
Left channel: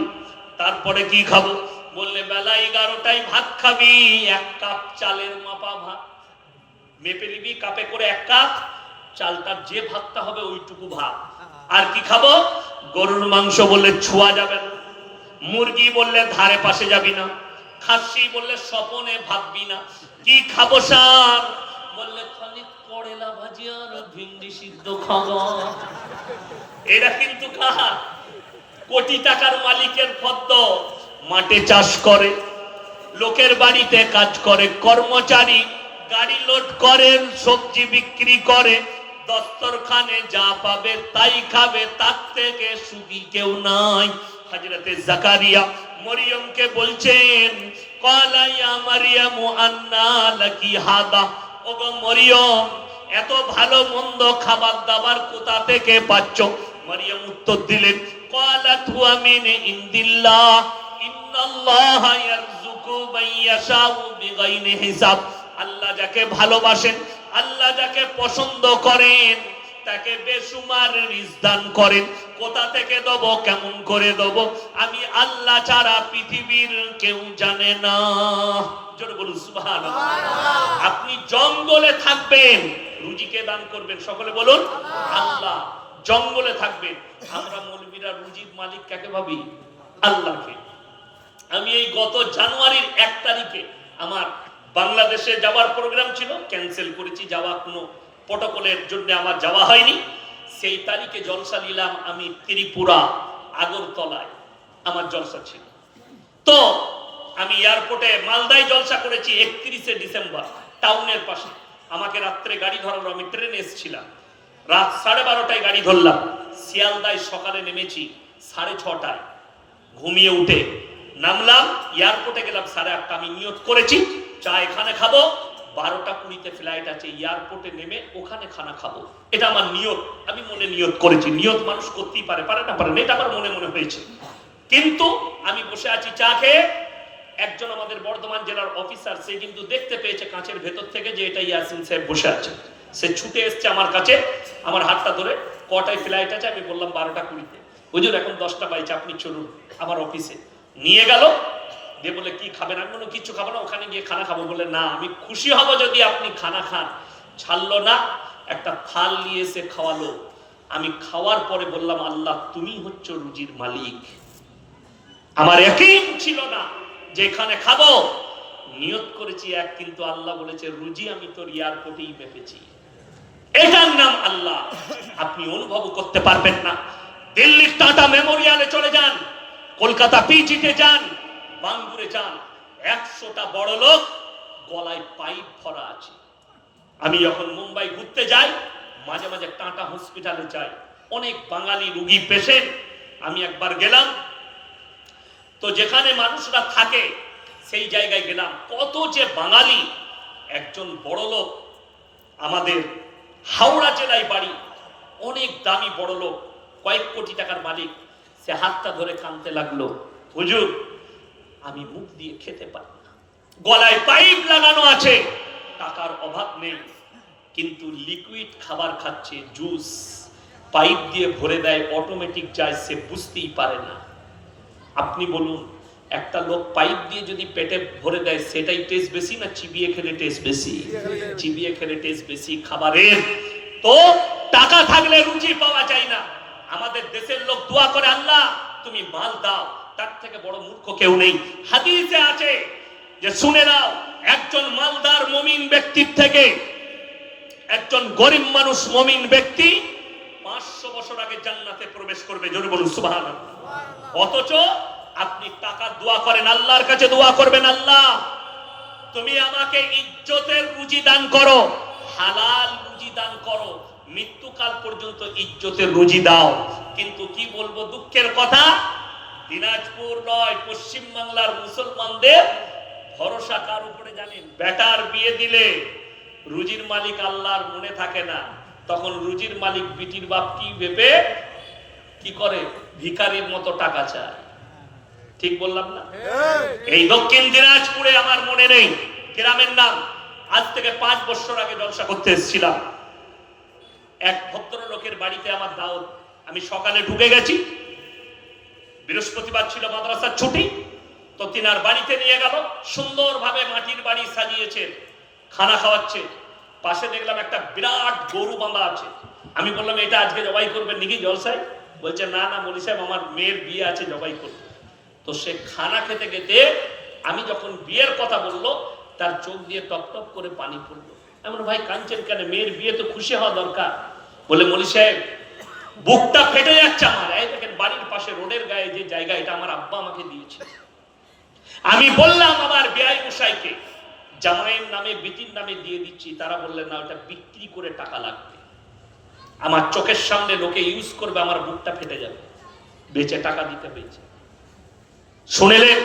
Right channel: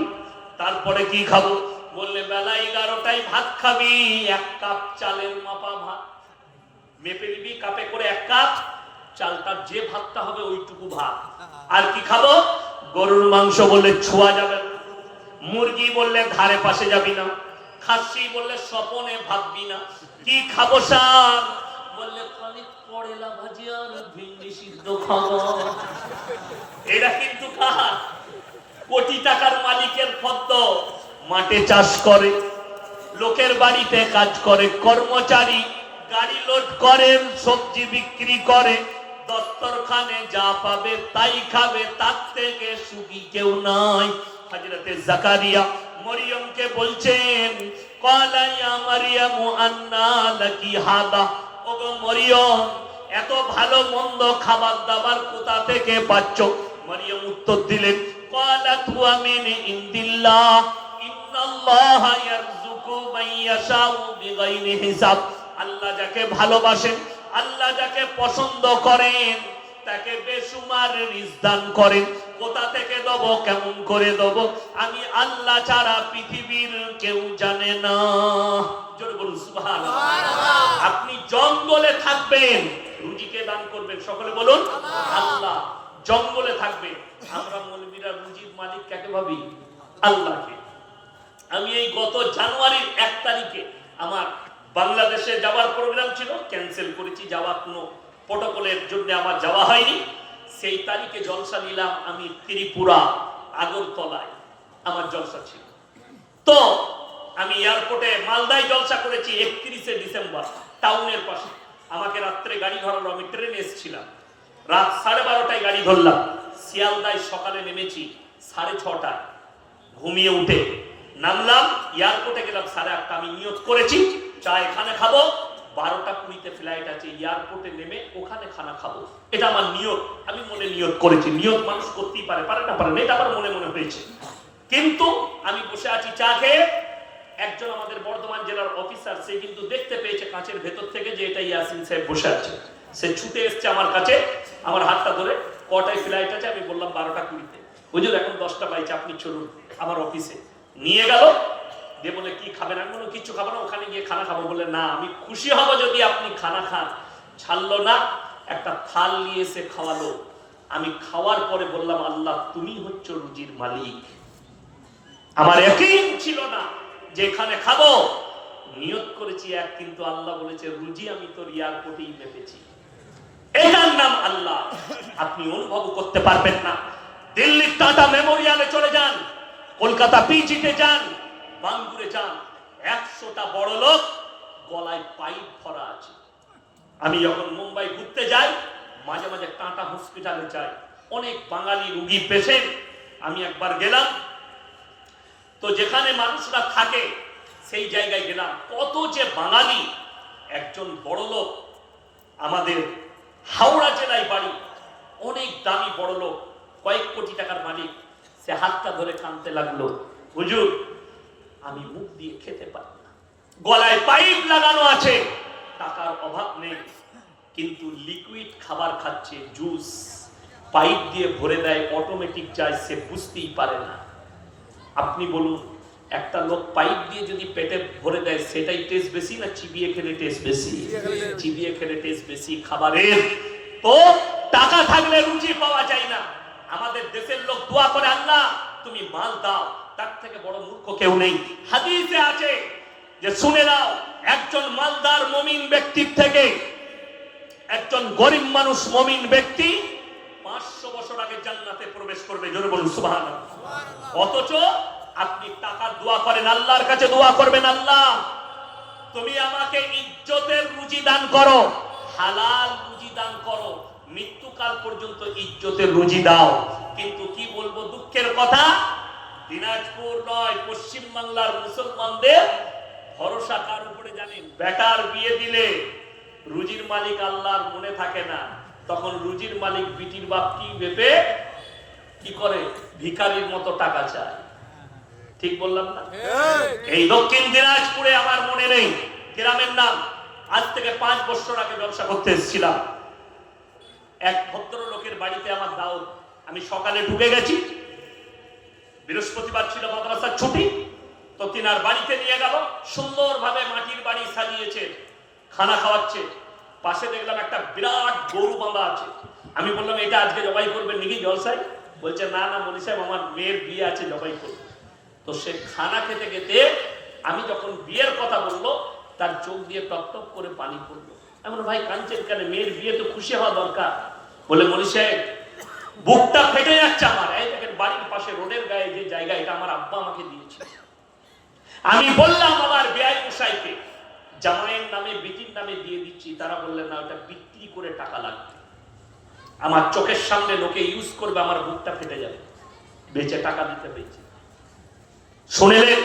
তারপরে কি খাবো? বললে বেলা 11টায় ভাত খাবি, 1 কাপ চালের মাপা ভাত মেপে নিবি, কাপে করে 1 কাপ, চালটার যে ভাতটা হবে ওইটুকু ভাত। আর কি খাবো? গরুর মাংস বললে ছোঁয়া যাবে না, মুরগি বললে ধারে পাশে যাবি না, খাসি বললে স্বপনে ভাববি না। কি খাবো স্যার? বললে খালি করেলা ভাজি আর ভিন্ডি সিদ্ধ খাবো। এটা কিন্তু কার? কোটি টাকার মালিকের ফদ্দ। মাঠে চাষ করে, লোকের বাড়িতে কাজ করে, কর্মচারী, গাড়ি লোড করেন, সবজি বিক্রি করে, দস্তরখানে যা পাবে তাই খাবে, তার থেকে সুখী কেউ নাই। হযরতে জাকারিয়া মরিয়মকে বলছেন, ক্বালা ইয়া মারইয়ামু আন্না লাকি হাদা, ওগো মরিয়ম এত ভালো মন্দ খাবার দাবার কোথা থেকে পাচ্ছ? মরিয়ম উত্তর দিলেন, ক্বালাত হুয়া মিন ইনদিল্লাহ, ইন্নাল্লাহা ইয়ারযুকু মান ইয়াশাউ বিগাইরি হিসাব। আল্লাহ যাকে ভালোবাসেন, আল্লাহ যাকে পছন্দ করেন, তাকে বেসুমার রিজক দান করেন। কোথা থেকে দেব, কেমন করে দেব, আমি আল্লাহ ছাড়া পৃথিবীর কেউ জানে না। জোরে বলুন সুবহানাল্লাহ। আপনি জঙ্গলে থাকবেন, রুজিকে দান করবেন, সকলে বলুন আল্লাহ। জঙ্গলে থাকবেন, আমরা মৌলবীরা রুজির মালিক কাকে ভাবি? আল্লাহকে। আমি এই গত জানুয়ারির 1 তারিখে আমার বাংলাদেশে যাওয়ার প্রোগ্রাম ছিল, ক্যান্সেল করেছি, যাওয়া কোনো প্রটোকলের জন্য আমার যাওয়া হয়নি। সেই তারিখে জলসা নিলাম আমি ত্রিপুরা আগরতলায়, আমার জলসা ছিল। তো আমি এয়ারপোর্টে মালদায় জলসা করেছি 31শে ডিসেম্বর, টাউনের পাশে। আমাকে রাত্রে গাড়ি ধরালো, আমি ট্রেনে এসেছিলাম, রাত 12:30টায় গাড়ি ধরলাম, শিয়ালদায় সকালে নেমেছি, 6:30 ঘুমিয়ে উঠে নামলাম, এয়ারপোর্টে গেলাম 8:30। আমি নিয়ত করেছি চা এখানে খাবো, 12:20 ফ্লাইট আছে, এয়ারপোর্টে নেমে ওখানে খানা খাবো, এটা আমার নিয়ত। আমি মনে নিয়ত করেছি, নিয়ত মানুষ করতেই পারে, পারে না পারে না, এটা আমার মনে মনে হয়েছে। কিন্তু আমি বসে আছি চা খেয়ে, একজন আমাদের বর্ধমান জেলার অফিসার, সে কিন্তু দেখতে পেয়েছে কাঁচের ভেতর থেকে যে এটা ইয়াসিন সাহেব বসে আছে। সে ছুটে এসছে আমার কাছে, আমার হাতটা ধরে, কটায় ফ্লাইট আছে? আমি বললাম 12:20। হুজুর এখন 10টা বাইছে, আপনি চলুন আমার অফিসে। নিয়ে গেল, দিয়ে বলে কি খাবেন? আমি বললাম কিছু খাবো না, ওখানে গিয়ে খানা খাবো। বলে না, আমি খুশি হব যদি আপনি খানা খান। ছাড়লো না, একটা থাল নিয়ে এসে খাওয়ালো। আমি খাওয়ার পরে বললাম, আল্লাহ তুমি হচ্ছ রুজির মালিক। আমার ইয়াকিন ছিল না যে এখানে খাবো, নিয়ত করেছি এক, কিন্তু আল্লাহ বলেছে রুজি আমি তোর এয়ারপোর্টেই মেপেছি। এটার নাম আল্লাহ। আপনি অনুভব করতে পারবেন না। দিল্লির টাটা মেমোরিয়ালে চলে যান, কলকাতা পিজিতে যান, বাঙ্গুরে যান, 100টা বড় লোক গলায় পাইপ ভরা আছে। আমি যখন মুম্বাই ঘুরতে যাই, মাঝে মাঝে টাটা হসপিটালে যাই, অনেক বাঙালি রোগী পেশেন্ট। আমি একবার গেলাম, তো যেখানে মানুষরা থাকে সেই জায়গায় গেলাম, কত যে বাঙালি। একজন বড় লোক, আমাদের হাওড়া জেলায় বাড়ি, অনেক দামি বড় লোক, কয়েক কোটি টাকার মালিক। সে হাতটা ধরে কাঁদতে লাগলো, হুজুর আমি মুখ দিয়ে খেতে পারি না, গলায় পাইপ লাগানো আছে, টাকার অভাব নেই, কিন্তু লিকুইড খাবার খাচ্ছে, জুস পাইপ দিয়ে ভরে দেয়, অটোমেটিক যায়, সে বুঝতেই পারে না। আপনি বলুন, একটা লোক পাইপ দিয়ে যদি পেটে ভরে দেয়, সেটাই টেস্ট বেশি না চিবিয়ে খেলে টেস্ট বেশি? চিবিয়ে খেলে টেস্ট বেশি খাবারের। তো টাকা থাকলে রুচি পাওয়া যায় না। আমাদের দেশের লোক দোয়া করে, আল্লাহ তুমি মাল দাও, তার থেকে বড় মূর্খ কেউ নেই। হাদিসে আছে যে, শুনে নাও, একজন মালদার মুমিন ব্যক্তির থেকে একজন গরিব মানুষ মুমিন ব্যক্তি 500 বছর আগে জান্নাতে প্রবেশ করবে। জোরে বলুন সুবহানাল্লাহ। অথচ আপনি টাকা দোয়া করেন, আল্লাহর কাছে দোয়া করবেন, আল্লাহ তুমি আমাকে ইজ্জতের রুজি দান করো, হালাল রুজি দান করো, মৃত্যুকাল পর্যন্ত ইজ্জতের রুজি দাও। কিন্তু কি বলবো, দুঃখের কথা, দিনাজপুর নয়, পশ্চিম বাংলার মুসলমানদের ভরসা কার উপরে জানেন? বেটার বিয়ে দিলে রুজির মালিক আল্লাহর মনে থাকে না, তখন রুজির মালিক বিটির বাপ কি ভেবে কি করে? ভিখারির মতো টাকা চায়। ঠিক বললাম না? এই দক্ষিণ দিনাজপুরে, আমার মনে নেই গ্রামের নাম, আজ থেকে 5 বছর আগে ব্যবসা করতে এসেছিলাম। এক ভদ্রলোকের বাড়িতে আমার দাওয়াত। আমি সকালে ঢুকে গেছি, বৃহস্পতিবার ছিল, মাদ্রাসার ছুটি, তো তিনার বাড়িতে নিয়ে গেল। সুন্দরভাবে মাটির বাড়ি সাজিয়েছে, খানা খাওয়াচ্ছে। পাশে দেখলাম একটা বিরাট গরু বাঁধা আছে। আমি বললাম, এটা আজকে জবাই করবেন নাকি জলসায়? বলছে না না মনি সাহেব, আমার মেয়ের বিয়ে আছে, জবাই করবে। তো সে খানা খেতে খেতে আমি যখন বিয়ের কথা বললো, তার চোখ দিয়ে টপ টপ করে পানি পড়লো। এমন, ভাই কাঁদছেন কেন? মেয়ের বিয়ে তো খুশি হওয়া দরকার। বলে, মনি সাহেব বুকটা ফেটে যাচ্ছে আমার। এই দেখেন বাড়ির পাশে রোডের গায়ে যে জায়গা, এটা আমার আব্বা আমাকে দিয়েছে। আমি বললাম আমার বেয়াই মশাইকে, জামাইয়ের নামে বিটির নামে দিয়ে দিচ্ছি। তারা বললেন না, ওটা বিক্রি করে টাকা লাগবে, আমার চোখের সামনে লোকে ইউজ করবে, আমার বুকটা ফেটে যাবে, বেচে টাকা দিতে হয়েছে। শুনলেন,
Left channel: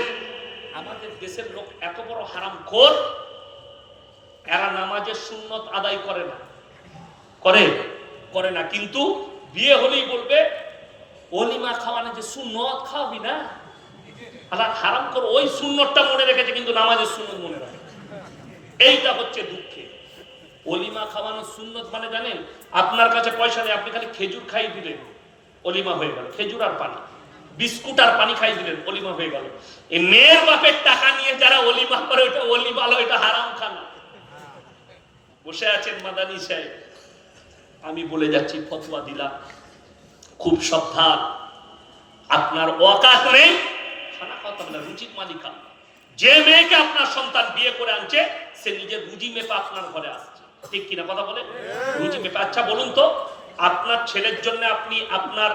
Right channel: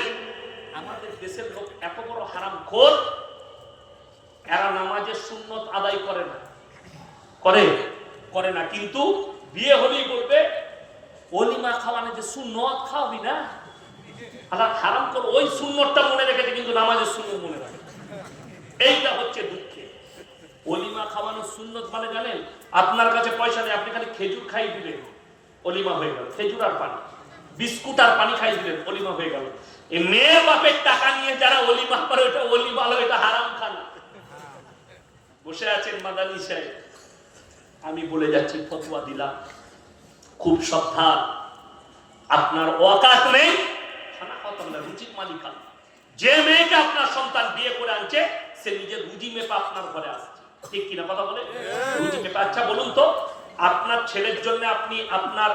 আমাদের দেশের লোক এত বড় হারামখোর, এরা নামাজের সুন্নত আদায় করে না, করে না, কিন্তু বিয়ে হলেই বলবে ওলিমা খাওয়ানো যে সুন্নত, খাওয়াবি না? হারাম করে ওই সুন্নতটা মনে রেখেছে, কিন্তু নামাজের সুন্নত মনে রাখে। এইটা হচ্ছে দুঃখে। ওলিমা খাওয়ানোর সুন্নত মানে জানেন? আপনার কাছে পয়সা নেই, আপনি খালি খেজুর খাই দিলেন, ওলিমা হয়ে গেল। খেজুর আর পানি, বিস্কুট আর পানি খাই দিলেন, ওলিমা হয়ে গেল। এই মেয়ের বাপের টাকা নিয়ে যারা ওলিমা করে, ওটা ওলিমা হলো, এটা হারাম খানা। বসে আছেন মাদানী সাহেব, আমি বলে যাচ্ছি, ফতোয়া দিলাম, খুব সাবধান, আপনার ওয়াকাত নেই, খানা খাওয়াতে না, রুচির মালিক। যে মেয়েকে আপনার সন্তান বিয়ে করে আনছে, সে নিজের রুজি মেপে আপনার ঘরে আসছে, ঠিক কিনা কথা বলে? রুজি মেপে। আচ্ছা বলুন তো, আপনার ছেলের জন্য আপনি আপনার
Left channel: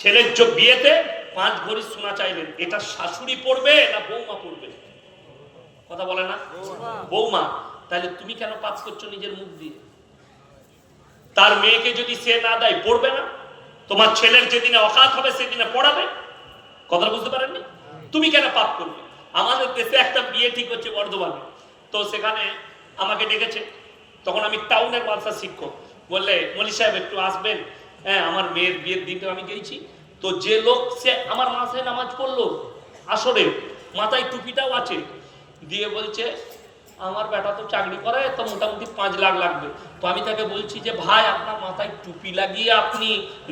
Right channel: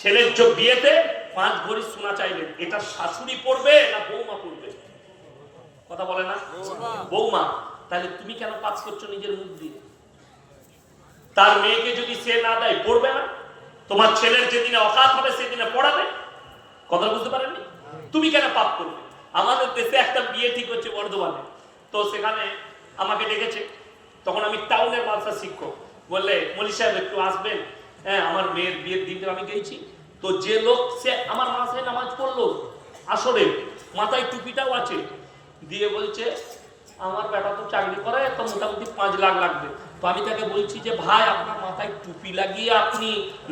ছেলের বিয়েতে 5 ভরি সোনা চাইলেন, এটা শাশুড়ি পড়বে না বৌমা পড়বে? কথা বলে না? বৌমা। তাহলে তুমি কেন পাস করছো নিজের মুখ দিয়ে? তার মেয়েকে যদি সে না দেয়, পড়বে না? তোমার ছেলের যেদিনে অকাত হবে সেদিনে পড়াবে। কথা বুঝতে পারেননি? তুমি কেন পাপ করবে? আমাদের দেশে একটা বিয়ে ঠিক হচ্ছে বর্ধমানে, তো সেখানে আমাকে ডেকেছে। তখন আমি টাউনের মাদ্রাসা শিক্ষক, বললে মলি সাহেব একটু আসবেন, হ্যাঁ আমার মেয়ের বিয়ের দিনটা আমি গেছি। তো যে লোক সে আমার মাথায় নামাজ পড়লো আসরে, মাথায় টুপিটাও আছে, দিয়ে বলছে আমার বেটা তো চাকরি করে, তো মোটামুটি 5 লাখ লাগবে। তো আমি তাকে বলছি যে ভাই আপনার মাথায় টুপি লাগিয়ে আপনি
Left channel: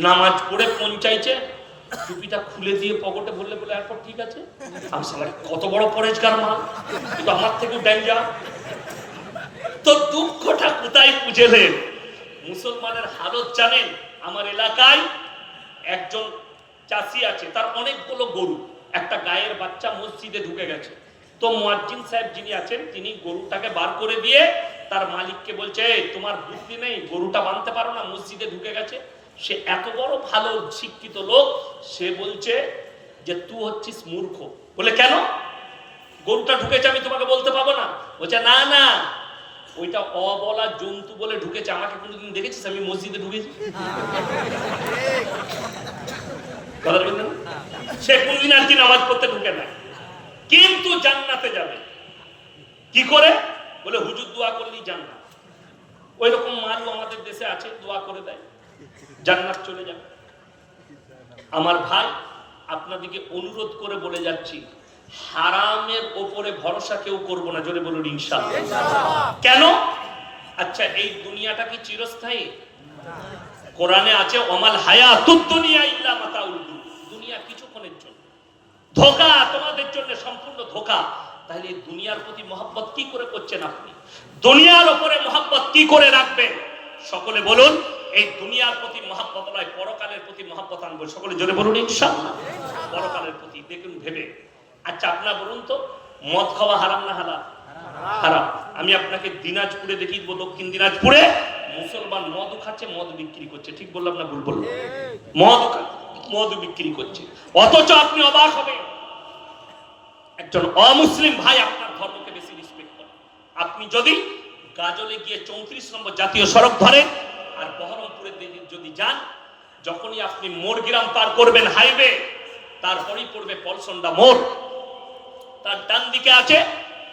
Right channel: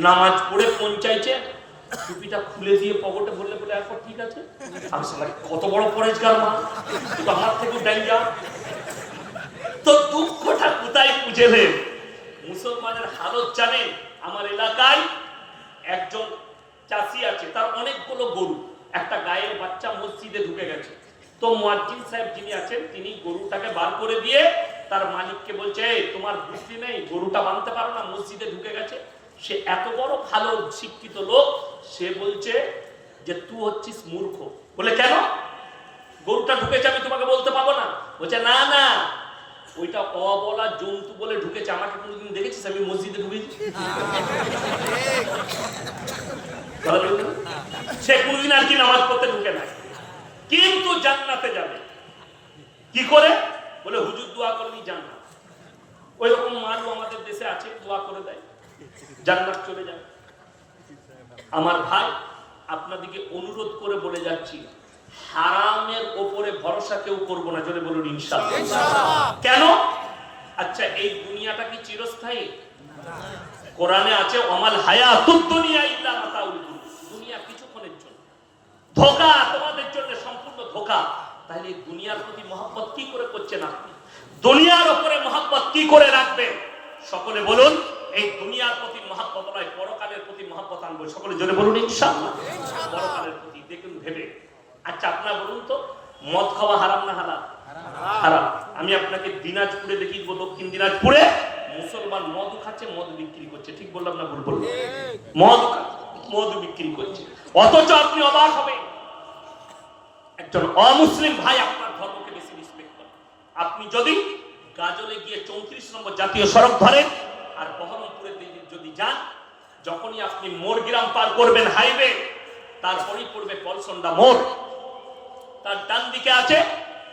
নামাজ পড়ে কোন চাইছে, টুপিটা খুলে দিয়ে পকেটে ভরলে বলে এরপর ঠিক আছে। কত বড় পরেজগার মা, কিন্তু আমার থেকেও ডেঞ্জার। তো দুঃখটা কোথায় বুঝেলেন? মুসলমানের হালত জানেন? আমার এলাকায় একজন চাষি আছে, তার অনেকগুলো গরু, একটা গায়ের বাচ্চা মসজিদে ঢুকে গেছে। তো মুয়াজ্জিন সাহেব যিনি আছেন তিনি গরুটাকে বার করে দিয়ে তার মালিককে বলছে তোমার বুদ্ধি নেই, গরুটা বাঁধতে পারো না, মসজিদে ঢুকে গেছে। সে এত বড় ভালো শিক্ষিত লোক, সে বলছে যে তুই হচ্ছিস মূর্খ। বলে কেন? গরুটা ঢুকেছে আমি তোমাকে বলতে পাবো না? বলছে না না, ওইটা অবলা জন্তু বলে ঢুকেছে, আমাকে কোনোদিন দেখেছিস আমি মসজিদে ঢুকেছি? সে কোনদিন আর কি নামাজ পড়তে ঢুকে নাই, কিন্তু জান্নাতে যাবে কি করে? বলে হুজুর দোয়া করলেই জান্নাত। ওই রকম মানুষ আমাদের দেশে আছে, দোয়া করে দেয় জান্নাত চলে যাবে। আমার ভাই আপনাদেরকে অনুরোধ করে বলে যাচ্ছি, হারামের ওপরে ভরসা কেউ করবো না, জোরে বলুন ইনশাআল্লাহ। কেন? আচ্ছা এই দুনিয়াটা কি চিরস্থায়ী? কোরআনে আছে ওমাল হায়াতুদ দুনিয়া ইল্লা মাতাউল গুরুর, দুনিয়া কিছুক্ষণের জন্য, ধোঁকা তোমাদের জন্য, সম্পূর্ণ ধোঁকা। তাহলে এই দুনিয়ার প্রতি মহব্বত কি করে করছেন আপনি? দুনিয়ার উপরে মহব্বত কি করে রাখবেন? সকলে বলুন এই দুনিয়ার প্রতি মহব্বত নয়, পরকালের প্রতি মহব্বত আনবো। সকলে জোরে বলুন ইনশাআল্লাহ। পরকালের প্রতি দেখুন ভেবে। আচ্ছা আপনারা বলুন তো, মদ খাওয়া হারাম না হালাল? হারাম। আমি আপনাকে দিনাজপুরে দেখি, দক্ষিণ দিনাজপুরে মুসলমান মদ খাচ্ছে, মদ বিক্রি করছে। ঠিক বললাম না ভুল বললাম? মদ বিক্রি করছে, অথচ আপনি অবাক হবেন একজন অমুসলিম ভাই আপনার ধর্মকে বেশি রেসপেক্ট করে। আপনি যদি গাজলে গিয়ে 34 নম্বর জাতীয় সড়ক ধরেন আর বহরমপুরের দিকে যদি যান, যখনই আপনি মোরগ্রাম পার করবেন হাইওয়ে, তারপরেই পড়বে পলসন্ডা মোড়। তার ডান দিকে আছে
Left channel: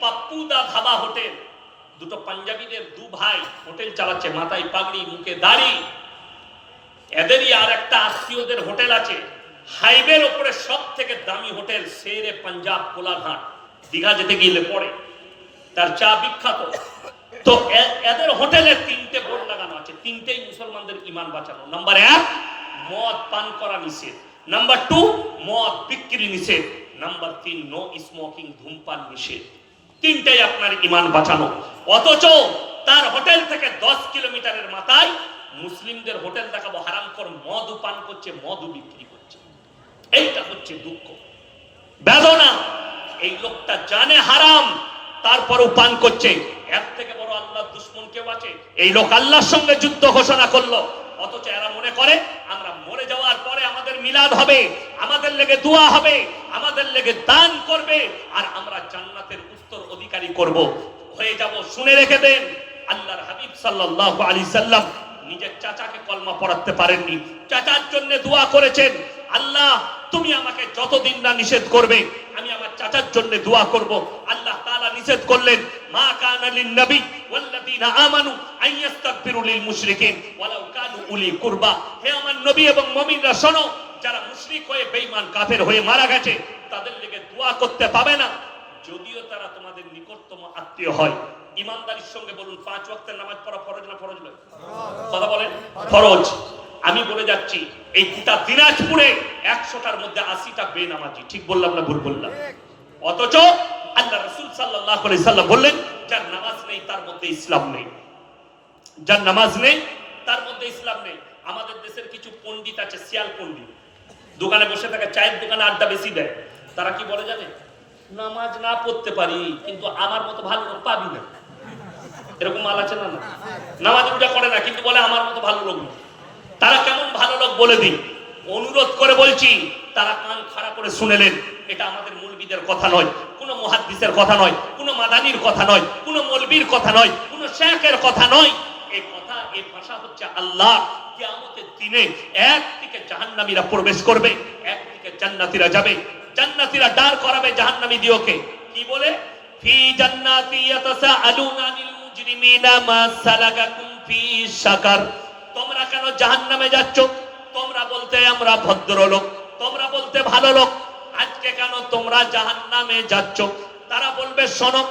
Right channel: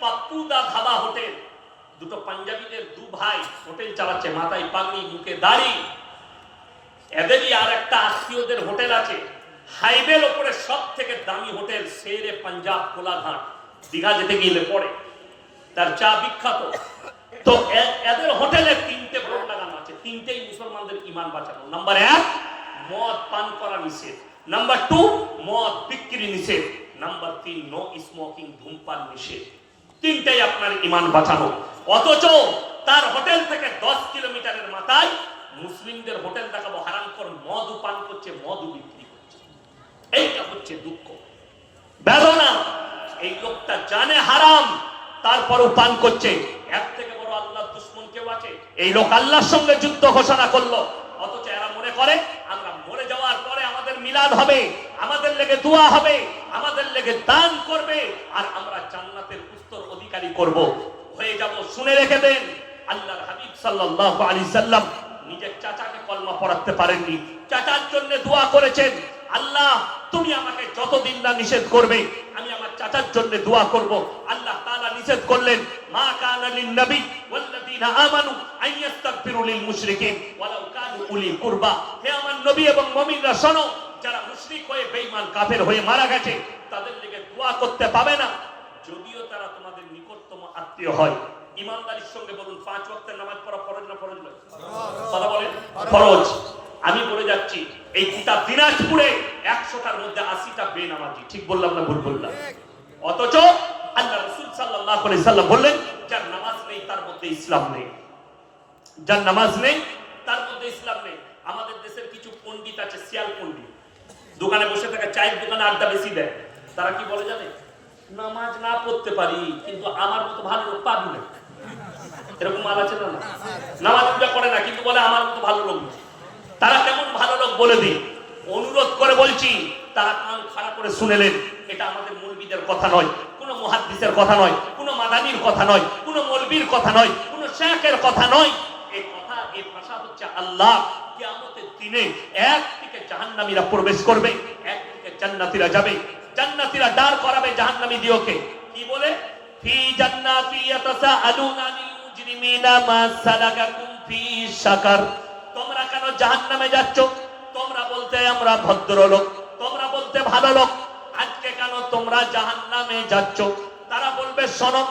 পাপ্পুদা ধাবা হোটেল। দুটো পাঞ্জাবিদের দু ভাই হোটেল চালাচ্ছে, মাথায় পাগড়ি, মুখে দাড়ি। এদেরই আর একটা আত্মীয়দের হোটেল আছে হাইওয়ের উপরে, সব থেকে দামি হোটেল শেরে পাঞ্জাব কোলাঘাট, দীঘা যেতে গেলে পড়ে, তার চা বিখ্যাত। তো এদের হোটেলে 3টে বোর্ড লাগানো আছে, 3টেই মুসলমানদের ঈমান বাঁচানো। নাম্বার 1 মদ পান করা নিষেধ, নাম্বার 2 মদ বিক্রি নিষেধ, নাম্বার 3 নো স্মোকিং, ধূমপান নিষেধ। 3টাই আপনার ঈমান বাঁচানো। অথচ তার হোটেল থেকে 10 কিলোমিটারের মাথায় মুসলিমদের হোটেল দেখাবো, হারামখোর মদ পান করছে, মদ বিক্রি করছে। এইটা হচ্ছে দুঃখ, বেদনা। এই লোকটা জানে হারাম, তারপরও পান করছে। এর থেকে বড় আল্লাহর দুশমন কেউ আছে? এই লোক আল্লাহর সঙ্গে যুদ্ধ ঘোষণা করলো, অথচ এরা মনে করে আমরা মরে যাওয়ার পরে আমাদের মিলাদ হবে, আমাদের লেগে দোয়া হবে, আমাদের লেগে দান করবে, আর আমরা জান্নাতের উত্তর অধিকারী করব, হয়ে যাব। শুনে রেখে দেন, আল্লাহর হাবিব সাল্লাল্লাহু আলাইহি সাল্লাম নিজের চাচাকে কলমা পড়াতে পারেননি, চাচার জন্য দোয়া করেছেন, আল্লাহ তুমি আমাকে যতদিন না নিষেধ করবে আমি আমার চাচার জন্য দোয়া করব। আল্লাহ তাআলা নিষেধ করলেন, মা কানা লিন নবী ওয়াল্লাযীনা আমানু আইয়াস্তাগফিরু লিল মুশরিকিন ওয়ালাউ কানু উলি কুরবা। হে আমার নবী এবং মুমিনরা শোনো, যারা মুশরিক হয়ে বেঈমান কাফের হয়ে মারা গেছে তাদের দিকে দোয়া করতে পাবে না, যদিও তারা তোমাদের নিকটতম আত্মীয় হয়। ইমানদারির সঙ্গে বলুন, 5 ওয়াক্তের নামাজ পড়া ফরজ না ফরজ নয়? কথা বলেন, ফরজ। আমি বলে যাচ্ছি এই গোটা দিনাজপুরে 100টার মধ্যে 80টা বেনামাজি। ঠিক বললাম না ভুল বললাম? অথচ আল্লাহ রাসূল সাল্লাল্লাহু আলাইহি সাল্লাম বললেন, যার নামাজ নেই তার মধ্যে ইসলাম নেই, যার নামাজ নেই তার মধ্যে ইসলাম নেই। আমাদের দেশের কিছু পণ্ডিত আছে, শিয়াল পণ্ডিত, দোকানে বসে থাকে, চায়ের দোকানে আড্ডা বেশি দেয়। তারা কি বলে জানে? নামাজ না পড়তে পারি কিন্তু আমার মতো ভালো লোক পাবি না। এরকম মাল আছে না? নামাজ পূজা করে না কিন্তু বলে আমার মতো ভালো লোক। তারা কেমন ভালো লোক বলে দিন, অনুরোধ করে বলছি, তারা কান খাড়া করে শুনেলেন। এটা আমাদের মৌলবীদের কথা নয়, কোন মুহাদ্দিসের কথা নয়, কোন মাদানির কথা নয়, কোন মৌলবীর কথা নয়, কোন শেখের কথা নয়। এই কথা, এই ভাষা হচ্ছে আল্লাহ কিয়ামতের দিনে একদিকে জাহান্নামীরা প্রবেশ করবে, একদিকে জান্নাতীরা যাবে। জান্নাতীরা দাঁড় করাবে জাহান্নামী দিওকে, কি বলে? ফি জান্নাতি ইয়াতাসাআলুনা আনিল মুজরিমিনা মা সালাকাকুম ফি সাকার। তোমরা কেন জাহান্নামে যাচ্ছ? তোমরা বলতে আমরা ভদ্রলোক, তোমরা বলতে ভালো লোক, আজকে কেন তোমরা জাহান্নামে যাচ্ছ? তারা বলবে শোনো,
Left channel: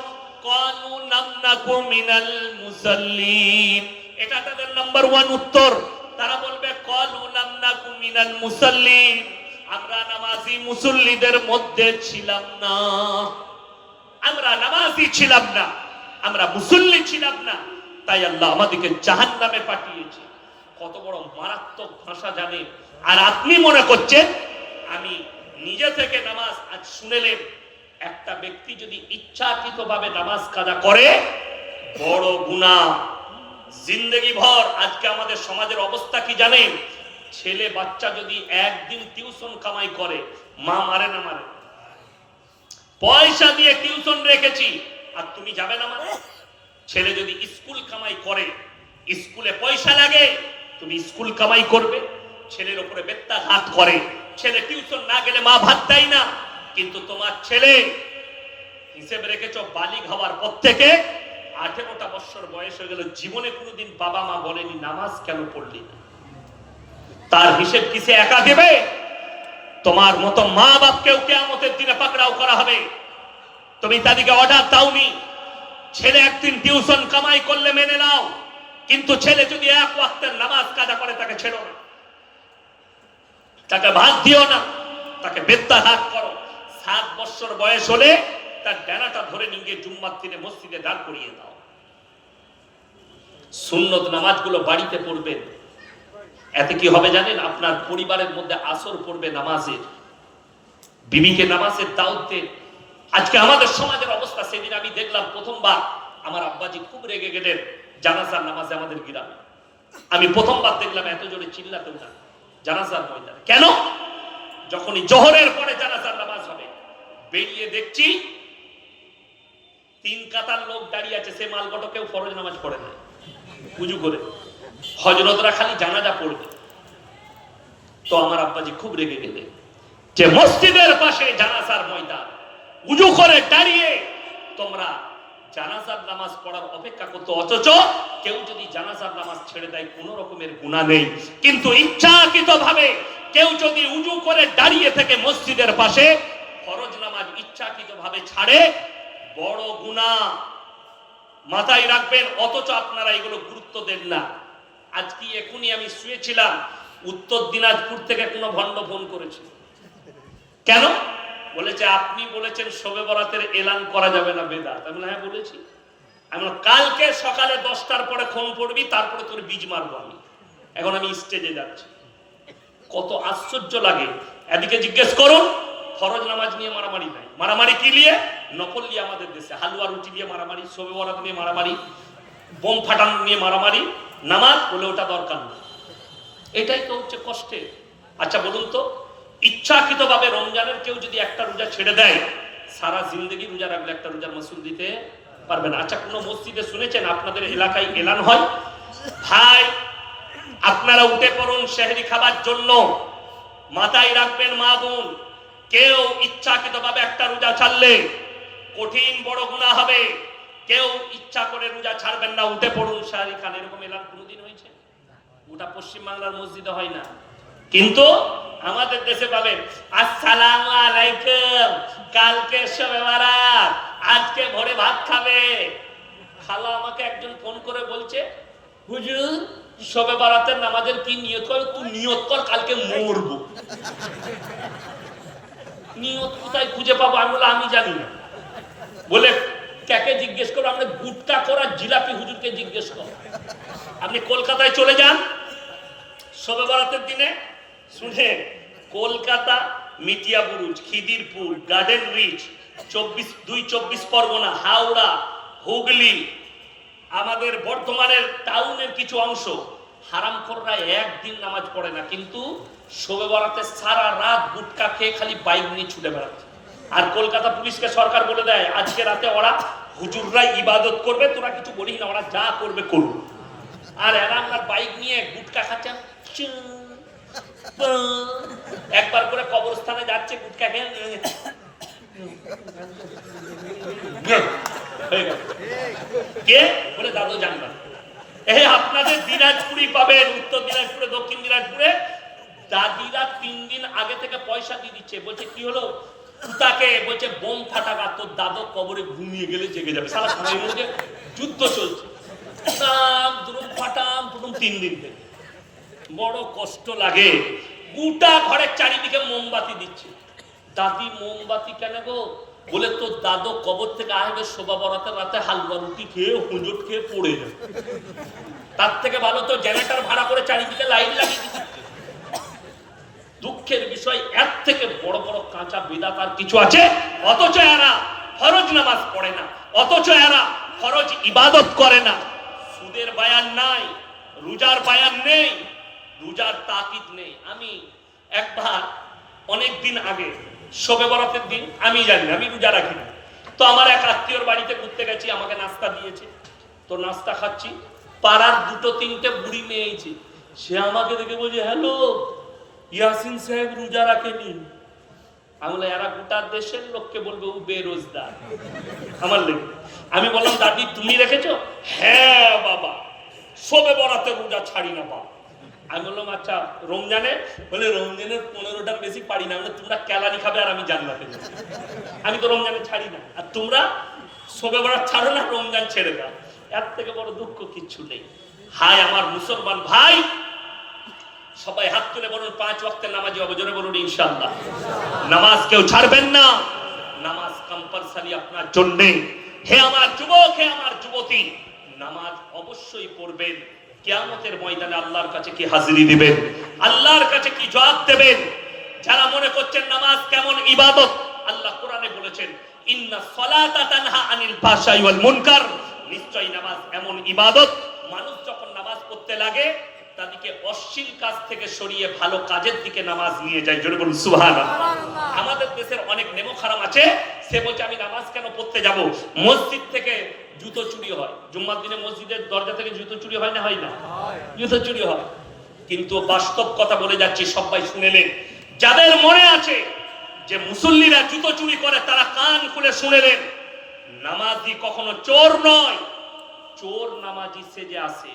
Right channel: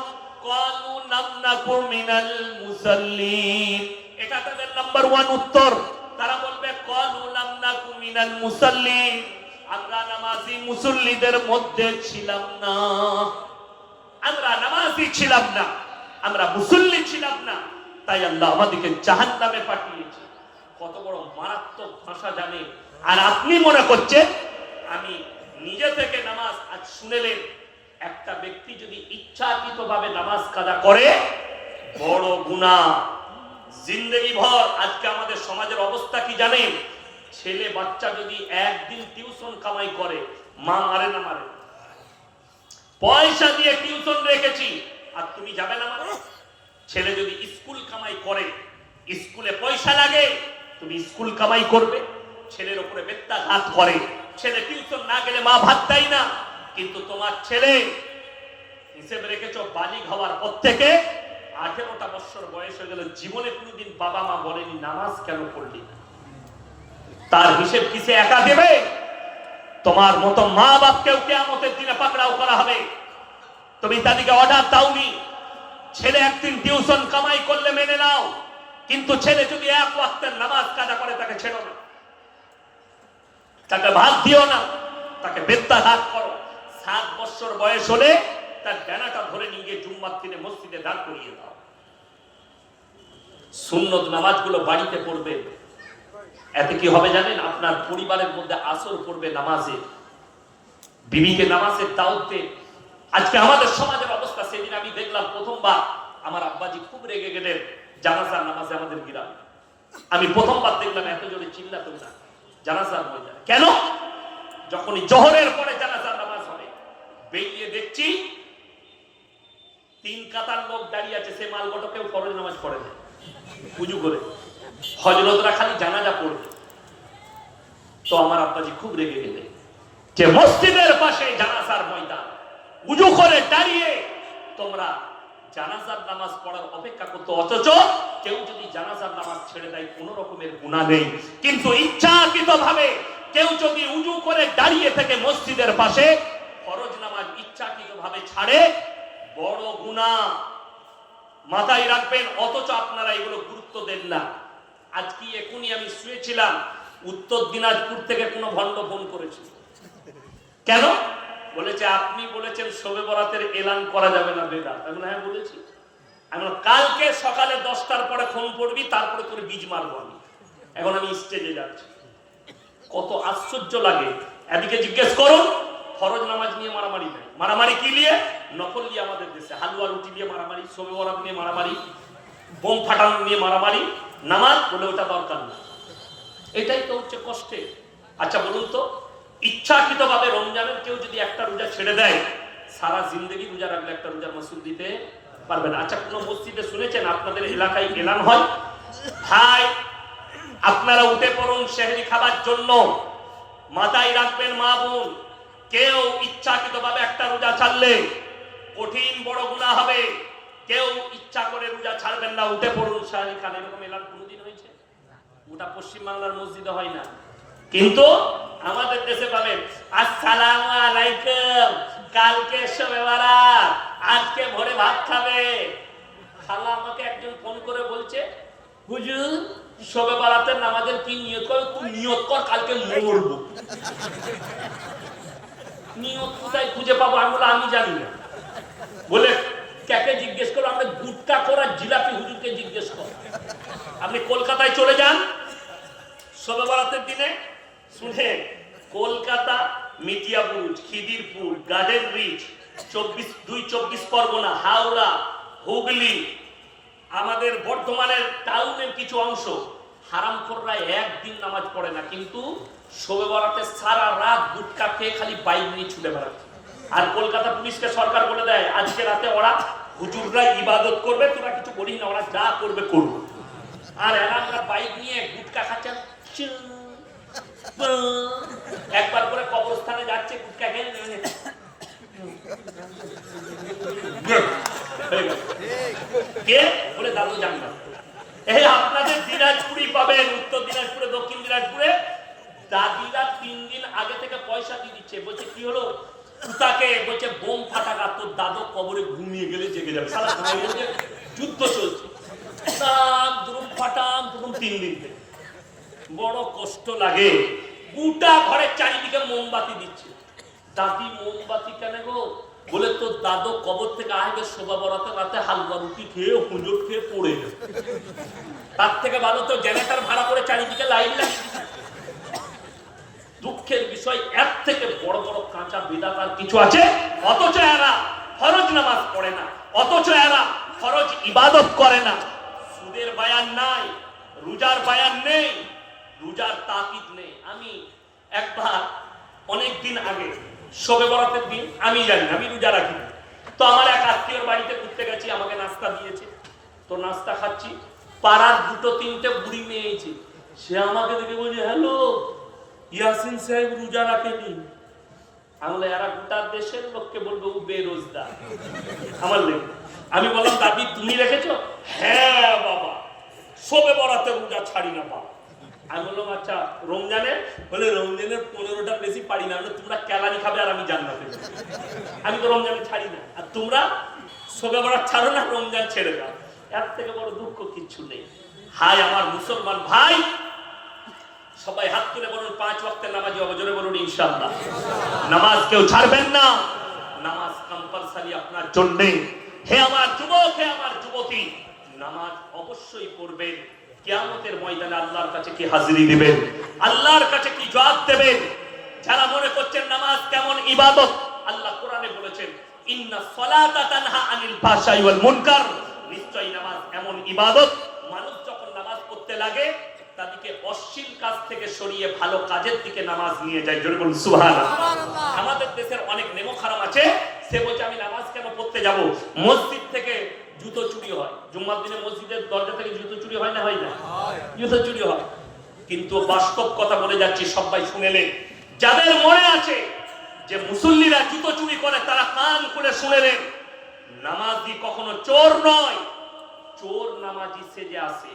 ক্বালু লাম নাকু মিনাল মুসাল্লিন। এটা তাদের নাম্বার 1 উত্তর। তারা বলবে ক্বালু লাম নাকু মিনাল মুসাল্লিন, আমরা নামাজি মুসল্লিদের মধ্যে ছিলাম না, আমরা নামাজি ছিলাম না, আমরা মুসল্লি ছিলাম না, তাই আল্লাহ আমাদেরকে জাহান্নামে পাঠিয়েছে। কত বড় মারাত্মক ভাষা জানে। আর আপনি মনে করছেন আমি নিজে থেকে নামাজ, আজ শুনেলেন একটা ব্যক্তি যদি ইচ্ছাকৃতভাবে নামাজ কাজা করে বড় গুনাহ, জিন্দেগি ভর। আজকে আমাদের সমাজের অবস্থা কি জানেন? ছেলে বাচ্চা যদি একদিন টিউশন কামাই করে, মা মারে না মারে? পয়সা দিয়ে টিউশন রেখেছি আর তুমি যাবে না মানে? ছেলে যদি স্কুল কামাই করে, স্কুলে পয়সা লাগে, তুমি স্কুল কামাই করবে? ছেলের উপরে বেত্রাঘাত করে, ছেলে টিউশন না গেলে মা ভাত দেয় না। কিন্তু তোমার ছেলে হিসেব রেখেছো বালিগ হওয়ার পর থেকে 18টা বছর বয়স হয়ে গেল, জীবনে কোনোদিন বাবা মা বলেনি নামাজ কেন পড়লি না। তার হিসেব কিসে একা দেবে? তোমার মতো মা বাপকেও কিয়ামতের দিনে পাকড়াও করা হবে। তুমি তাদেরকে অর্ডার দাওনি, ছেলে একদিন টিউশন কামাই করলে মেনে নাও, কিন্তু ছেলে যদি এক ওয়াক্তের নামাজ কাজা করে তাকে ছেড়ো না, তাকে ভাত দিও না, তাকে বেত্রাঘাত করো। 7 বছর বয়স হলে তার ডানাটা ধরে নিয়ে গিয়ে জুম্মার দিনে মসজিদে দাঁড় করিয়ে দাও। সুন্নত নামাজগুলো বাড়িতে পড়বেন। এতে কি হবে জানেন? আপনার পরিবারের মধ্যে আসর পড়বে নামাজের, বিবিকে নামাজের দাওয়াত দেন। আজকে আমাদের সমাজের অবস্থা, সেদিন আমি দেখলাম প্রথমবার আমার আব্বাজি খুব রেগে গেলেন জানাজার নামাজে আমাদের গ্রামে। আমি প্রথমবার দেখলাম এত জোরে চিল্লাতে না জানাজার ময়দানে। কেন? যখনই জোহরের পরে জানাজার নামাজ হবে, বেরিয়ে দেখছি 3 কাতার লোক দাঁড়িয়ে আছে, সে মালগটো কেউ ফরজ নামাজ পড়ে না, উজু করে। হযরতরা খালি জানাজা পড়বে। তো আমার আব্বাজি খুব রেগে গেলেন যে মসজিদের পাশে জানাজার ময়দান, উজু করে দাঁড়িয়ে তোমরা জানাজার নামাজ পড়ার অপেক্ষা করতে, অথচ কেউ যদি জানাজার নামাজ ছেড়ে দেয় কোনো রকমের গুনাহ নেই। কিন্তু ইচ্ছাকৃতভাবে কেউ যদি উজু করে দাঁড়িয়ে থেকে মসজিদের পাশে ফরজ নামাজ ইচ্ছাকৃতভাবে ছাড়ে, বড় গুনাহ, মাথায় রাখবেন। অথচ আপনারা এগুলো গুরুত্ব দেন না। আজকে এখনই আমি শুয়েছিলাম, উত্তর দিনাজপুর থেকে কোনো ভণ্ড ফোন করেছে। কেন? বলেছে আপনি বলেছেন শবে বরাতের এলান করা যাবে না, বেদাত। আমি হ্যাঁ বলেছি। আমি কালকে সকালে 10টার পরে ফোন করবি, তারপরে তোর বীজ মারবো আমি। এখন আমি স্টেজে যাচ্ছি। কত আশ্চর্য লাগে। এদিকে জিজ্ঞেস করুন, ফরজ নামাজ নিয়ে মারামারি নাই। মারামারি কি নিয়ে? নকল নিয়ে। আমাদের দেশে হালুয়া রুটি দিয়ে মারামারি, শবে বরাত নিয়ে মারামারি, বোম ফাটানো নিয়ে মারামারি, নামাজ বলে ওটা দরকার না। এটাই তো হচ্ছে কষ্টে। আচ্ছা বলুন তো, ইচ্ছাকৃতভাবে রমজানের কেউ যদি একটা রোজা ছেড়ে দেয়, সারা জিন্দগি রোজা রাখলে একটা রোজার মাসুল দিতে পারবে না। আচ্ছা, কোন মসজিদে শুনেছেন আপনাদের এলাকায় এলান হয়, ভাই আপনারা উঠে পড়ুন সেহরি খাবার জন্য? মাথায় রাখবেন মা বোন, কেউ ইচ্ছাকৃতভাবে একটা রোজা ছাড়লে কঠিন বড় গুনাহ হবে। কেউ ইচ্ছা করে রোজা ছাড়বেন না, উঠে পড়ুন সেহরি খান। এরকম এলান কোনোদিন হয়েছে? ওটা পশ্চিম বাংলার মসজিদে হয় না, কিন্তু আমাদের দেশে পাবেন আসসালামু আলাইকুম, কালকে শবে বরাত, আজকে ভোরে ভাত খাবে। খালা আমাকে একজন ফোন করে বলছে, হুজুর শবে বরাতের নামাজের কি নিয়ত কর? তুই নিয়ত কর কালকে মরবো। নিয়ত কোথায় খুঁজে পাবো? আমি বলে আমি জানি না। বলে কাকে জিজ্ঞেস করো? আপনি গুটকা করা জিলাপি হুজুরকে জিজ্ঞেস করো। আপনি কলকাতায় চলে যান শবে বরাতের দিনে, শুনে কলকাতা, মিটিয়াবুরুজ, খিদিরপুর, গার্ডেন রিচ, 24 পরগনা, হাওড়া, হুগলি, আমাদের বর্ধমানের টাউনের কিছু অংশ, হারামখোররা একদিন নামাজ পড়ে না, কিন্তু শবে বরাতে সারা রাত গুটকা খেয়ে খালি বাইক নিয়ে ছুটে বেড়াচ্ছে। আর কলকাতা পুলিশকে সরকার বলে দেয় আজকে রাতে ওরা হুজুররা ইবাদত করবে, তোরা কিছু বলিস না, ওরা যা করবে করবে। আর এরা আমরা বাইক নিয়ে গুটকা খাচ্ছেন, একবার করে কবরস্থানে যাচ্ছে গুটকা খেয়ে কে বলে দাদু জানবা। এই আপনাদের দিনাজপুরি পাবেন, উত্তর দিনাজপুরে, দক্ষিণ দিনাজপুরে দাদিরা 3 দিন আগে থেকে পয়সা দিয়ে দিচ্ছে। বলছে কি হলো, তাকে বলছে বোম ফাটাকা, তোর দাদু কবরে ঘুমিয়ে গেলে জেগে যাবে। সারা সময় যুদ্ধ চলছে, দুরুম ফাটাম দুরুম 3 দিন থেকে। বড় কষ্ট লাগে। গোটা ঘরের চারিদিকে মোমবাতি দিচ্ছে। দাদি মোমবাতি কেন গো? বলে তোর দাদু কবর থেকে আসবে শোভা বরাতে রাতে হালুয়া রুটি খেয়ে হুঁজট খেয়ে পড়ে যাবে, তার থেকে ভালো তো জেনারেটর ভাড়া করে চারিদিকে লাইট লাগিয়ে দিচ্ছে। দুঃখের বিষয়, এর থেকে বড় বড় কাঁচা বিদাত আর কিছু আছে? অথচ এরা ফরজ নামাজ পড়ে না, অথচ এরা ফরজ ইবাদত করে না। সুদের বায়ান নাই, রোজার বায়ান নেই, রোজার তাকিদ নেই। আমি একবার অনেক দিন আগে শবে বরাতের দিন, আমি জানি আমি রোজা রাখি না, তো আমার এক আত্মীয়র বাড়িতে ঘুরতে গেছি, আমাকে নাস্তা দিয়েছে। তো নাস্তা খাচ্ছি, পাড়ার 2-3টে বুড়ি মেয়ে এসেছে। সে আমাকে দেখে বলছে, হ্যালো ইয়াসিন সাহেব রোজা রাখেনি। আমি বলে এরা গোটা দেশের লোককে বলবে ও বেরোজগার। আমার লেগে আমি বললাম, দাদি তুমি রেখেছো? হ্যাঁ বাবা, শবে বরাতে রোজা ছাড়ি না বাবা। আমি বললাম আচ্ছা রমজানে? বলে রমজানের 15টার বেশি পারি না। তোমরা কেলানি খাবে আর আমি জান্নাতে যাবো। আমি তো রমজানে ছাড়ি না, আর তোমরা শবে বরাত ছাড়ো না, রমজান ছেড়ে দাও। এর থেকে বড় দুঃখ কিচ্ছু নেই। হায় আমার মুসলমান ভাই, সবাই হাত তুলে বলুন 5 ওয়াক্তের নামাজি হবে, জোরে বলুন ইনশাআল্লাহ। নামাজ কেউ ছাড়বেন না, নামাজ কম্পালসারি আপনার জন্য। হে আমার যুবক, হে আমার যুবতী, নামাজ অবশ্যই পড়বেন। কিয়ামতের ময়দানে আল্লাহর কাছে কি হাজিরি দিবেন, আল্লাহর কাছে কি জবাব দেবেন? যারা মনে করছেন নামাজ কেমন ইবাদত, আল্লাহ কোরআনে বলেছেন ইন্নাস সালাতা তানহা আনিল ফাহশাই ওয়াল মুনকার, নিশ্চয়ই নামাজ এমন ইবাদত, মানুষ যখন নামাজ পড়তে লাগে তাদেরকে অশ্লীল কাজ থেকে সরিয়ে ভালো কাজের দিকে নামাজ নিয়ে যায়। জোরে বলুন সুবহানাল্লাহ। আমাদের দেশের অনেক নেমো খারাপ আছে, সে বলছে আমি নামাজ কেন পড়তে যাব? মসজিদ থেকে জুতো চুরি হয়, জুম্মার দিনে মসজিদের দরজা থেকে জুতো চুরি হয় না হয় না? জুতো চুরি হয়। কিন্তু বাস্তব কথা বলে যাচ্ছি, সবাই শুনেলেন। যাদের মনে আছে যে মুসল্লিরা জুতো চুরি করে, তারা কান খুলে শুনেলেন, নামাজি কখনো চোর নয়। চোর নামাজি সেজে আসে,